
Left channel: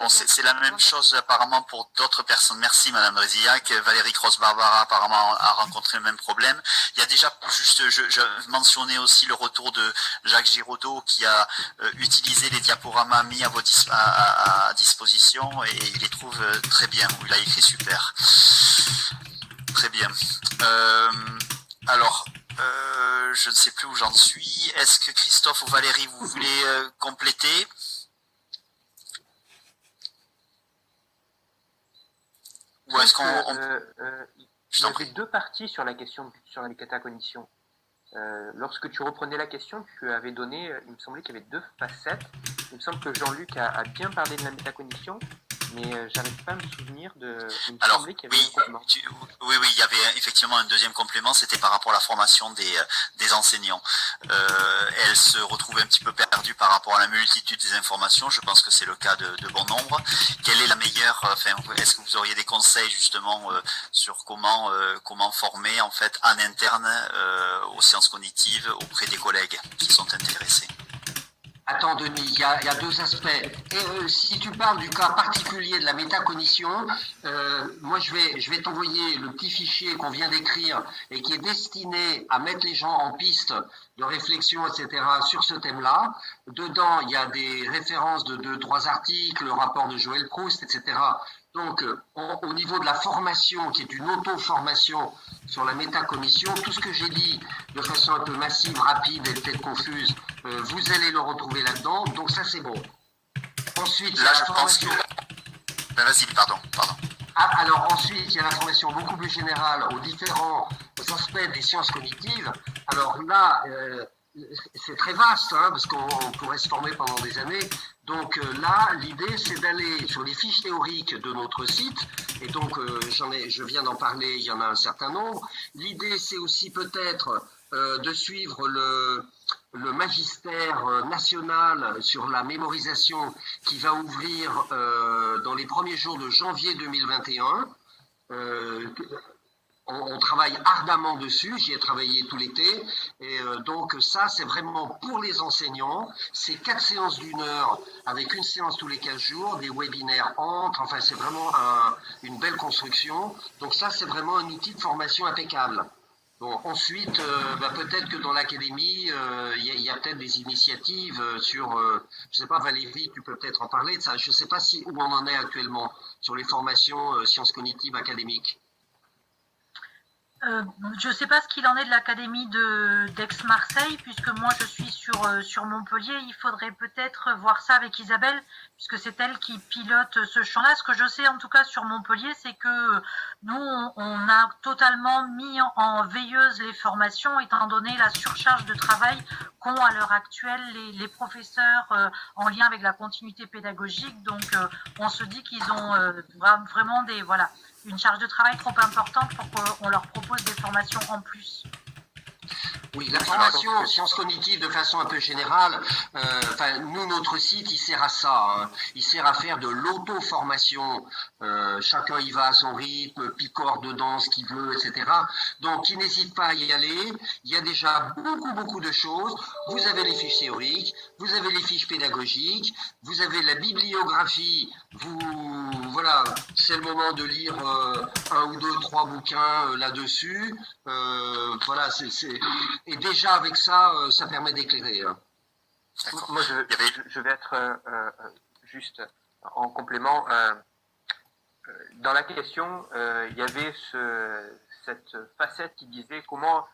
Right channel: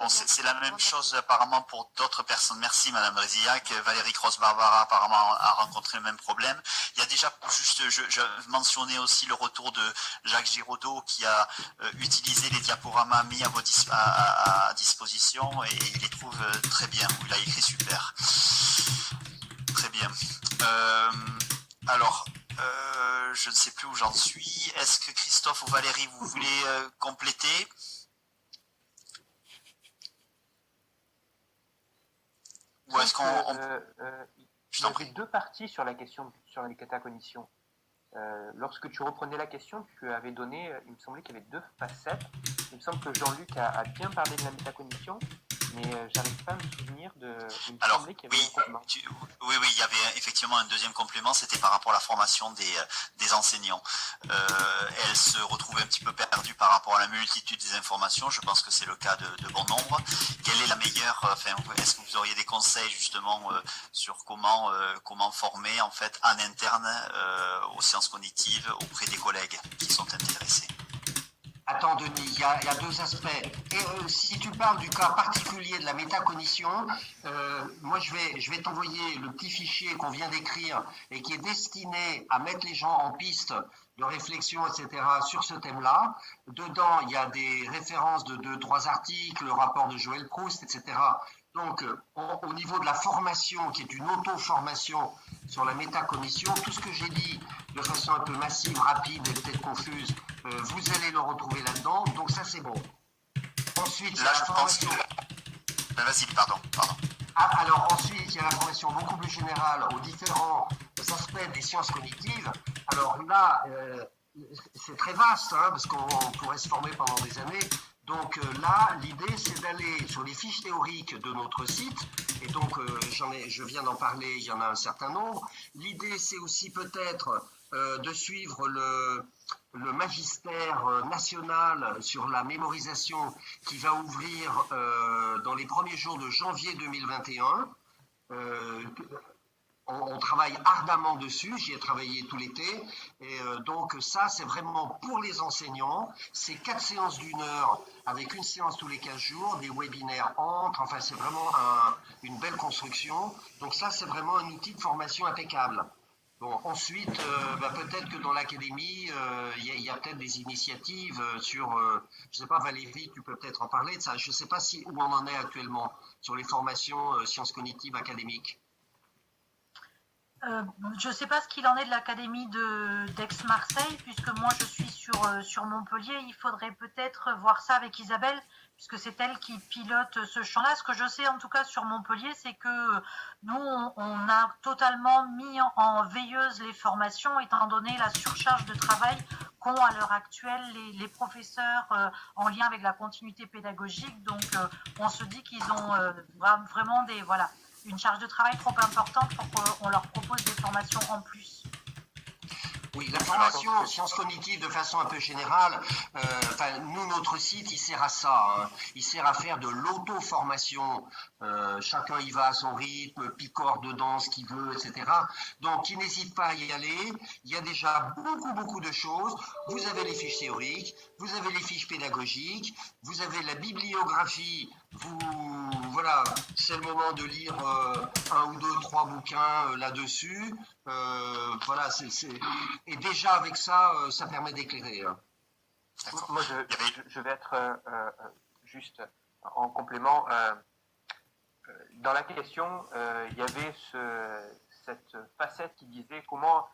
Bon, c'est la même chose apparemment pour d'autres personnes. Merci Madame Brésiliac. Valérie Cross-Barbara apparemment a rencontré le même problème. Il y a déjà juste, je mentionnais aussi le retour de Jacques Giraudot qui a utilisé les diaporamas mis à disposition et il les trouve très bien. Il a écrit super. Très bien. Alors, je ne sais plus où j'en suis. Est-ce que Christophe ou Valérie, vous voulez compléter ? Ou est-ce qu'on... Il y avait 2 parties sur la question sur la métacognition. Lorsque tu reprenais la question, tu avais donné, il me semblait qu'il y avait 2 facettes. Il me semble que Jean-Luc a bien parlé de la métacognition, mais j'arrive pas à me souvenir de. Il me Alors, semblait qu'il y avait un complément. oui, il y avait effectivement un deuxième complément, c'était par rapport à la formation des enseignants. Elle se retrouvait un petit peu perdue par rapport à la multitude des informations. Je pense que c'est le cas de bon nombre. Quelle est la meilleure, est-ce que vous auriez des conseils justement sur comment former en fait en interne aux sciences cognitives auprès des collègues qui sont intéressés? Attends, Denis, il y a deux aspects. Et si tu parles du cas particulier de la métacognition, moi je vais t'envoyer le petit fichier qu'on vient d'écrire et qui est destiné à mettre les gens en piste de réflexion, etc. sur ce thème-là. Dedans, il y a des références de 2-3 articles, le rapport de Joël Proust, etc. Donc, au niveau de la formation, qui est une auto-formation sur la métacognition, tout ce que j'ai dit de façon un peu massive, rapide et peut-être confuse, vous allez le retrouver là-dedans. Donc ça, c'est bon. Ensuite, là, je pense que... Ben, vas-y, pardon. Alors ensuite, il y a la formation beaucoup plus générale aux différents aspects des sciences cognitives. Alors là, c'est très vaste, hein, parce qu'on pourrait se former pendant des années. Donc là, l'idée, c'est d'aller sur les fiches théoriques de notre site. Et donc, je viens d'en parler, il y en a un certain nombre. L'idée, c'est aussi peut-être de suivre le magistère national sur la mémorisation qui va ouvrir dans les premiers jours de janvier 2021. On travaille ardemment dessus, j'y ai travaillé tout l'été, et donc ça c'est vraiment pour les enseignants, c'est 4 séances d'1 heure avec une séance tous les 15 jours, des webinaires entre, enfin c'est vraiment une belle construction, donc ça c'est vraiment un outil de formation impeccable. Bon, ensuite, peut-être que dans l'académie, il y a peut-être des initiatives sur, je ne sais pas Valérie, tu peux peut-être en parler de ça, je ne sais pas où on en est actuellement sur les formations sciences cognitives académiques. Je ne sais pas ce qu'il en est de l'académie d'Aix-Marseille, puisque moi je suis sur Montpellier. Il faudrait peut-être voir ça avec Isabelle, puisque c'est elle qui pilote ce champ-là. Ce que je sais en tout cas sur Montpellier, c'est que nous, on a totalement mis en veilleuse les formations, étant donné la surcharge de travail qu'ont à l'heure actuelle les professeurs en lien avec la continuité pédagogique. Donc on se dit qu'ils ont vraiment une charge de travail trop importante pour qu'on leur propose des formations en plus. Oui, la formation sciences cognitives de façon un peu générale, nous, notre site, il sert à ça. Hein. Il sert à faire de l'auto-formation. Chacun y va à son rythme, picore dedans ce qu'il veut, etc. Donc, il n'hésite pas à y aller. Il y a déjà beaucoup de choses. Vous avez les fiches théoriques, vous avez les fiches pédagogiques, vous avez la bibliographie. Voilà, c'est le moment de lire 1 ou 2, 3 bouquins là-dessus. Voilà, et déjà avec ça, ça permet d'éclairer. Hein. Moi, je vais être juste en complément. Dans la question, il y avait cette facette qui disait comment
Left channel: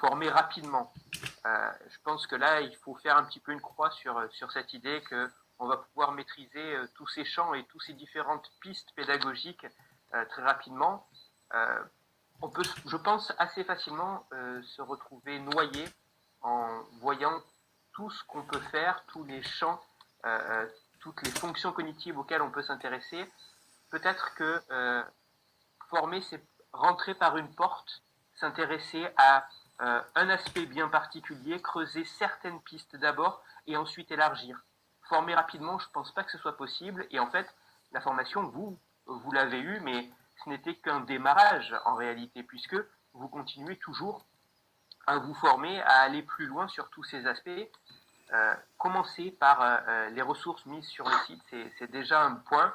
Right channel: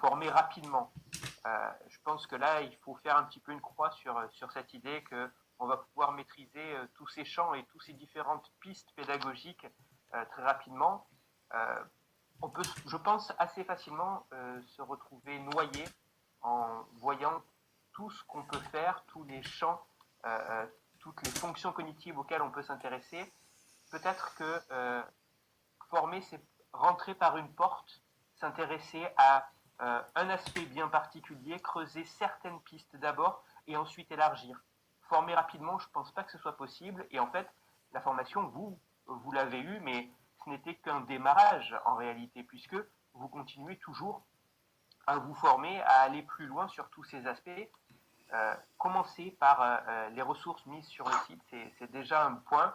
former rapidement. Je pense que là, il faut faire un petit peu une croix sur cette idée qu'on va pouvoir maîtriser tous ces champs et toutes ces différentes pistes pédagogiques très rapidement. On peut, je pense, assez facilement se retrouver noyé en voyant tout ce qu'on peut faire, tous les champs, toutes les fonctions cognitives auxquelles on peut s'intéresser. Peut-être que former, c'est rentrer par une porte, s'intéresser à un aspect bien particulier, creuser certaines pistes d'abord et ensuite élargir. Former rapidement, je ne pense pas que ce soit possible. Et en fait, la formation, vous l'avez eue, mais ce n'était qu'un démarrage en réalité, puisque vous continuez toujours à vous former, à aller plus loin sur tous ces aspects. Commencer par les ressources mises sur le site, c'est déjà un point.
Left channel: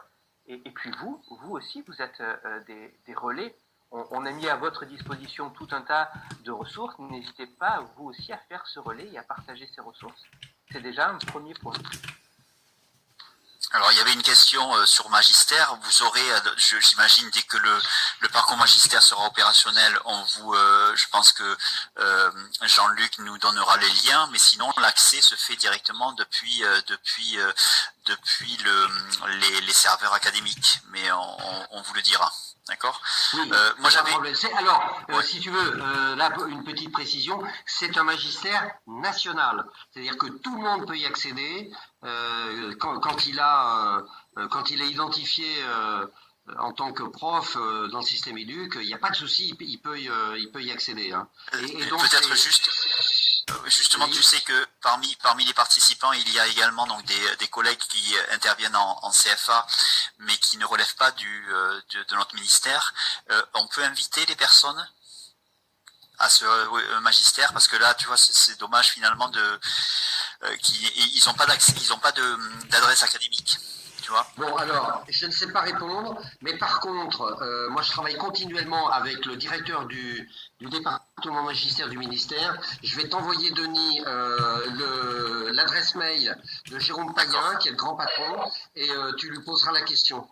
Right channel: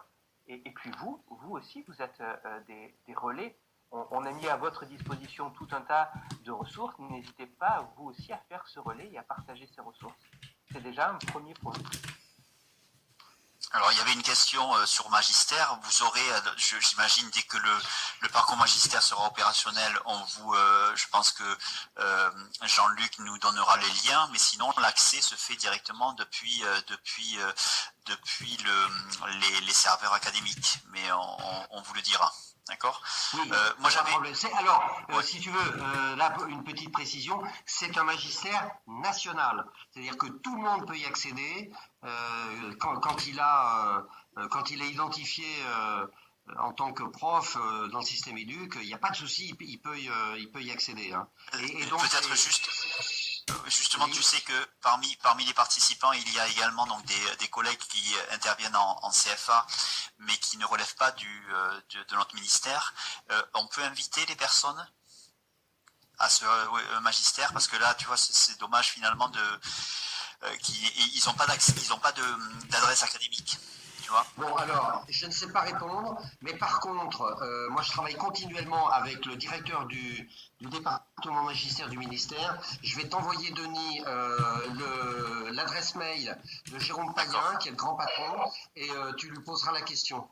Et puis vous aussi, vous êtes des relais. On a mis à votre disposition tout un tas de ressources. N'hésitez pas, vous aussi, à faire ce relais et à partager ces ressources. C'est déjà un premier point. Alors, il y avait une question sur Magistère. Vous aurez, j'imagine, dès que le parcours Magistère sera opérationnel, je pense que Jean-Luc nous donnera les liens, mais sinon, l'accès se fait directement depuis les serveurs académiques. Mais on vous le dira. D'accord. Oui, moi j'avais. Alors, si tu veux, là une petite précision, c'est un magistère national, c'est-à-dire que tout le monde peut y accéder quand il a quand il est identifié en tant que prof dans le système éduc, il n'y a pas de souci, il peut y accéder. Hein. Et donc, peut-être justement, oui. tu sais que parmi les participants, il y a également donc des collègues qui interviennent en CFA, mais qui ne relèvent pas de notre ministère. On peut inviter les personnes à ce magistère, parce que là, tu vois, c'est dommage finalement ils n'ont pas d'adresse académique. Tu vois. Bon, alors, je ne sais pas répondre, mais par contre, moi je travaille continuellement avec le directeur du département magistère du ministère. Je vais t'envoyer, Denis, l'adresse mail de Jérôme Payen, qui est le grand patron, et tu lui poseras la question.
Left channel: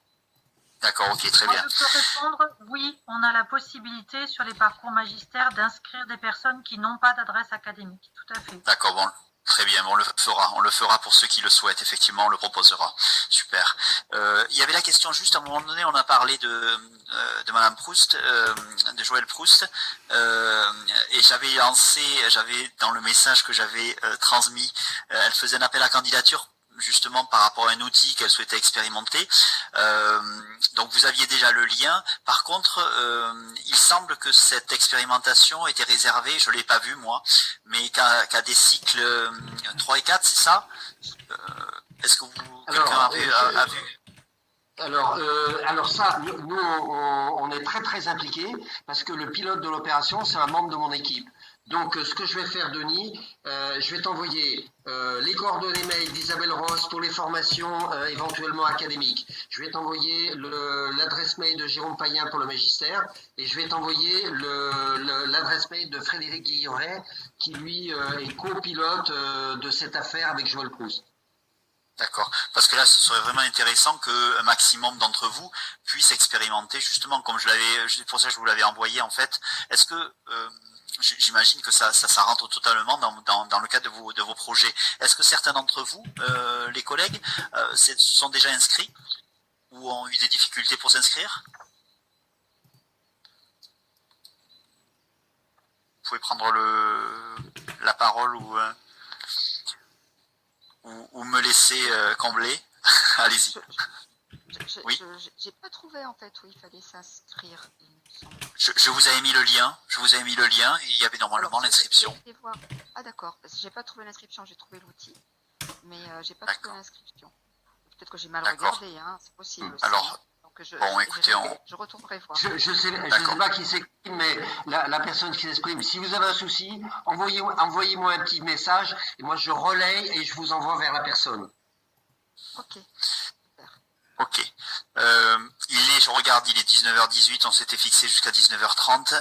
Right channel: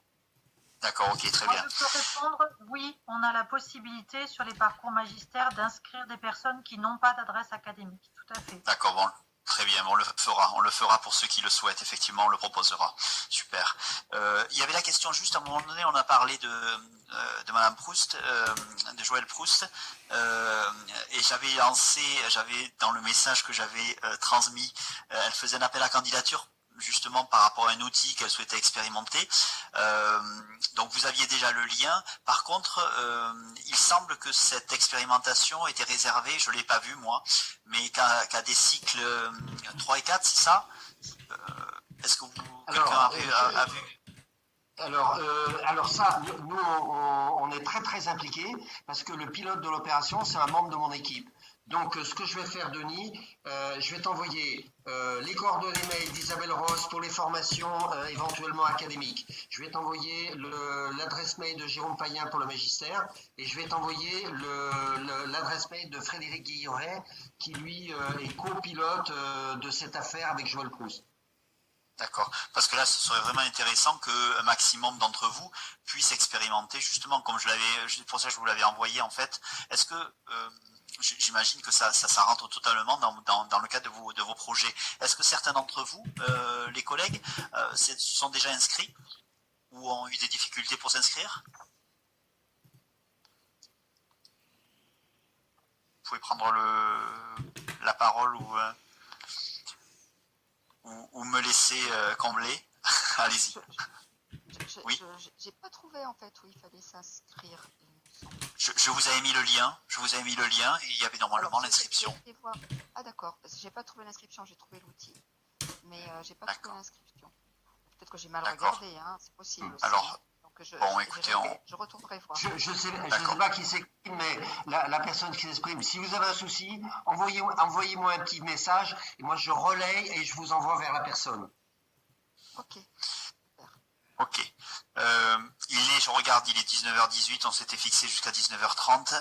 D'accord, ok, très Moi, bien. je peux répondre, oui, on a la possibilité sur les parcours magistères d'inscrire des personnes qui n'ont pas d'adresse académique, tout à fait. D'accord, bon. Très bien, on le fera pour ceux qui le souhaitent, effectivement, on le proposera. Super. Il y avait la question juste, à un moment donné, on a parlé de Madame Proust, de Joël Proust, et j'avais dans le message que j'avais transmis, elle faisait un appel à candidature, justement par rapport à un outil qu'elle souhaitait expérimenter. Donc vous aviez déjà le lien. Par contre, il semble que cette expérimentation était réservée, je ne l'ai pas vu moi, mais qu'à des cycles 3 et 4, c'est ça? Est-ce que quelqu'un a vu? Alors ça, nous, on est très très impliqués parce que le pilote de l'opération, c'est un membre de mon équipe. Donc, ce que je vais faire, Denis, je vais t'envoyer les coordonnées mail d'Isabelle Ross pour les formations éventuellement académiques. Je vais t'envoyer l'adresse mail de Jérôme Payen pour le magistère et je vais t'envoyer l'adresse mail de Frédéric Guilloret qui, lui, est copilote de cette affaire avec Joël Proust. D'accord. Parce que là, ce serait vraiment intéressant qu'un maximum d'entre vous puisse expérimenter, justement, comme c'est pour ça que je vous l'avais envoyé, en fait. Est-ce que, j'imagine que ça rentre totalement dans le cadre de vos projets. Est-ce que certains d'entre vous, les collègues, sont déjà inscrits ou ont eu des difficultés pour s'inscrire? Vous pouvez prendre la parole ou me laisser combler. Allez-y. Oui. J'ai pas trouvé en fait où il fallait s'inscrire. Je vous avais mis le lien. Et il y avait normalement l'inscription. Ah d'accord. Parce que j'ai pas trouvé l'inscription. J'ai trouvé l'outil, mais j'ai pas trouvé l'inscription. Peut-être que j'ai mal regardé. Hein, c'est possible. Aussi. Alors. Bon, écoutez, je retournerai voir. Je sais pas qui s'exprime, mais la personne qui s'exprime, si vous avez un souci, envoyez-moi un petit message et moi je relaye et je vous envoie vers la personne. Ok. Ok. Je regarde, il est 19h18, on s'était fixé jusqu'à 19h30.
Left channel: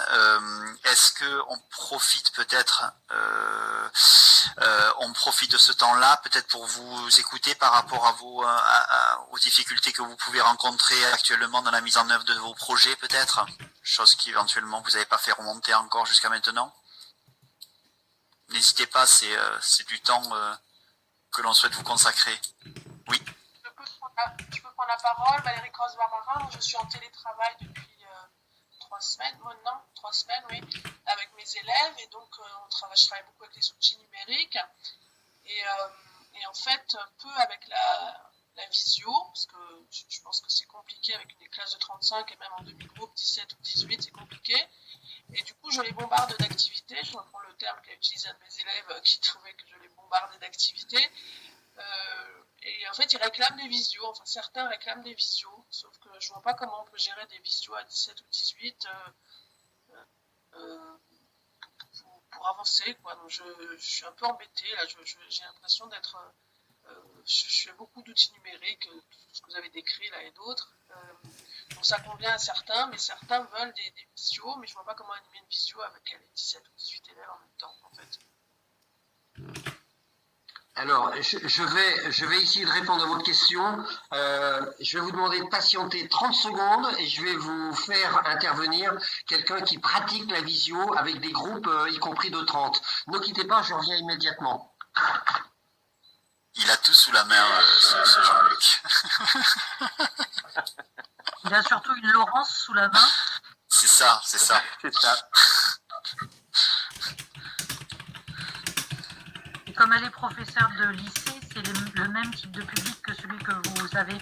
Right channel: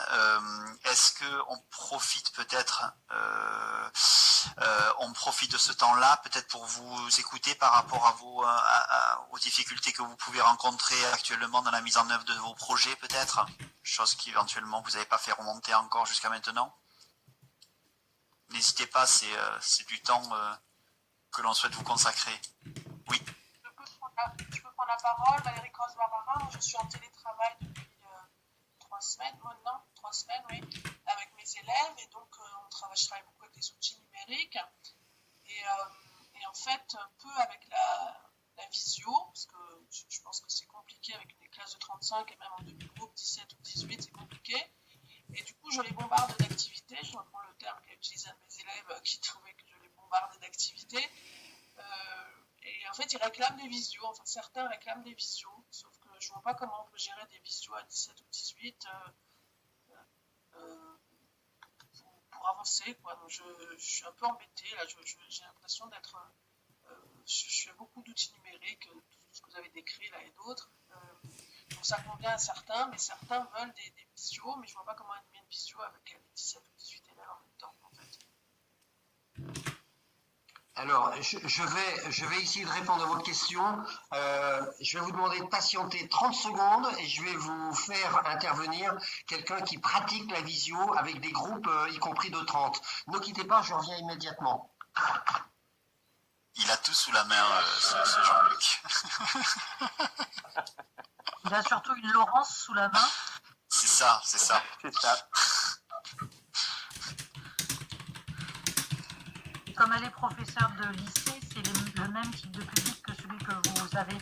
Est-ce qu'on profite peut-être de ce temps-là, peut-être pour vous écouter par rapport à aux difficultés que vous pouvez rencontrer actuellement dans la mise en œuvre de vos projets, peut-être? Chose qu'éventuellement vous n'avez pas fait remonter encore jusqu'à maintenant. N'hésitez pas, c'est du temps que l'on souhaite vous consacrer. Oui. Je peux prendre la parole, Valérie Cross-Barbara. Je suis en télétravail depuis 3 semaines, maintenant, 3 semaines, oui, avec mes élèves. Et donc, je travaille beaucoup avec les outils numériques. Et en fait, un peu avec la visio, parce que je pense que c'est compliqué avec une classe de 35 et même en demi-groupe, 17 ou 18, c'est compliqué. Et du coup, je les bombarde d'activités. Je reprends le terme qu'a utilisé un de mes élèves qui trouvait que je les bombardais d'activités. Et en fait, ils réclament des visios. Enfin, certains réclament des visios. Sauf que je vois pas comment on peut gérer des visios à 17 ou 18 pour avancer, quoi. Donc, je suis un peu embêtée. Là, j'ai l'impression d'être... je fais beaucoup d'outils numériques, tout ce que vous avez décrit là et d'autres. Donc, ça convient à certains, mais certains veulent des visios. Mais je vois pas comment animer une visio avec les 17 ou 18 élèves en même temps, en fait. Alors, je vais essayer de répondre à votre question. Je vais vous demander de patienter 30 secondes et je vais vous faire intervenir quelqu'un qui pratique la visio avec des groupes, y compris de 30. Ne quittez pas, je reviens immédiatement. Il a tout sous la main, ce Jean-Luc. Il a surtout une Laurence sous la main. C'est ça. C'est ça. Comme elle est professeure de lycée, c'est le même type de public que celui que vous avez.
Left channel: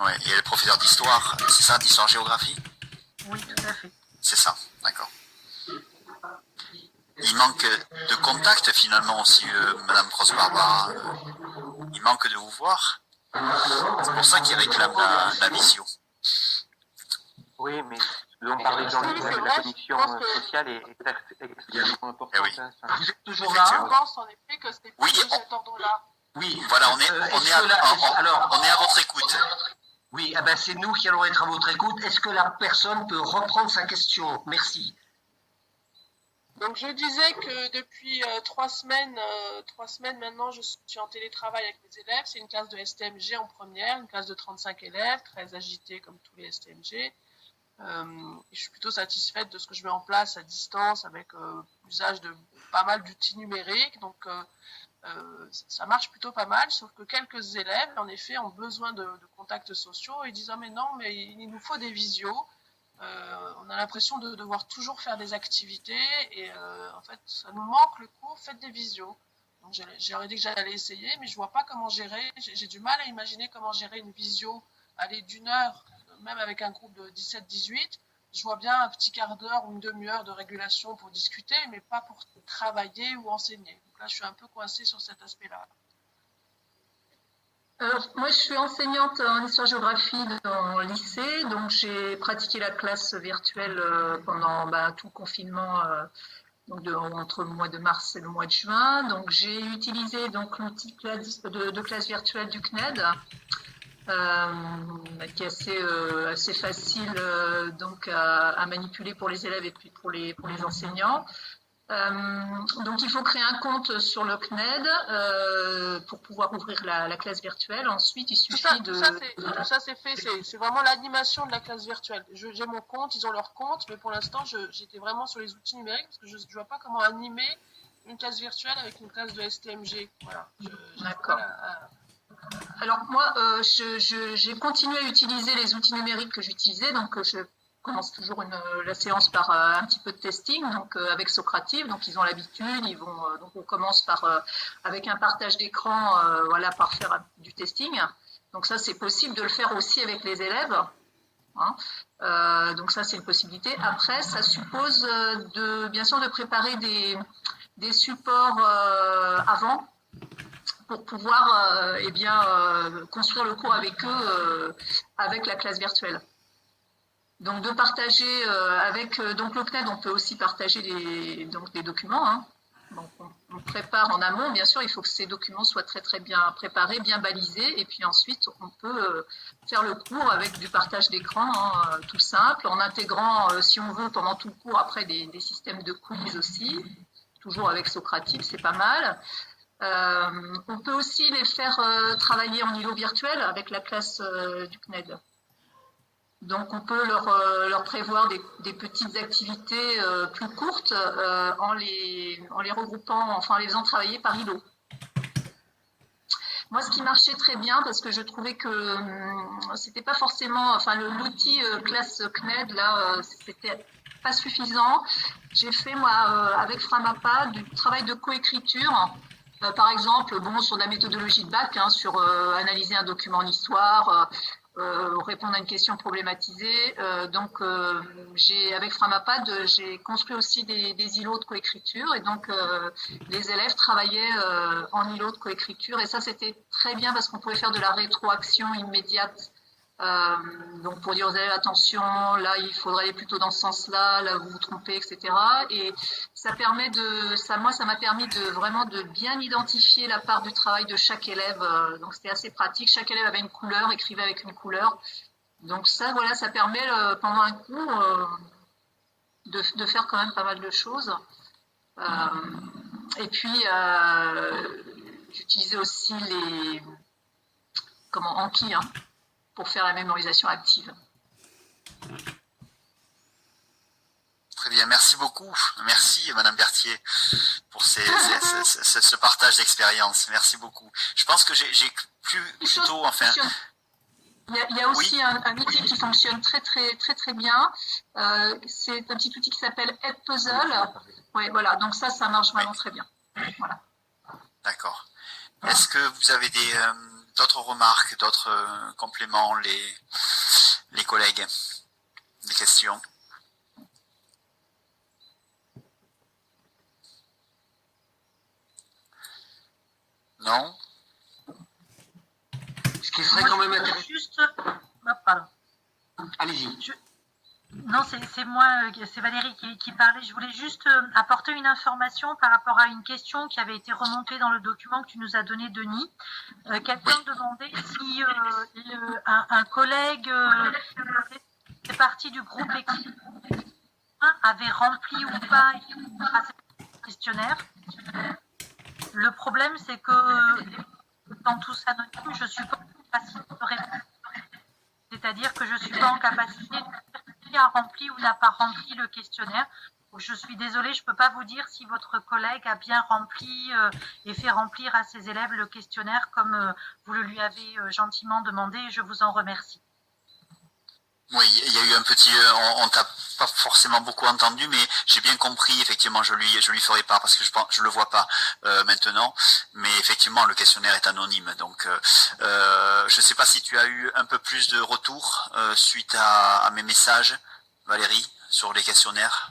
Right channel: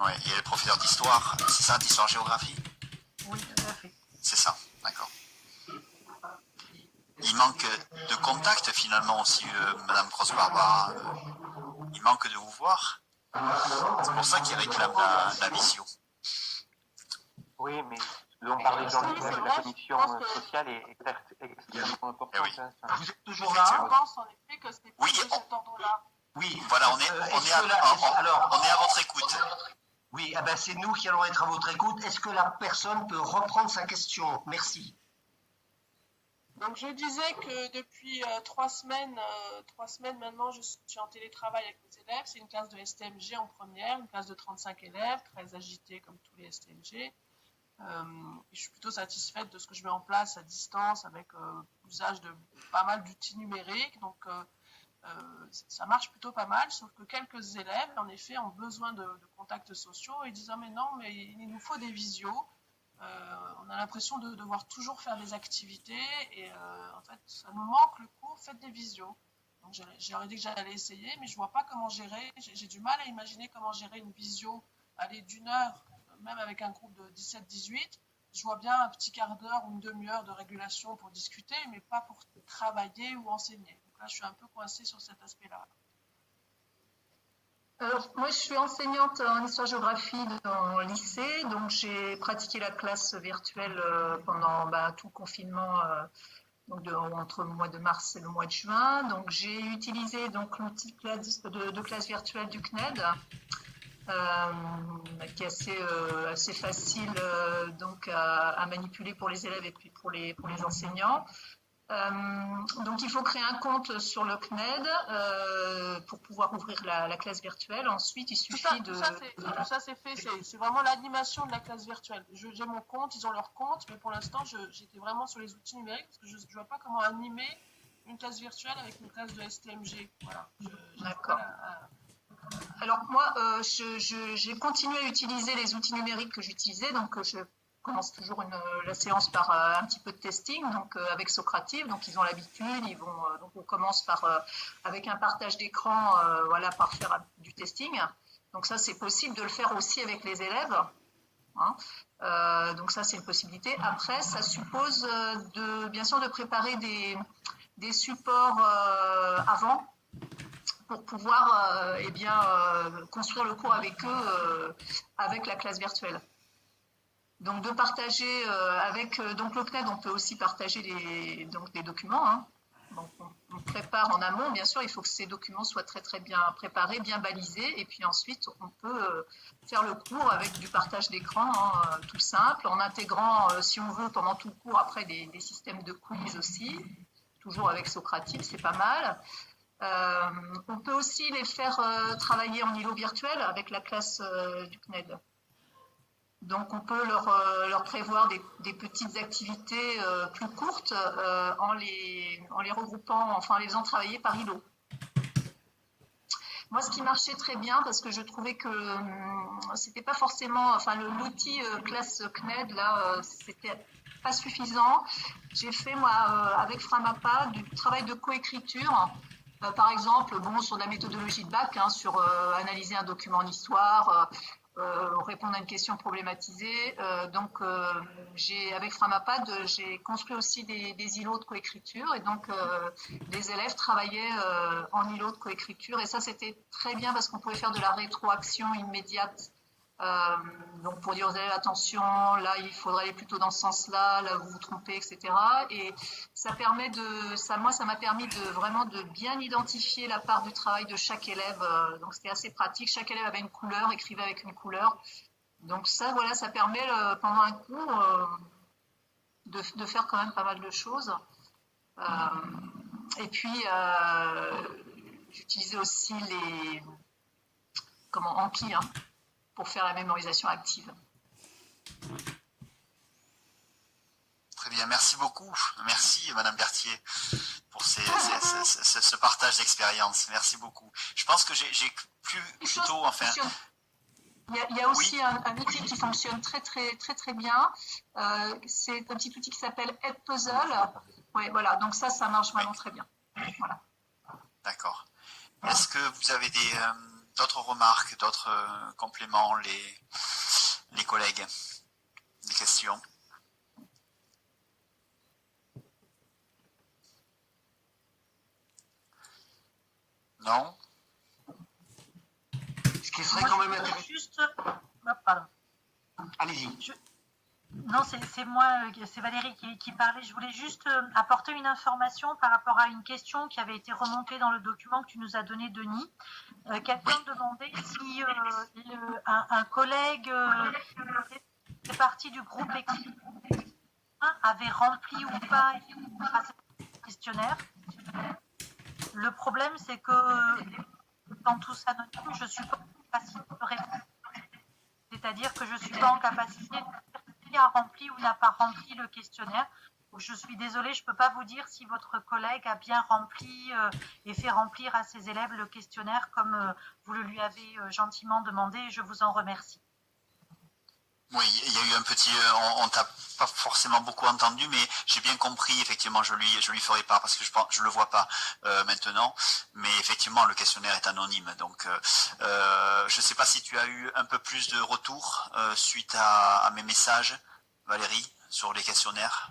Ouais, et le professeur d'histoire, c'est ça, d'histoire-géographie? Oui, tout à fait. C'est ça, d'accord. Il manque de contact finalement aussi, Madame Cross-Barbara. Il manque de vous voir. C'est pour ça qu'il réclame la visio. Oui, mais ce dont parlait Jean-Luc, Oui, c'est la vrai, commission je pense que- sociale est extrêmement importante. Eh oui. hein. Vous êtes toujours Je là? pense en effet que c'est Oui, plus de cet ordre-là. Oui. Voilà, on est à votre écoute. Oui, eh ben, c'est nous qui allons être à votre écoute. Est-ce que la personne peut reprendre sa question? Merci. Donc je disais que depuis 3 semaines maintenant, je suis en télétravail avec mes élèves. C'est une classe de STMG en première, une classe de 35 élèves, très agitée comme tous les STMG. Je suis plutôt satisfaite de ce que je mets en place à distance avec l'usage de pas mal d'outils numériques. Donc ça marche plutôt pas mal, sauf que quelques élèves, en effet, ont besoin de contacts sociaux et disent « Ah mais non, mais il nous faut des visios ». On a l'impression de devoir toujours faire des activités et en fait ça nous manque le cours, faites des visios. Donc j'aurais dit que j'allais essayer, mais je vois pas comment gérer, j'ai du mal à imaginer comment gérer une visio aller d'1 heure, même avec un groupe de 17-18. Je vois bien un petit quart d'heure ou une demi-heure de régulation pour discuter, mais pas pour travailler ou enseigner. Donc là je suis un peu coincée sur cet aspect-là. Moi, je suis enseignante en histoire-géographie dans le lycée, donc j'ai pratiqué la classe virtuelle pendant tout le confinement, entre le mois de mars et le mois de juin. Donc j'ai utilisé donc l'outil de classe virtuelle du CNED, qui est assez facile donc à manipuler pour les élèves et puis pour les enseignants. Donc il faut créer un compte sur le CNED pour pouvoir ouvrir la classe virtuelle. Ensuite, il suffit Tout ça c'est fait, c'est vraiment l'animation de la classe virtuelle. J'ai mon compte, ils ont leur compte, mais pour l'instant j'étais vraiment sur les outils numériques parce que je ne vois pas comment animer une classe virtuelle avec une classe de STMG. Voilà. D'accord. Alors moi, j'ai continué à utiliser les outils numériques que j'utilisais, donc je commence toujours la séance par un petit peu de testing, donc avec Socrative, donc ils ont l'habitude, donc on commence avec un partage d'écran, par faire du testing. Donc ça c'est possible de le faire aussi avec les élèves, hein. Donc ça c'est une possibilité. Après ça suppose bien sûr de préparer des supports avant pour pouvoir construire le cours avec eux avec la classe virtuelle. Donc de partager avec donc le CNED, on peut aussi partager des documents, hein. Donc on prépare en amont, bien sûr, il faut que ces documents soient très très bien préparés, bien balisés, et puis ensuite on peut faire le cours avec du partage d'écran, hein, tout simple, en intégrant, si on veut, pendant tout le cours, après des systèmes de quiz aussi, toujours avec Socrative, c'est pas mal. On peut aussi les faire travailler en îlot virtuel avec la classe du CNED. Donc on peut leur prévoir des petites activités plus courtes en les regroupant, enfin en les faisant travailler par îlot. Moi, ce qui marchait très bien, parce que je trouvais que c'était pas forcément, enfin l'outil classe CNED là, c'était pas suffisant. J'ai fait moi avec Framapa du travail de coécriture. Par exemple, sur la méthodologie de bac, hein, sur analyser un document en histoire, répondre à une question problématisée. Donc, avec Framapad, j'ai construit aussi des îlots de coécriture, et donc les élèves travaillaient en îlot de coécriture, et ça c'était très bien parce qu'on pouvait faire de la rétroaction immédiate. Donc pour dire aux élèves attention, là il faudrait aller plutôt dans ce sens-là, là vous vous trompez, etc. Et ça m'a permis de vraiment de bien identifier la part du travail de chaque élève. Donc c'était assez pratique. Chaque élève avait une couleur, écrivait avec une couleur. Donc ça, voilà, ça permet pendant un cours de faire quand même pas mal de choses. Et puis j'utilisais aussi Anki, hein, pour faire la mémorisation active. Très bien, merci beaucoup. Merci Madame Berthier pour ce partage d'expérience. Merci beaucoup. Je pense que j'ai plutôt, enfin... Il y a aussi un outil qui fonctionne très très très très bien. C'est un petit outil qui s'appelle Edpuzzle. Ouais, voilà, donc ça marche vraiment très bien. Voilà. D'accord. Est-ce que vous avez D'autres remarques, d'autres compléments, les collègues, des questions? Non? Ce qui serait quand même intéressant. Juste... Oh, pardon. Allez-y. Non, c'est moi, c'est Valérie qui parlait. Je voulais juste apporter une information par rapport à une question qui avait été remontée dans le document que tu nous as donné, Denis. Quelqu'un demandait si un collègue qui fait partie du groupe équipe avait rempli ou pas ce questionnaire. Le problème, c'est que dans tous anonyme, je suis pas en capacité de répondre. C'est-à-dire que je ne suis pas en capacité de dire qui a rempli ou n'a pas rempli le questionnaire. Donc, je suis désolée, je ne peux pas vous dire si votre collègue a bien rempli et fait remplir à ses élèves le questionnaire comme vous le lui avez gentiment demandé, et je vous en remercie. Oui, il y a eu un petit, on t'a pas forcément beaucoup entendu, mais j'ai bien compris. Effectivement, je lui ferai pas parce que je le vois pas maintenant. Mais effectivement, le questionnaire est anonyme. Donc, je sais pas si tu as eu un peu plus de retours suite à mes messages, Valérie, sur les questionnaires.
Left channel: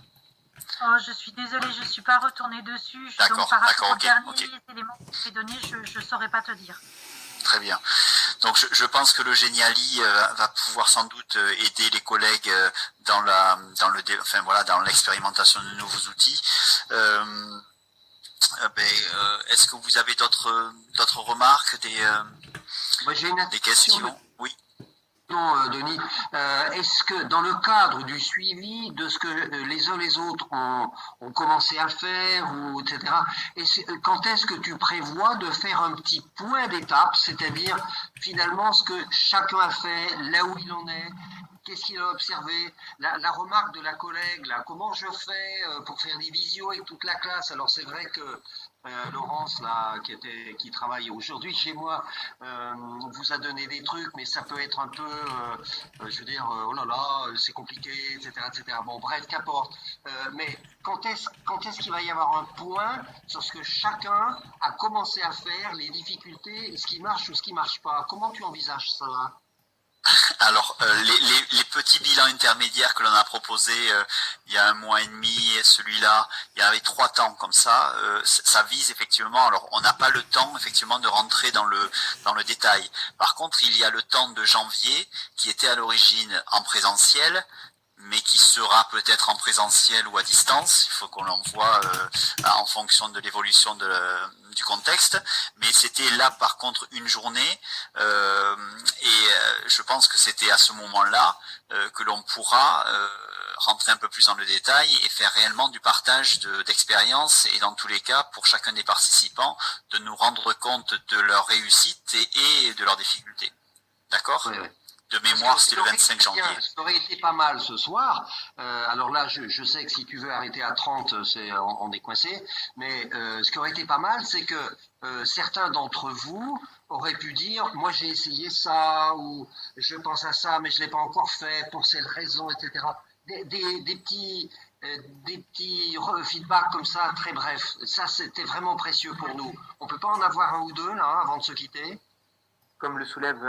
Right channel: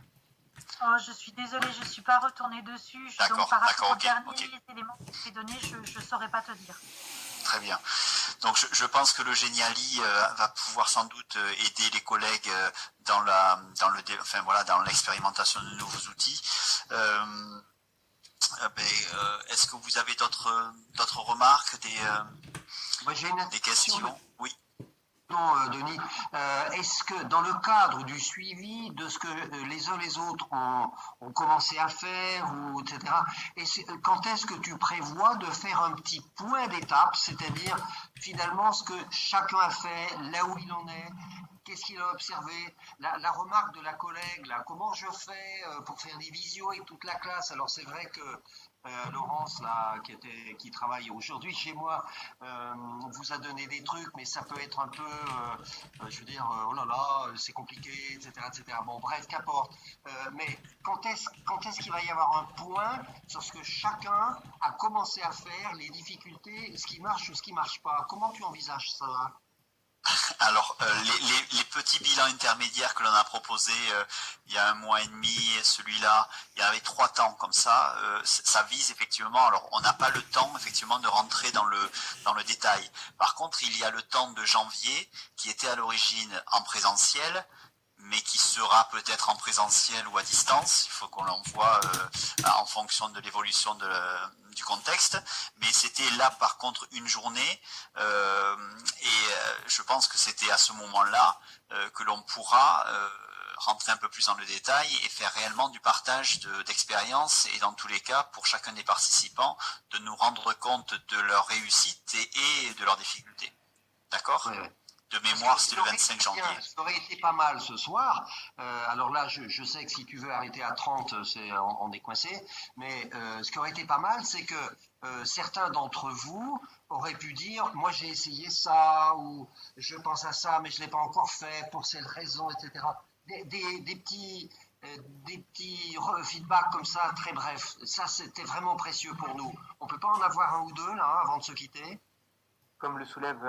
Oh, je suis désolée, je ne suis pas retournée dessus. Donc, par rapport aux derniers éléments que tu as donnés, je ne saurais pas te dire. Très bien. Donc je pense que le Geniali va pouvoir sans doute aider les collègues dans l'expérimentation de nouveaux outils. Est-ce que vous avez d'autres remarques, des questions? Oui. Non, Denis, est-ce que dans le cadre du suivi de ce que les uns les autres ont commencé à faire, ou etc., quand est-ce que tu prévois de faire un petit point d'étape, c'est-à-dire finalement ce que chacun a fait, là où il en est, qu'est-ce qu'il a observé, la remarque de la collègue, là, comment je fais pour faire des visios avec toute la classe? Alors c'est vrai que Laurence, là, qui travaille aujourd'hui chez moi, vous a donné des trucs, mais ça peut être un peu, je veux dire, oh là là, c'est compliqué, etc., etc. Bon, bref, qu'importe. Mais quand est-ce qu'il va y avoir un point sur ce que chacun a commencé à faire, les difficultés, ce qui marche ou ce qui marche pas? Comment tu envisages ça? Alors, les petits bilans intermédiaires que l'on a proposés il y a 1 mois et demi, et celui-là, il y avait 3 temps comme ça. Ça vise effectivement. Alors, on n'a pas le temps effectivement de rentrer dans le détail. Par contre, il y a le temps de janvier qui était à l'origine en présentiel, mais qui sera peut-être en présentiel ou à distance. Il faut qu'on l'envoie en fonction de l'évolution du contexte. Mais c'était là, par contre, une journée. Je pense que c'était à ce moment-là que l'on pourra rentrer un peu plus dans le détail et faire réellement du partage d'expériences et dans tous les cas, pour chacun des participants, de nous rendre compte de leur réussite et de leurs difficultés. D'accord ? Oui, oui. De mémoire, c'était le 25 janvier. Ça aurait été pas mal ce soir. Alors là, je sais que si tu veux arrêter à 30, on est coincé. Mais ce qui aurait été pas mal, c'est que certains d'entre vous auraient pu dire, moi j'ai essayé ça, ou je pense à ça, mais je ne l'ai pas encore fait pour cette raison, etc. Des petits feedbacks comme ça, très brefs. Ça, c'était vraiment précieux pour nous. On ne peut pas en avoir un ou deux là avant de se quitter? Comme le soulève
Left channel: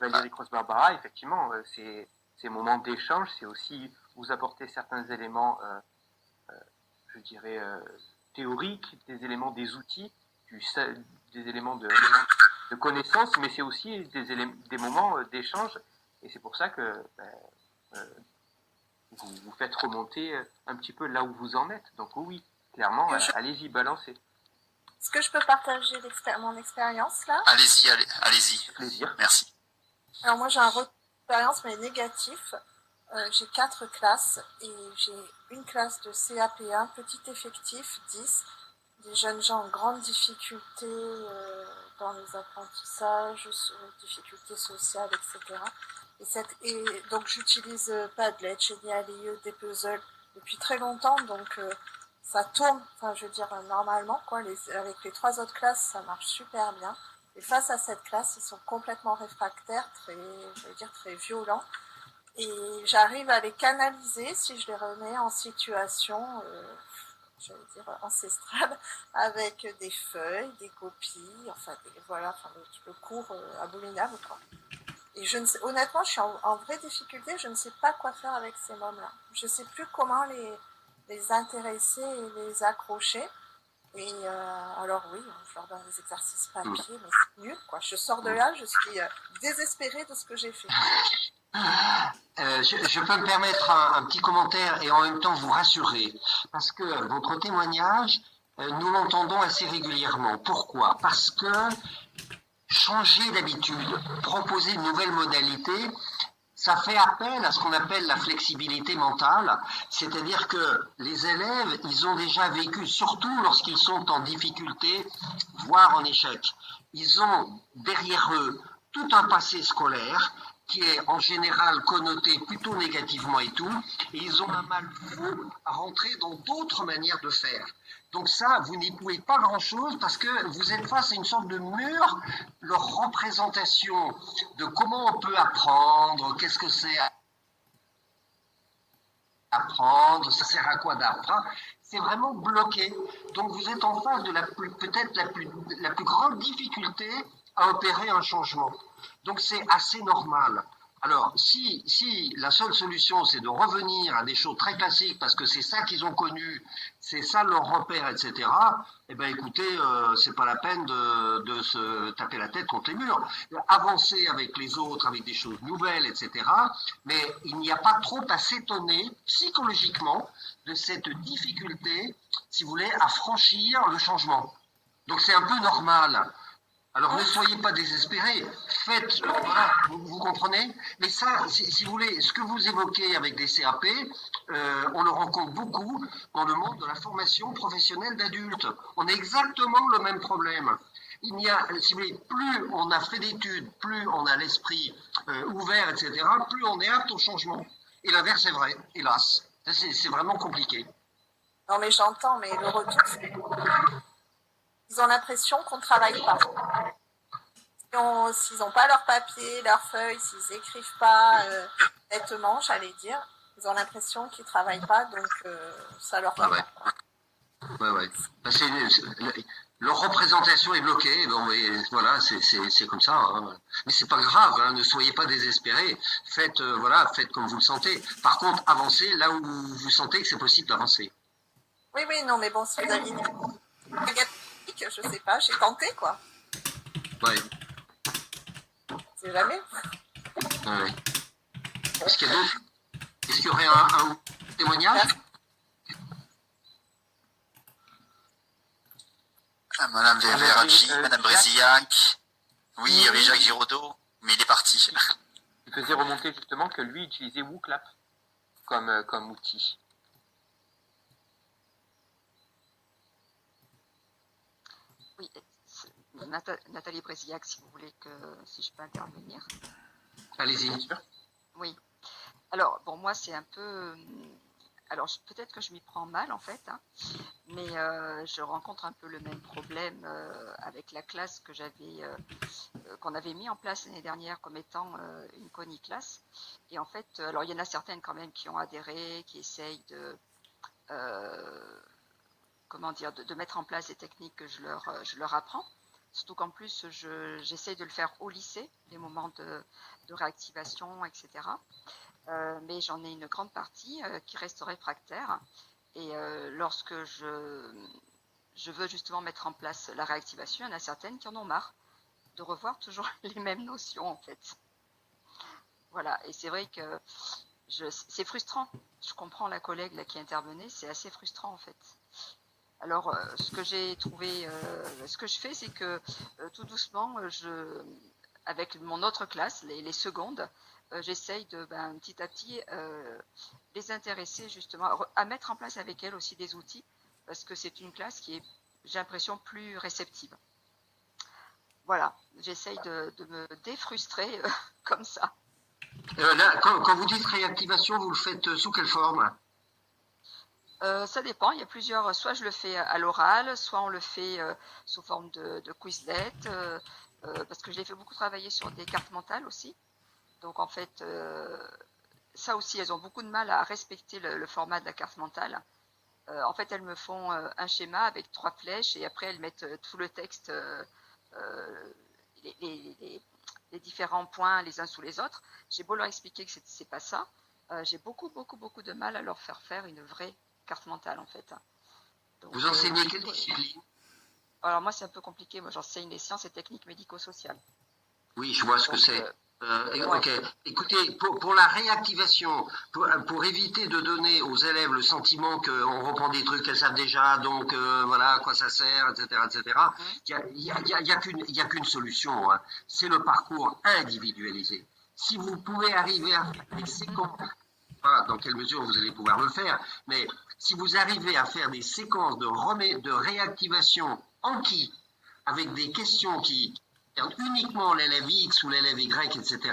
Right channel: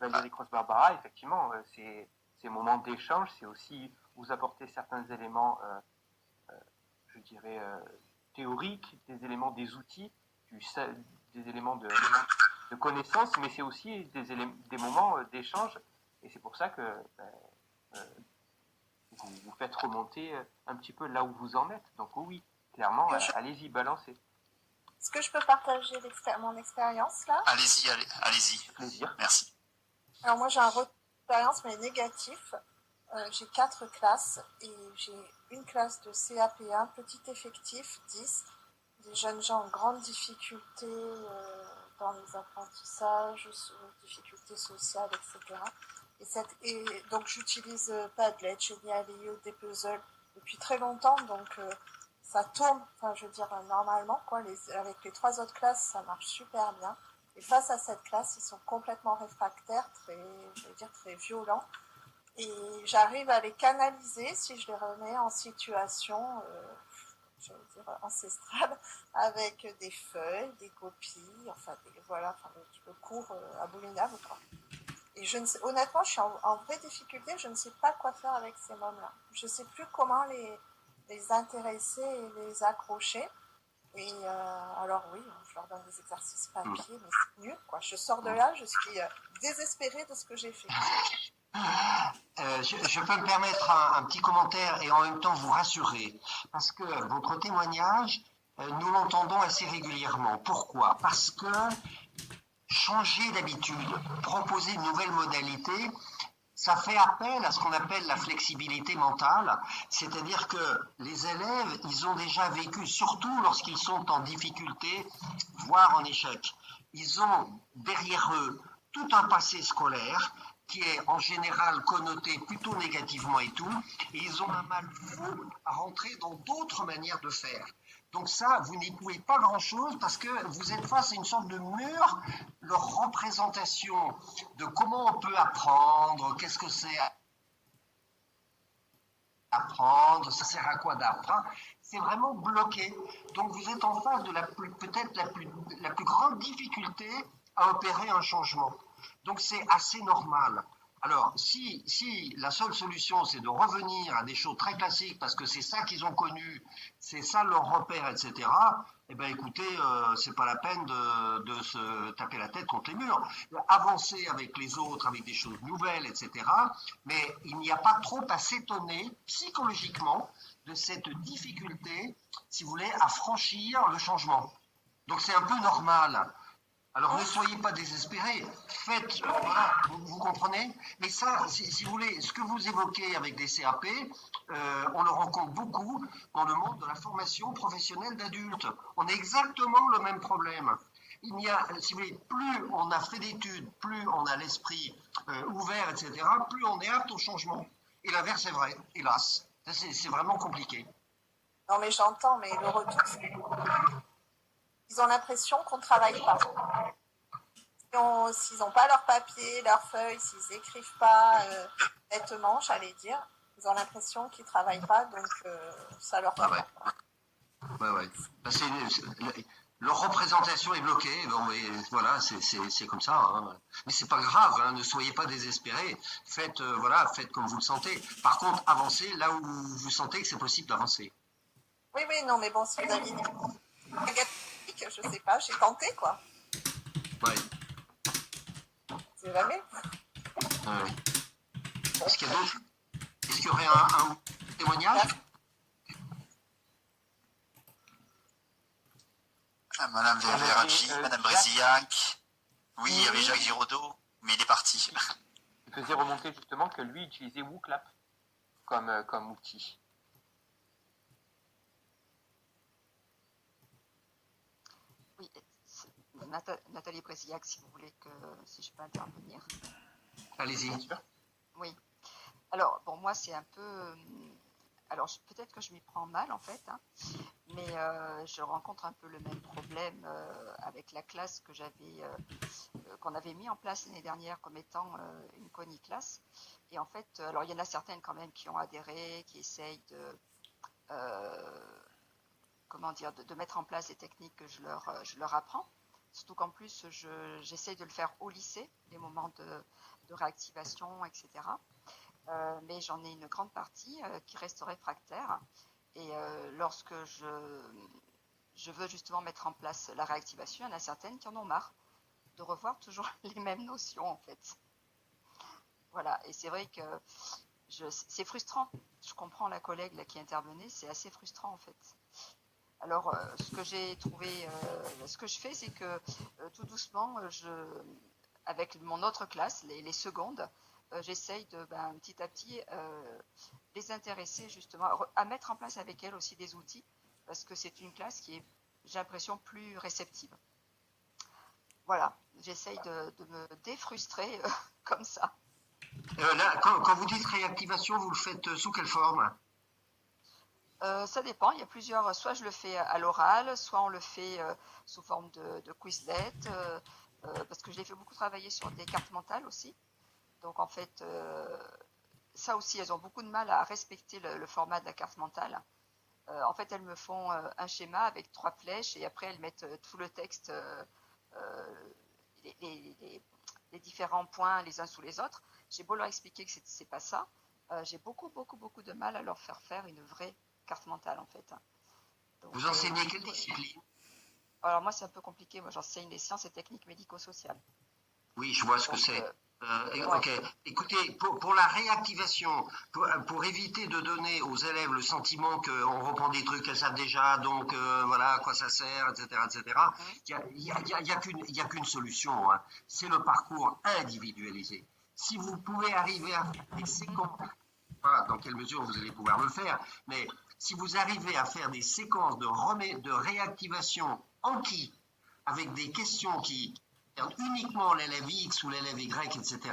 Valérie Cross-Barbara, effectivement, ces moments d'échange, c'est aussi vous apporter certains éléments, je dirais, théoriques, des éléments des outils, des éléments de connaissances, mais c'est aussi des moments d'échange, et c'est pour ça que vous faites remonter un petit peu là où vous en êtes. Donc oui, clairement, allez-y, balancez. Est-ce que je peux partager mon expérience là? Allez-y. Plaisir. Merci. Alors moi j'ai un retour d'expérience mais négatif. J'ai 4 classes et j'ai une classe de CAP1, petit effectif, 10, des jeunes gens en grande difficulté dans les apprentissages, difficultés sociales, etc. Et donc j'utilise Padlet, Geniali, des puzzles depuis très longtemps, donc ça tourne, enfin je veux dire normalement quoi, avec les 3 autres classes ça marche super bien. Et face à cette classe, ils sont complètement réfractaires, très violents. Et j'arrive à les canaliser si je les remets en situation j'allais dire, ancestrale, avec des feuilles, des copies, enfin, voilà, enfin, le cours abominable, quoi. Et je ne sais, honnêtement, je suis en vraie difficulté, je ne sais pas quoi faire avec ces mômes-là. Je ne sais plus comment les intéresser et les accrocher. Et alors oui, je leur donne des exercices papier, mais c'est nul, quoi. Je sors de là, je suis désespérée de ce que j'ai fait. Je peux me permettre un petit commentaire et en même temps vous rassurer, parce que votre témoignage, nous l'entendons assez régulièrement. Pourquoi? Parce que changer d'habitude, proposer une nouvelle modalité, ça fait appel à ce qu'on appelle la flexibilité mentale, c'est-à-dire que les élèves, ils ont déjà vécu, surtout lorsqu'ils sont en difficulté, voire en échec. Ils ont derrière eux tout un passé scolaire qui est en général connoté plutôt négativement et tout, et ils ont un mal fou à rentrer dans d'autres manières de faire. Donc ça, vous n'y pouvez pas grand-chose parce que vous êtes face à une sorte de mur, leur représentation de comment on peut apprendre, qu'est-ce que c'est apprendre, ça sert à quoi d'apprendre, c'est vraiment bloqué. Donc vous êtes en face de peut-être la plus grande difficulté à opérer un changement. Donc c'est assez normal. Alors, si la seule solution, c'est de revenir à des choses très classiques, parce que c'est ça qu'ils ont connu, c'est ça leur repère, etc., eh bien, écoutez, c'est pas la peine de se taper la tête contre les murs. Avancer avec les autres, avec des choses nouvelles, etc., mais il n'y a pas trop à s'étonner psychologiquement de cette difficulté, si vous voulez, à franchir le changement. Donc, c'est un peu normal. Alors ne soyez pas désespérés, faites, voilà, vous comprenez. Mais ça, si vous voulez, ce que vous évoquez avec des CAP, on le rencontre beaucoup dans le monde de la formation professionnelle d'adultes. On a exactement le même problème. Il y a, si vous voulez, plus on a fait d'études, plus on a l'esprit ouvert, etc., plus on est apte au changement. Et l'inverse est vrai, hélas. C'est vraiment compliqué. Non mais j'entends, mais le retour, c'est... Ils ont l'impression qu'on ne travaille pas. S'ils n'ont pas leur papier, leurs feuilles, s'ils n'écrivent pas nettement, j'allais dire, ils ont l'impression qu'ils ne travaillent pas, donc ça leur va. Ouais. Leur représentation est bloquée, bon, et voilà, c'est comme ça. Hein. Mais c'est pas grave, hein, ne soyez pas désespérés. Faites comme vous le sentez. Par contre, avancez là où vous sentez que c'est possible d'avancer. Oui, non, mais bon, si vous aviez je sais pas, j'ai tenté, quoi. Ouais. C'est jamais. Ouais. Est-ce qu'il y a d'autres? Est-ce qu'il y aurait un témoignage? Madame Veracci, Madame Brézillac. Oui, il y avait Jacques Giraudot, mais il est parti. Il faisait remonter justement que lui utilisait WooClap comme outil. Oui, Nathalie Brézillac, si vous voulez si je peux intervenir. Allez-y. Oui. Alors, bon, moi, c'est un peu... Alors, peut-être que je m'y prends mal, en fait, hein, mais je rencontre un peu le même problème avec la classe qu'on avait mis en place l'année dernière comme étant une coniclasse. Et en fait, alors, il y en a certaines quand même qui ont adhéré, qui essayent de mettre en place des techniques que je leur apprends. Surtout qu'en plus, j'essaye de le faire au lycée, les moments de réactivation, etc. Mais j'en ai une grande partie qui reste réfractaire. Et lorsque je veux justement mettre en place la réactivation, il y en a certaines qui en ont marre de revoir toujours les mêmes notions, en fait. Voilà, et c'est vrai que c'est frustrant. Je comprends la collègue là, qui intervenait, c'est assez frustrant, en fait. Alors, ce que j'ai trouvé, ce que je fais, c'est que tout doucement, avec mon autre classe, les secondes, j'essaye de petit à petit les intéresser justement à mettre en place avec elles aussi des outils, parce que c'est une classe qui est, j'ai l'impression, plus réceptive. Voilà, j'essaye de me défrustrer comme ça. Là, quand vous dites réactivation, vous le faites sous quelle forme? Ça dépend, il y a plusieurs, soit je le fais à l'oral, soit on le fait sous forme de Quizlet, parce que je l'ai fait beaucoup travailler sur des cartes mentales aussi. Donc en fait, ça aussi, elles ont beaucoup de mal à respecter le format de la carte mentale. En fait, elles me font un schéma avec 3 flèches et après elles mettent tout le texte, les différents points les uns sous les autres. J'ai beau leur expliquer que c'est pas ça, j'ai beaucoup de mal à leur faire une vraie carte mentale en fait. Donc, Vous enseignez quelle discipline? alors moi c'est un peu compliqué, moi j'enseigne les sciences et techniques médico-sociales. Oui, je vois ce que Donc, c'est. ouais. Ok. Écoutez, pour la réactivation, pour éviter de donner aux élèves le sentiment qu'on reprend des trucs qu'elles savent déjà, donc voilà à quoi ça sert, etc., etc. Il y a qu'une solution, hein. C'est le parcours individualisé. Si vous pouvez arriver à faire des séquences, je sais pas dans quelle mesure vous allez pouvoir le faire, mais si vous arrivez à faire des séquences de réactivation Anki, avec des questions qui uniquement l'élève X ou l'élève Y, etc.,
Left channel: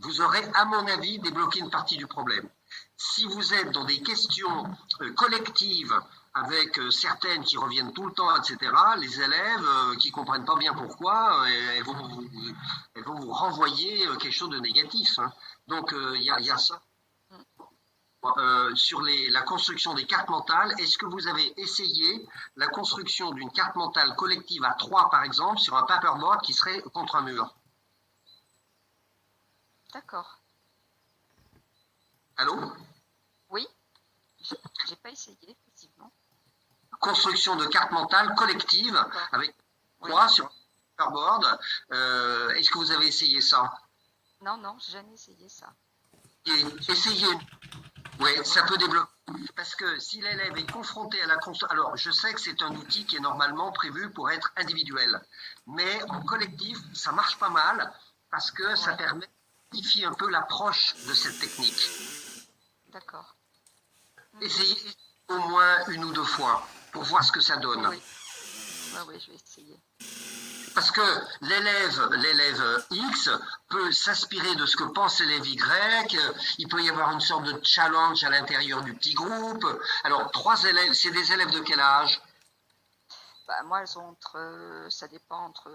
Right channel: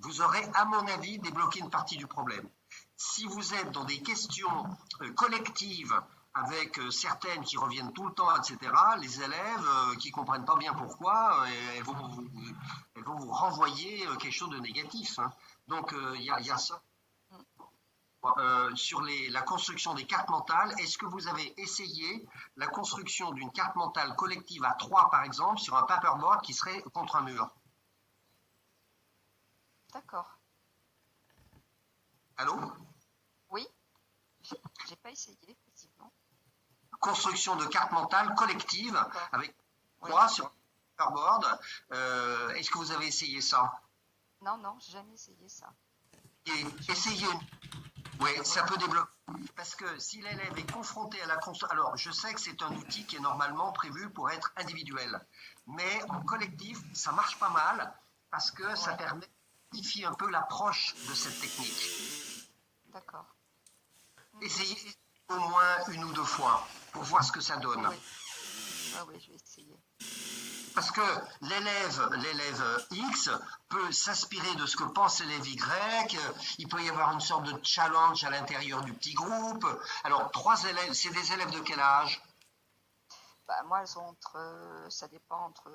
vous aurez, à mon avis, débloqué une partie du problème. Si vous êtes dans des questions collectives, avec certaines qui reviennent tout le temps, etc., les élèves qui ne comprennent pas bien pourquoi, elles vont vous renvoyer quelque chose de négatif, hein. Donc, il y a ça. Sur la construction des cartes mentales, est-ce que vous avez essayé la construction d'une carte mentale collective à 3, par exemple, sur un paperboard qui serait contre un mur? D'accord. Allô? Oui, j'ai pas essayé, effectivement. Construction de cartes mentales collective avec 3 sur un paperboard. Est-ce que vous avez essayé ça? Non, j'ai jamais essayé ça. Essayez. Oui, ça peut développer. Parce que si l'élève est confronté à la construction... Alors, je sais que c'est un outil qui est normalement prévu pour être individuel. Mais en collectif, ça marche pas mal parce que ça permet de modifier un peu l'approche de cette technique. D'accord. Essayez au moins 1 ou 2 fois pour voir ce que ça donne. Oui, je vais essayer. Parce que l'élève X peut s'inspirer de ce que pense l'élève Y, il peut y avoir une sorte de challenge à l'intérieur du petit groupe. Alors, 3 élèves, c'est des élèves de quel âge? Bah, moi, elles ont ça dépend entre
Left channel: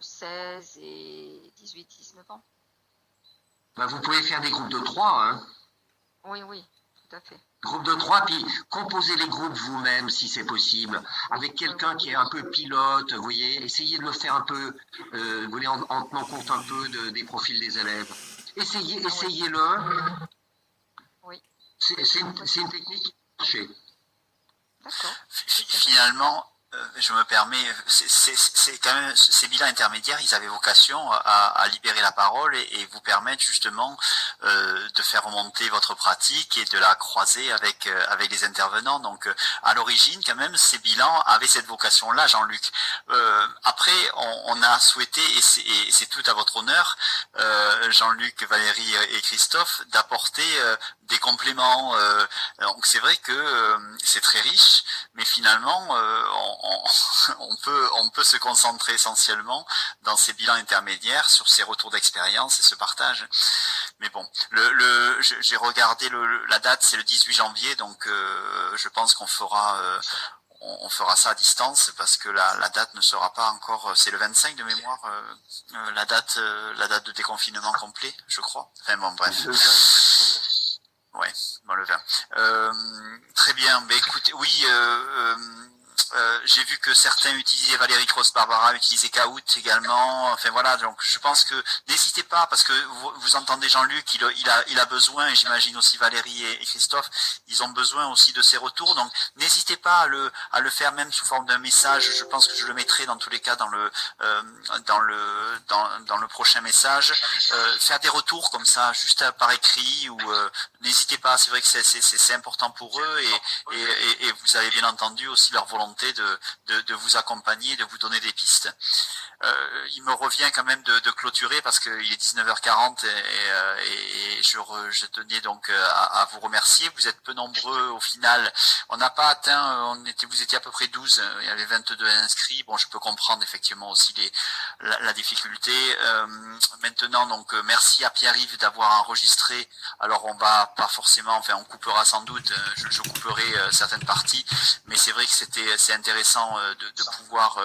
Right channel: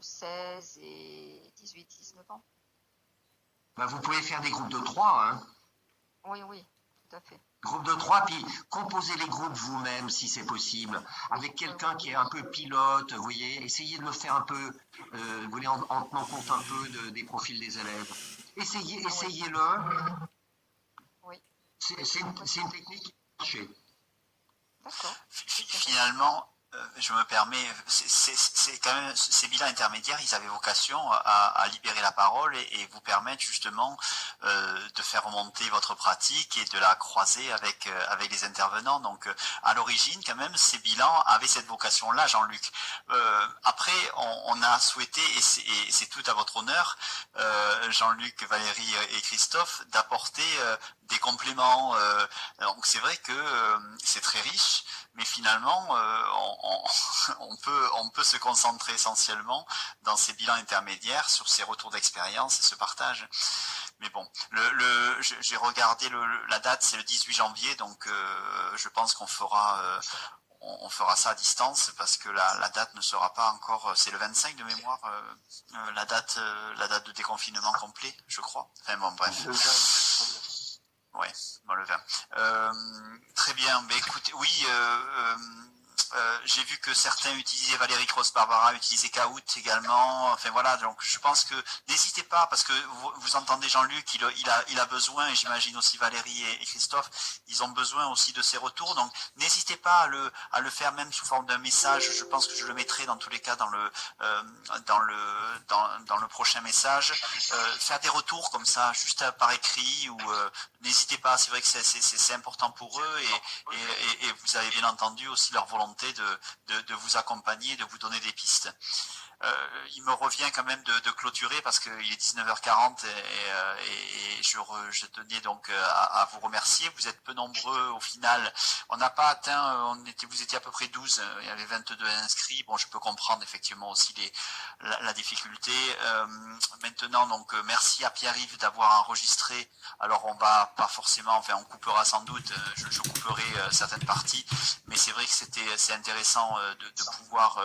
16 et 18, 19 ans. Bah, vous pouvez faire des groupes de 3, hein. Oui, tout à fait. Groupe de 3, puis composez les groupes vous-même si c'est possible, avec quelqu'un qui est un peu pilote, vous voyez, essayez de le faire un peu, vous voulez, en tenant compte un peu des profils des élèves. Essayez-le. Oui. C'est une technique qui marche. D'accord. Finalement, je me permets, c'est quand même ces bilans intermédiaires, ils avaient vocation à libérer la parole et vous permettre justement de faire remonter votre pratique et de la croiser avec les intervenants. Donc à l'origine, quand même, ces bilans avaient cette vocation-là, Jean-Luc. Après, on a souhaité, et c'est tout à votre honneur, Jean-Luc, Valérie et Christophe, d'apporter des compléments. Donc c'est vrai que c'est très riche, mais finalement, on peut se concentrer essentiellement dans ces bilans intermédiaires sur ces retours d'expérience et ce partage. Mais bon, j'ai regardé la date, c'est le 18 janvier, donc je pense qu'on fera ça à distance parce que la date ne sera pas encore, c'est le 25 de mémoire, la date de déconfinement complet, je crois. Enfin bon, bref. Ouais, bon, le 20. Très bien, mais écoutez, oui, j'ai vu que certains utilisaient Valérie Cross-Barbara, utilisaient Kahoot également. Enfin voilà, donc je pense que n'hésitez pas, parce que vous entendez Jean-Luc, il a besoin, et j'imagine aussi Valérie et Christophe, ils ont besoin aussi de ces retours. Donc n'hésitez pas à le faire même sous forme d'un message. Je pense que je le mettrai dans tous les cas dans le prochain message. Faire des retours comme ça, juste par écrit, ou n'hésitez pas. C'est vrai que c'est important pour eux, et vous avez bien entendu aussi leur volonté de vous accompagner, de vous donner des pistes. Il me revient quand même de clôturer parce qu'il est 19h40 et je tenais donc à vous remercier. Vous êtes peu nombreux au final. On n'a pas atteint, vous étiez à peu près 12, il y avait 22 inscrits. Bon, je peux comprendre effectivement aussi la difficulté. Maintenant, donc merci à Pierre-Yves d'avoir enregistré. Alors on va pas forcément, enfin on coupera sans doute, je couperai certaines parties, mais c'est vrai que c'est intéressant de pouvoir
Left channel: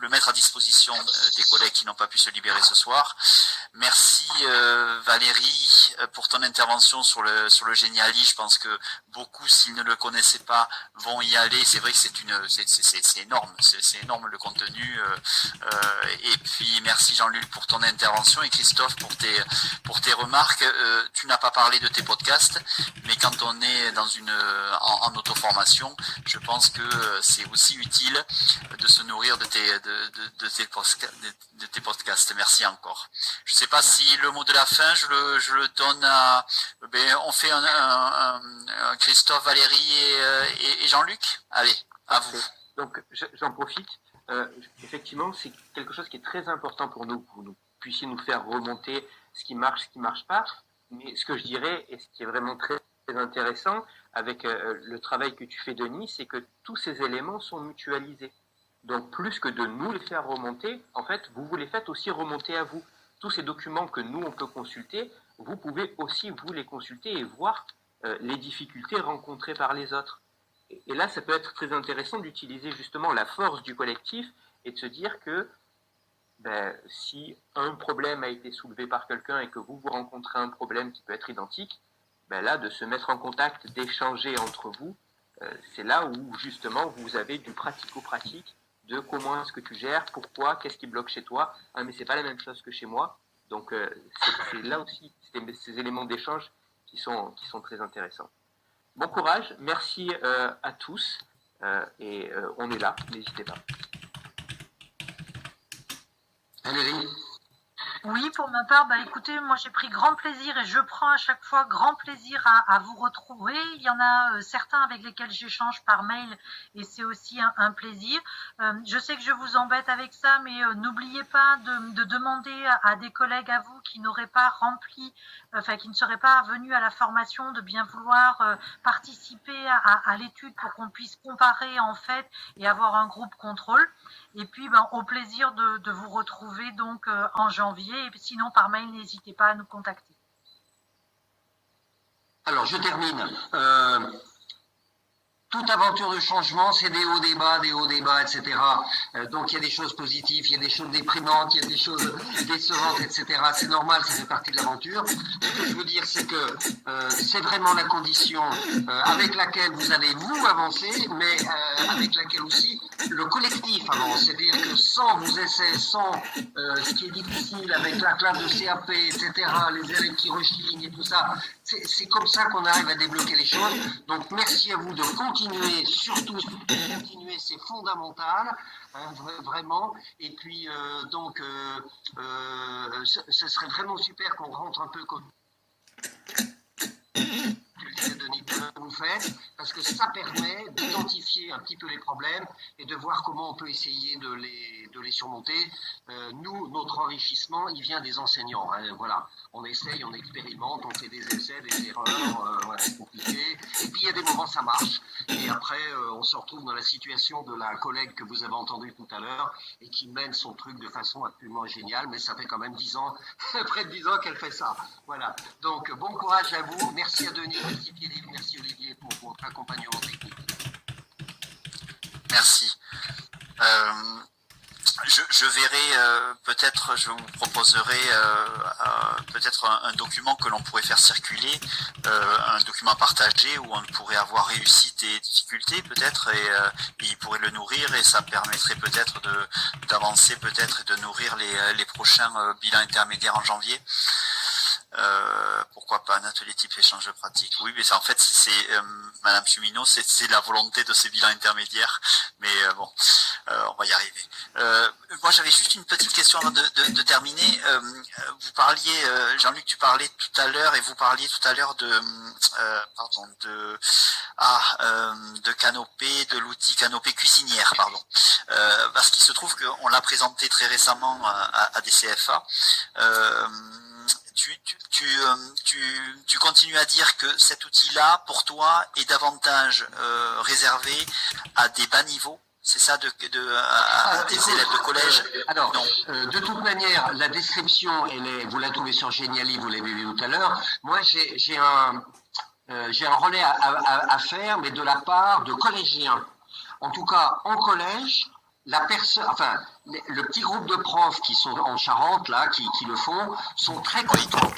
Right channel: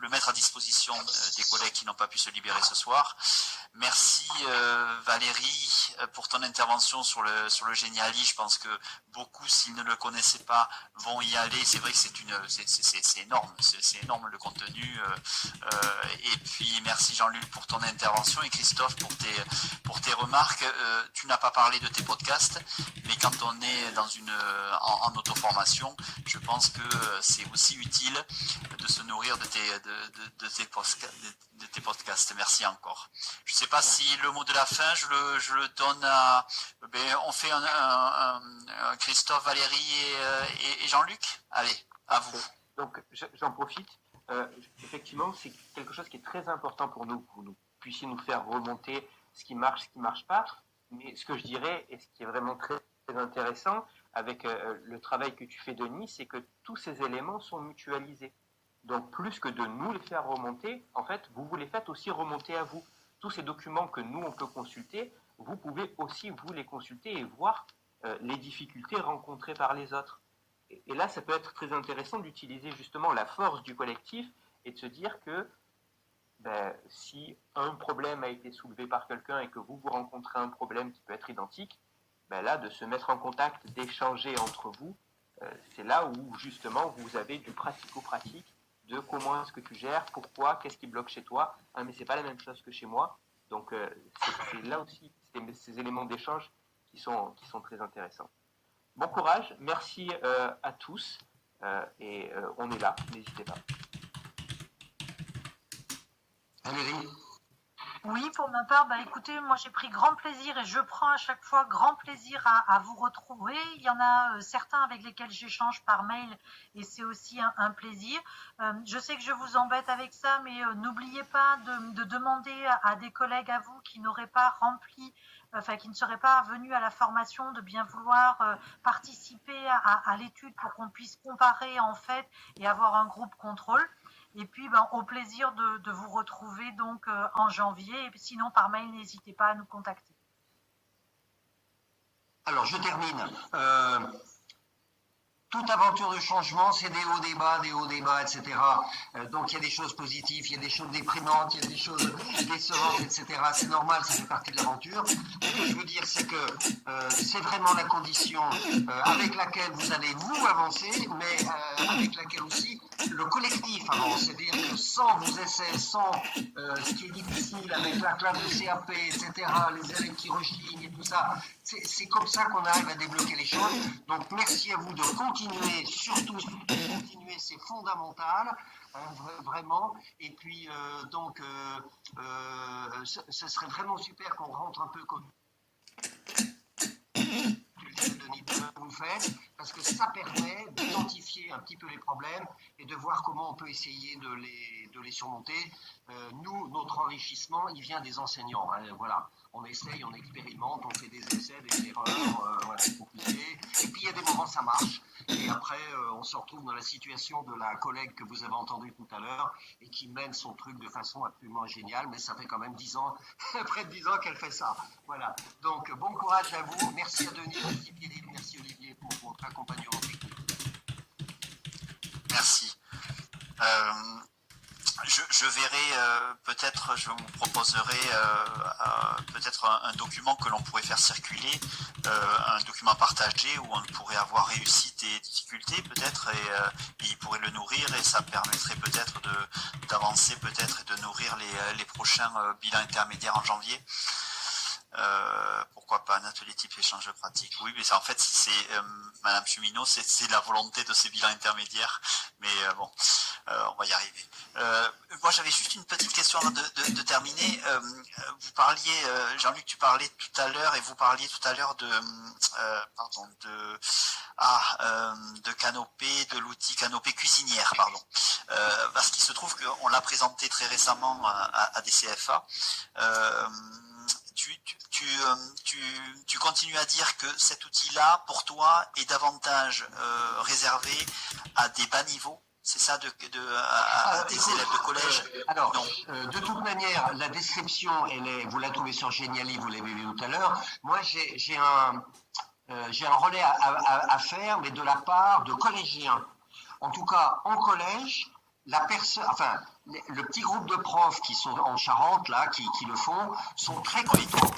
le le mettre à disposition des collègues qui n'ont pas pu se libérer ce soir. Merci Valérie pour ton intervention sur le Geniali. Je pense que beaucoup, s'ils ne le connaissaient pas, vont y aller. C'est vrai que c'est énorme, c'est énorme le contenu. Et puis merci Jean-Luc pour ton intervention et Christophe pour tes remarques. Tu n'as pas parlé de tes podcasts, mais quand on est en auto-formation, je pense que c'est aussi utile de se nourrir de tes podcasts. Merci encore. Je ne sais pas si le mot de la fin, je le donne à... on fait un Christophe, Valérie et Jean-Luc. Allez, à vous. Donc j'en profite. Effectivement, c'est quelque chose qui est très important pour nous, que vous puissiez nous faire remonter ce qui marche pas. Mais ce que je dirais, et ce qui est vraiment très, très intéressant avec le travail que tu fais, Denis, c'est que tous ces éléments sont mutualisés. Donc, plus que de nous les faire remonter, en fait, vous les faites aussi remonter à vous. Tous ces documents que nous, on peut consulter, vous pouvez aussi vous les consulter et voir les difficultés rencontrées par les autres. Et là, ça peut être très intéressant d'utiliser justement la force du collectif et de se dire que si un problème a été soulevé par quelqu'un et que vous rencontrez un problème qui peut être identique, là, de se mettre en contact, d'échanger entre vous, c'est là où justement vous avez du pratico-pratique de comment est-ce que tu gères, pourquoi, qu'est-ce qui bloque chez toi, mais c'est pas la même chose que chez moi. Donc c'est là aussi ces éléments d'échange qui sont très intéressants. Bon courage, merci à tous et on est là, n'hésitez pas. Valérie? Oui, pour ma part, écoutez, moi j'ai pris grand plaisir et je prends à chaque fois grand plaisir à vous retrouver. Il y en a certains avec lesquels j'échange par mail et c'est aussi un plaisir. Je sais que je vous embête avec ça, mais n'oubliez pas de demander à des collègues à vous qui n'auraient pas rempli, qui ne seraient pas venus à la formation, de bien vouloir participer à l'étude pour qu'on puisse comparer en fait et avoir un groupe contrôle. Et puis, au plaisir de vous retrouver donc en janvier. Et sinon, par mail, n'hésitez pas à nous contacter. Alors, je termine. Toute aventure de changement, c'est des hauts, des bas, etc. Donc, il y a des choses positives, il y a des choses déprimantes, il y a des choses décevantes, etc. C'est normal, ça fait partie de l'aventure. Ce que je veux dire, c'est que c'est vraiment la condition avec laquelle vous allez vous avancer, mais avec laquelle aussi le collectif avance. C'est-à-dire que sans vos essais, sans ce qui est difficile avec la classe de CAP, etc., les élèves qui rechignent et tout ça, c'est comme ça qu'on arrive à débloquer les choses. Donc, merci à vous de continuer, surtout de continuer, c'est fondamental, vraiment. Et puis, ce serait vraiment super qu'on rentre un peu comme Denis, vous faites, parce que ça permet d'identifier un petit peu les problèmes et de voir comment on peut essayer de les surmonter. Nous, notre enrichissement, il vient des enseignants. Voilà, on essaye, on expérimente, on fait des essais, des erreurs, voilà, c'est compliqué. Et puis il y a des moments ça marche. Et après, on se retrouve dans la situation de la collègue que vous avez entendue tout à l'heure et qui mène son truc de façon absolument géniale. Mais ça fait quand même 10 ans, près de 10 ans qu'elle fait ça. Voilà. Donc bon courage à vous. Merci à Denis, merci Philippe, merci Olivier pour votre accompagnement technique. Merci. Je verrai, peut-être, je vous proposerai peut-être un document que l'on pourrait faire circuler, un document partagé où on pourrait avoir réussite et difficultés peut-être, et il pourrait le nourrir et ça permettrait peut-être d'avancer peut-être et de nourrir les prochains bilans intermédiaires en janvier. Pourquoi pas un atelier type échange pratique. Oui, mais en fait, c'est Madame Cheminot, c'est la volonté de ces bilans intermédiaires. Mais bon, on va y arriver. Moi, j'avais juste une petite question avant de terminer. Vous parliez, Jean-Luc, tu parlais tout à l'heure, et vous parliez tout à l'heure de Canopé, de l'outil Canopé cuisinière, pardon. Parce qu'il se trouve qu'on l'a présenté très récemment à des CFA. Tu continues à dire que cet outil-là, pour toi, est davantage réservé à des bas niveaux, c'est ça, à des élèves de collège? Alors, de toute manière, la description, vous la trouvez sur Geniali, vous l'avez vu tout à l'heure. Moi, j'ai un relais à faire, mais de la part de collégiens. En tout cas, en collège, le petit groupe de profs qui sont en Charente, là, qui le font, sont très contents.